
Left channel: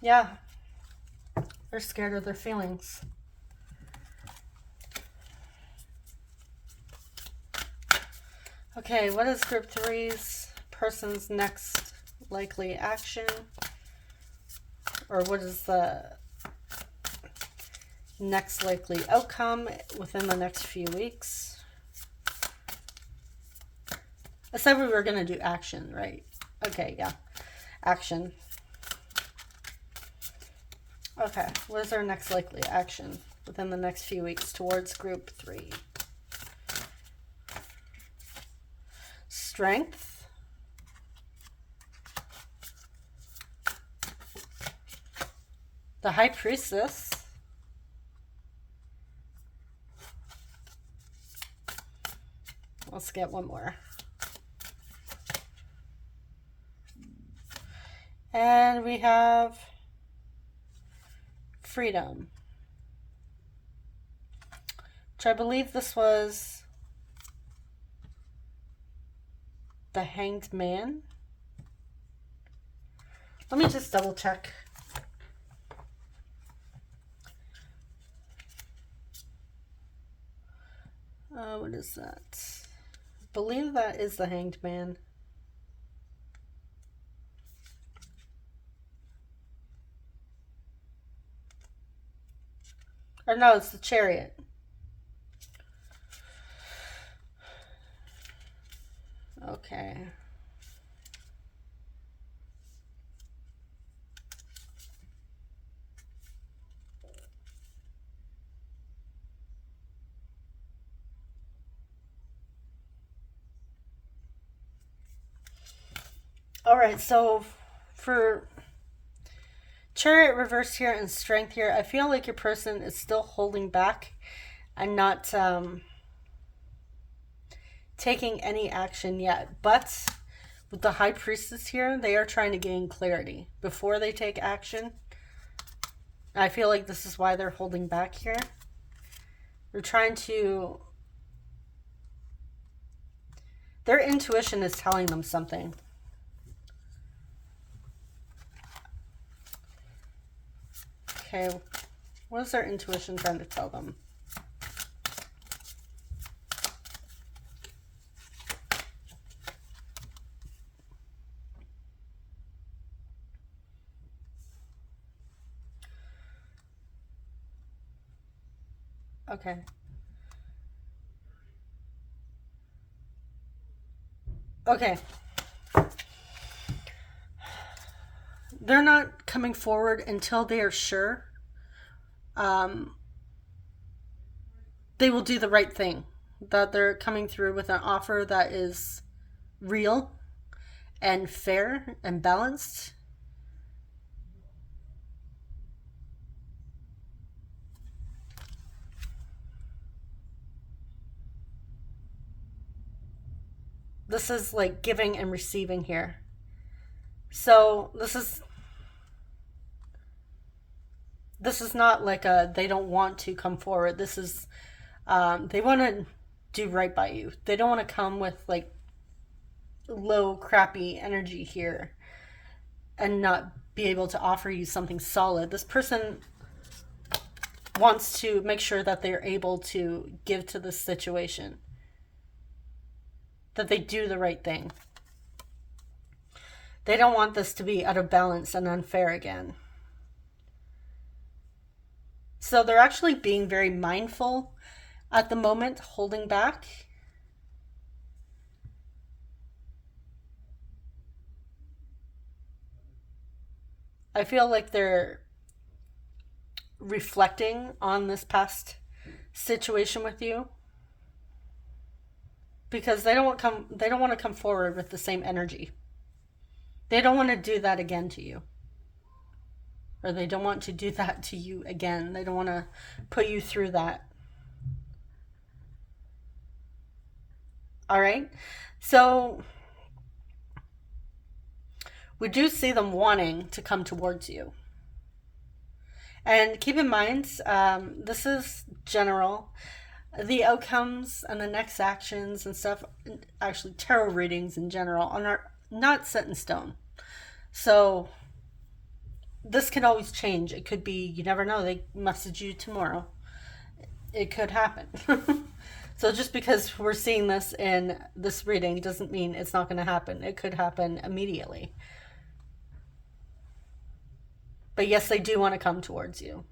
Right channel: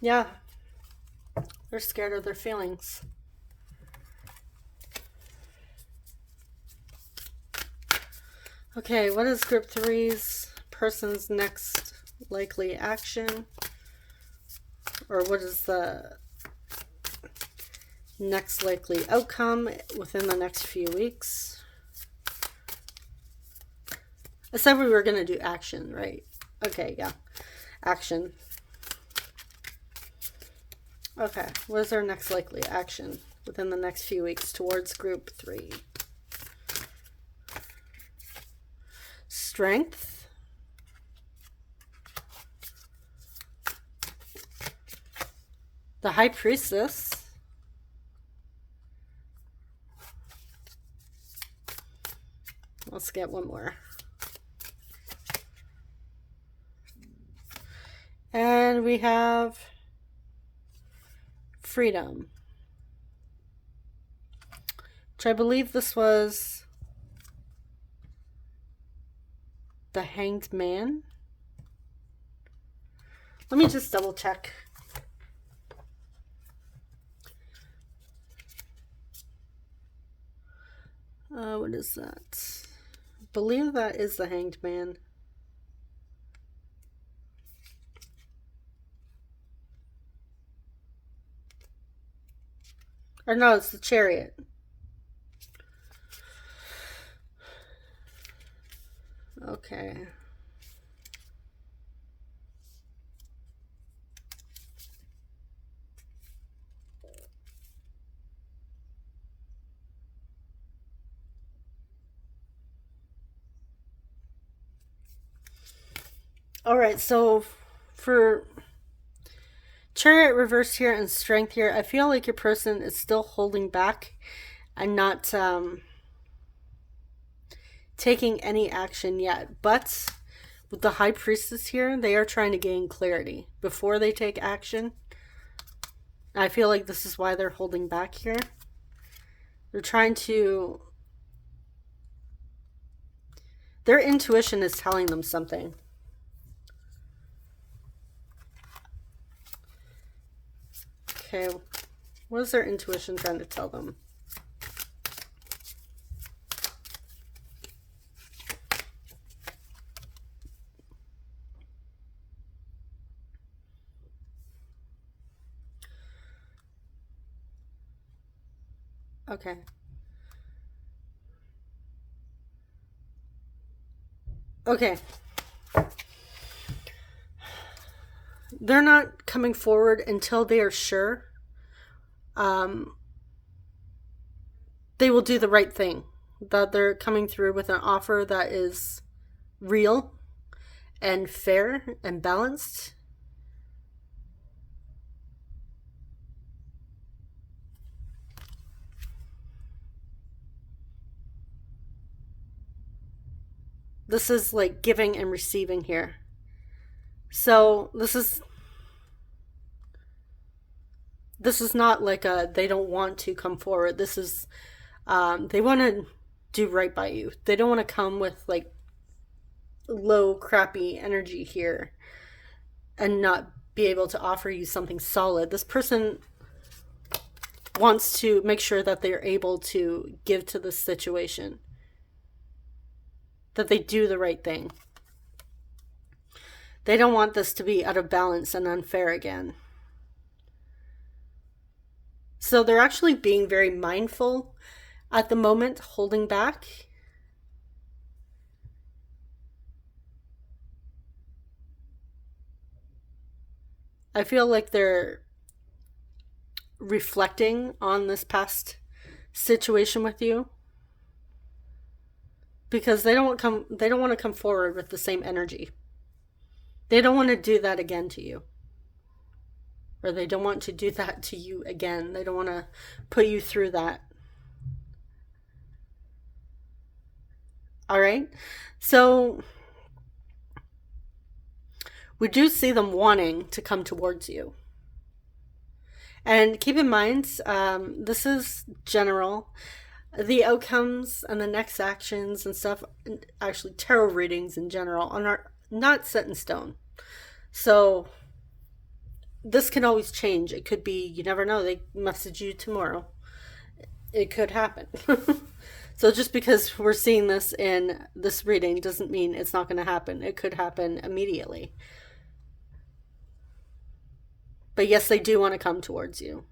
Yeah. They're scared of their feelings. Okay, what is group 3's person's next likely action? Or what is the next likely outcome within the next few weeks? I said we were going to do action, right? Okay, yeah. Action. Okay, what is our next likely action within the next few weeks towards group 3? Strength. The High Priestess. Let's get one more. And we have Freedom, which I believe this was the Hanged Man. Let me just double check. What is that? I believe that is the Hanged Man. Or no, it's the Chariot. Okay. All right, so for Chariot reverse here and Strength here, I feel like your person is still holding back and not taking any action yet. But with the High Priestess here, they are trying to gain clarity before they take action. I feel like this is why they're holding back here. They're trying to... Their intuition is telling them something. Okay, what is their intuition trying to tell them? Okay. Okay. They're not coming forward until they are sure they will do the right thing. That they're coming through with an offer that is real and fair and balanced. This is like giving and receiving here. So this is not like a they don't want to come forward. This is they want to do right by you. They don't want to come with like low crappy energy here and not be able to offer you something solid. This person wants to make sure that they're able to give to this situation, that they do the right thing. They don't want this to be out of balance and unfair again. So they're actually being very mindful at the moment, holding back. I feel like they're reflecting on this past situation with you because they don't want to come forward with the same energy. They don't want to do that again to you. Or they don't want to do that to you again. They don't want to put you through that. All right. So we do see them wanting to come towards you. And keep in mind, this is general. The outcomes and the next actions and stuff, actually tarot readings in general, are not set in stone. So this can always change. It could be, you never know, they message you tomorrow. It could happen. So just because we're seeing this in this reading doesn't mean it's not going to happen. It could happen immediately. But yes, they do want to come towards you.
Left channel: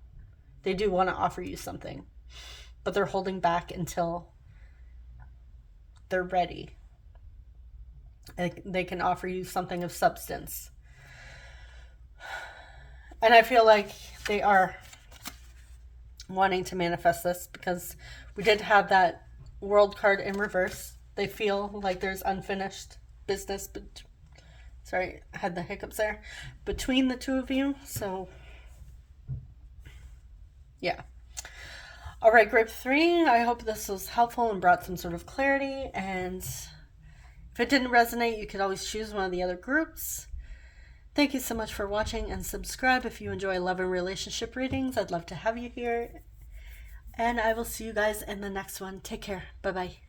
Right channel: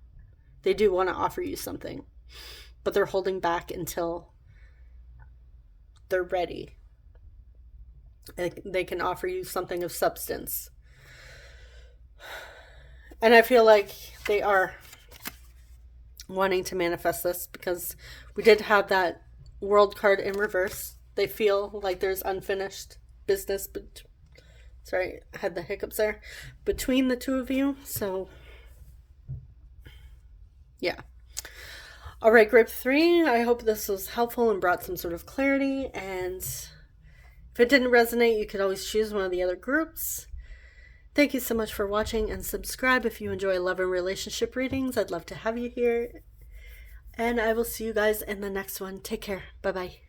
They do want to offer you something. But they're holding back until they're ready. They can offer you something of substance. And I feel like they are wanting to manifest this because we did have that World card in reverse. They feel like there's unfinished business, but sorry, I had the hiccups there, between the two of you. So yeah. All right, group 3, I hope this was helpful and brought some sort of clarity. And if it didn't resonate, you could always choose one of the other groups. Thank you so much for watching, and subscribe if you enjoy love and relationship readings. I'd love to have you here. And I will see you guys in the next one. Take care. Bye-bye.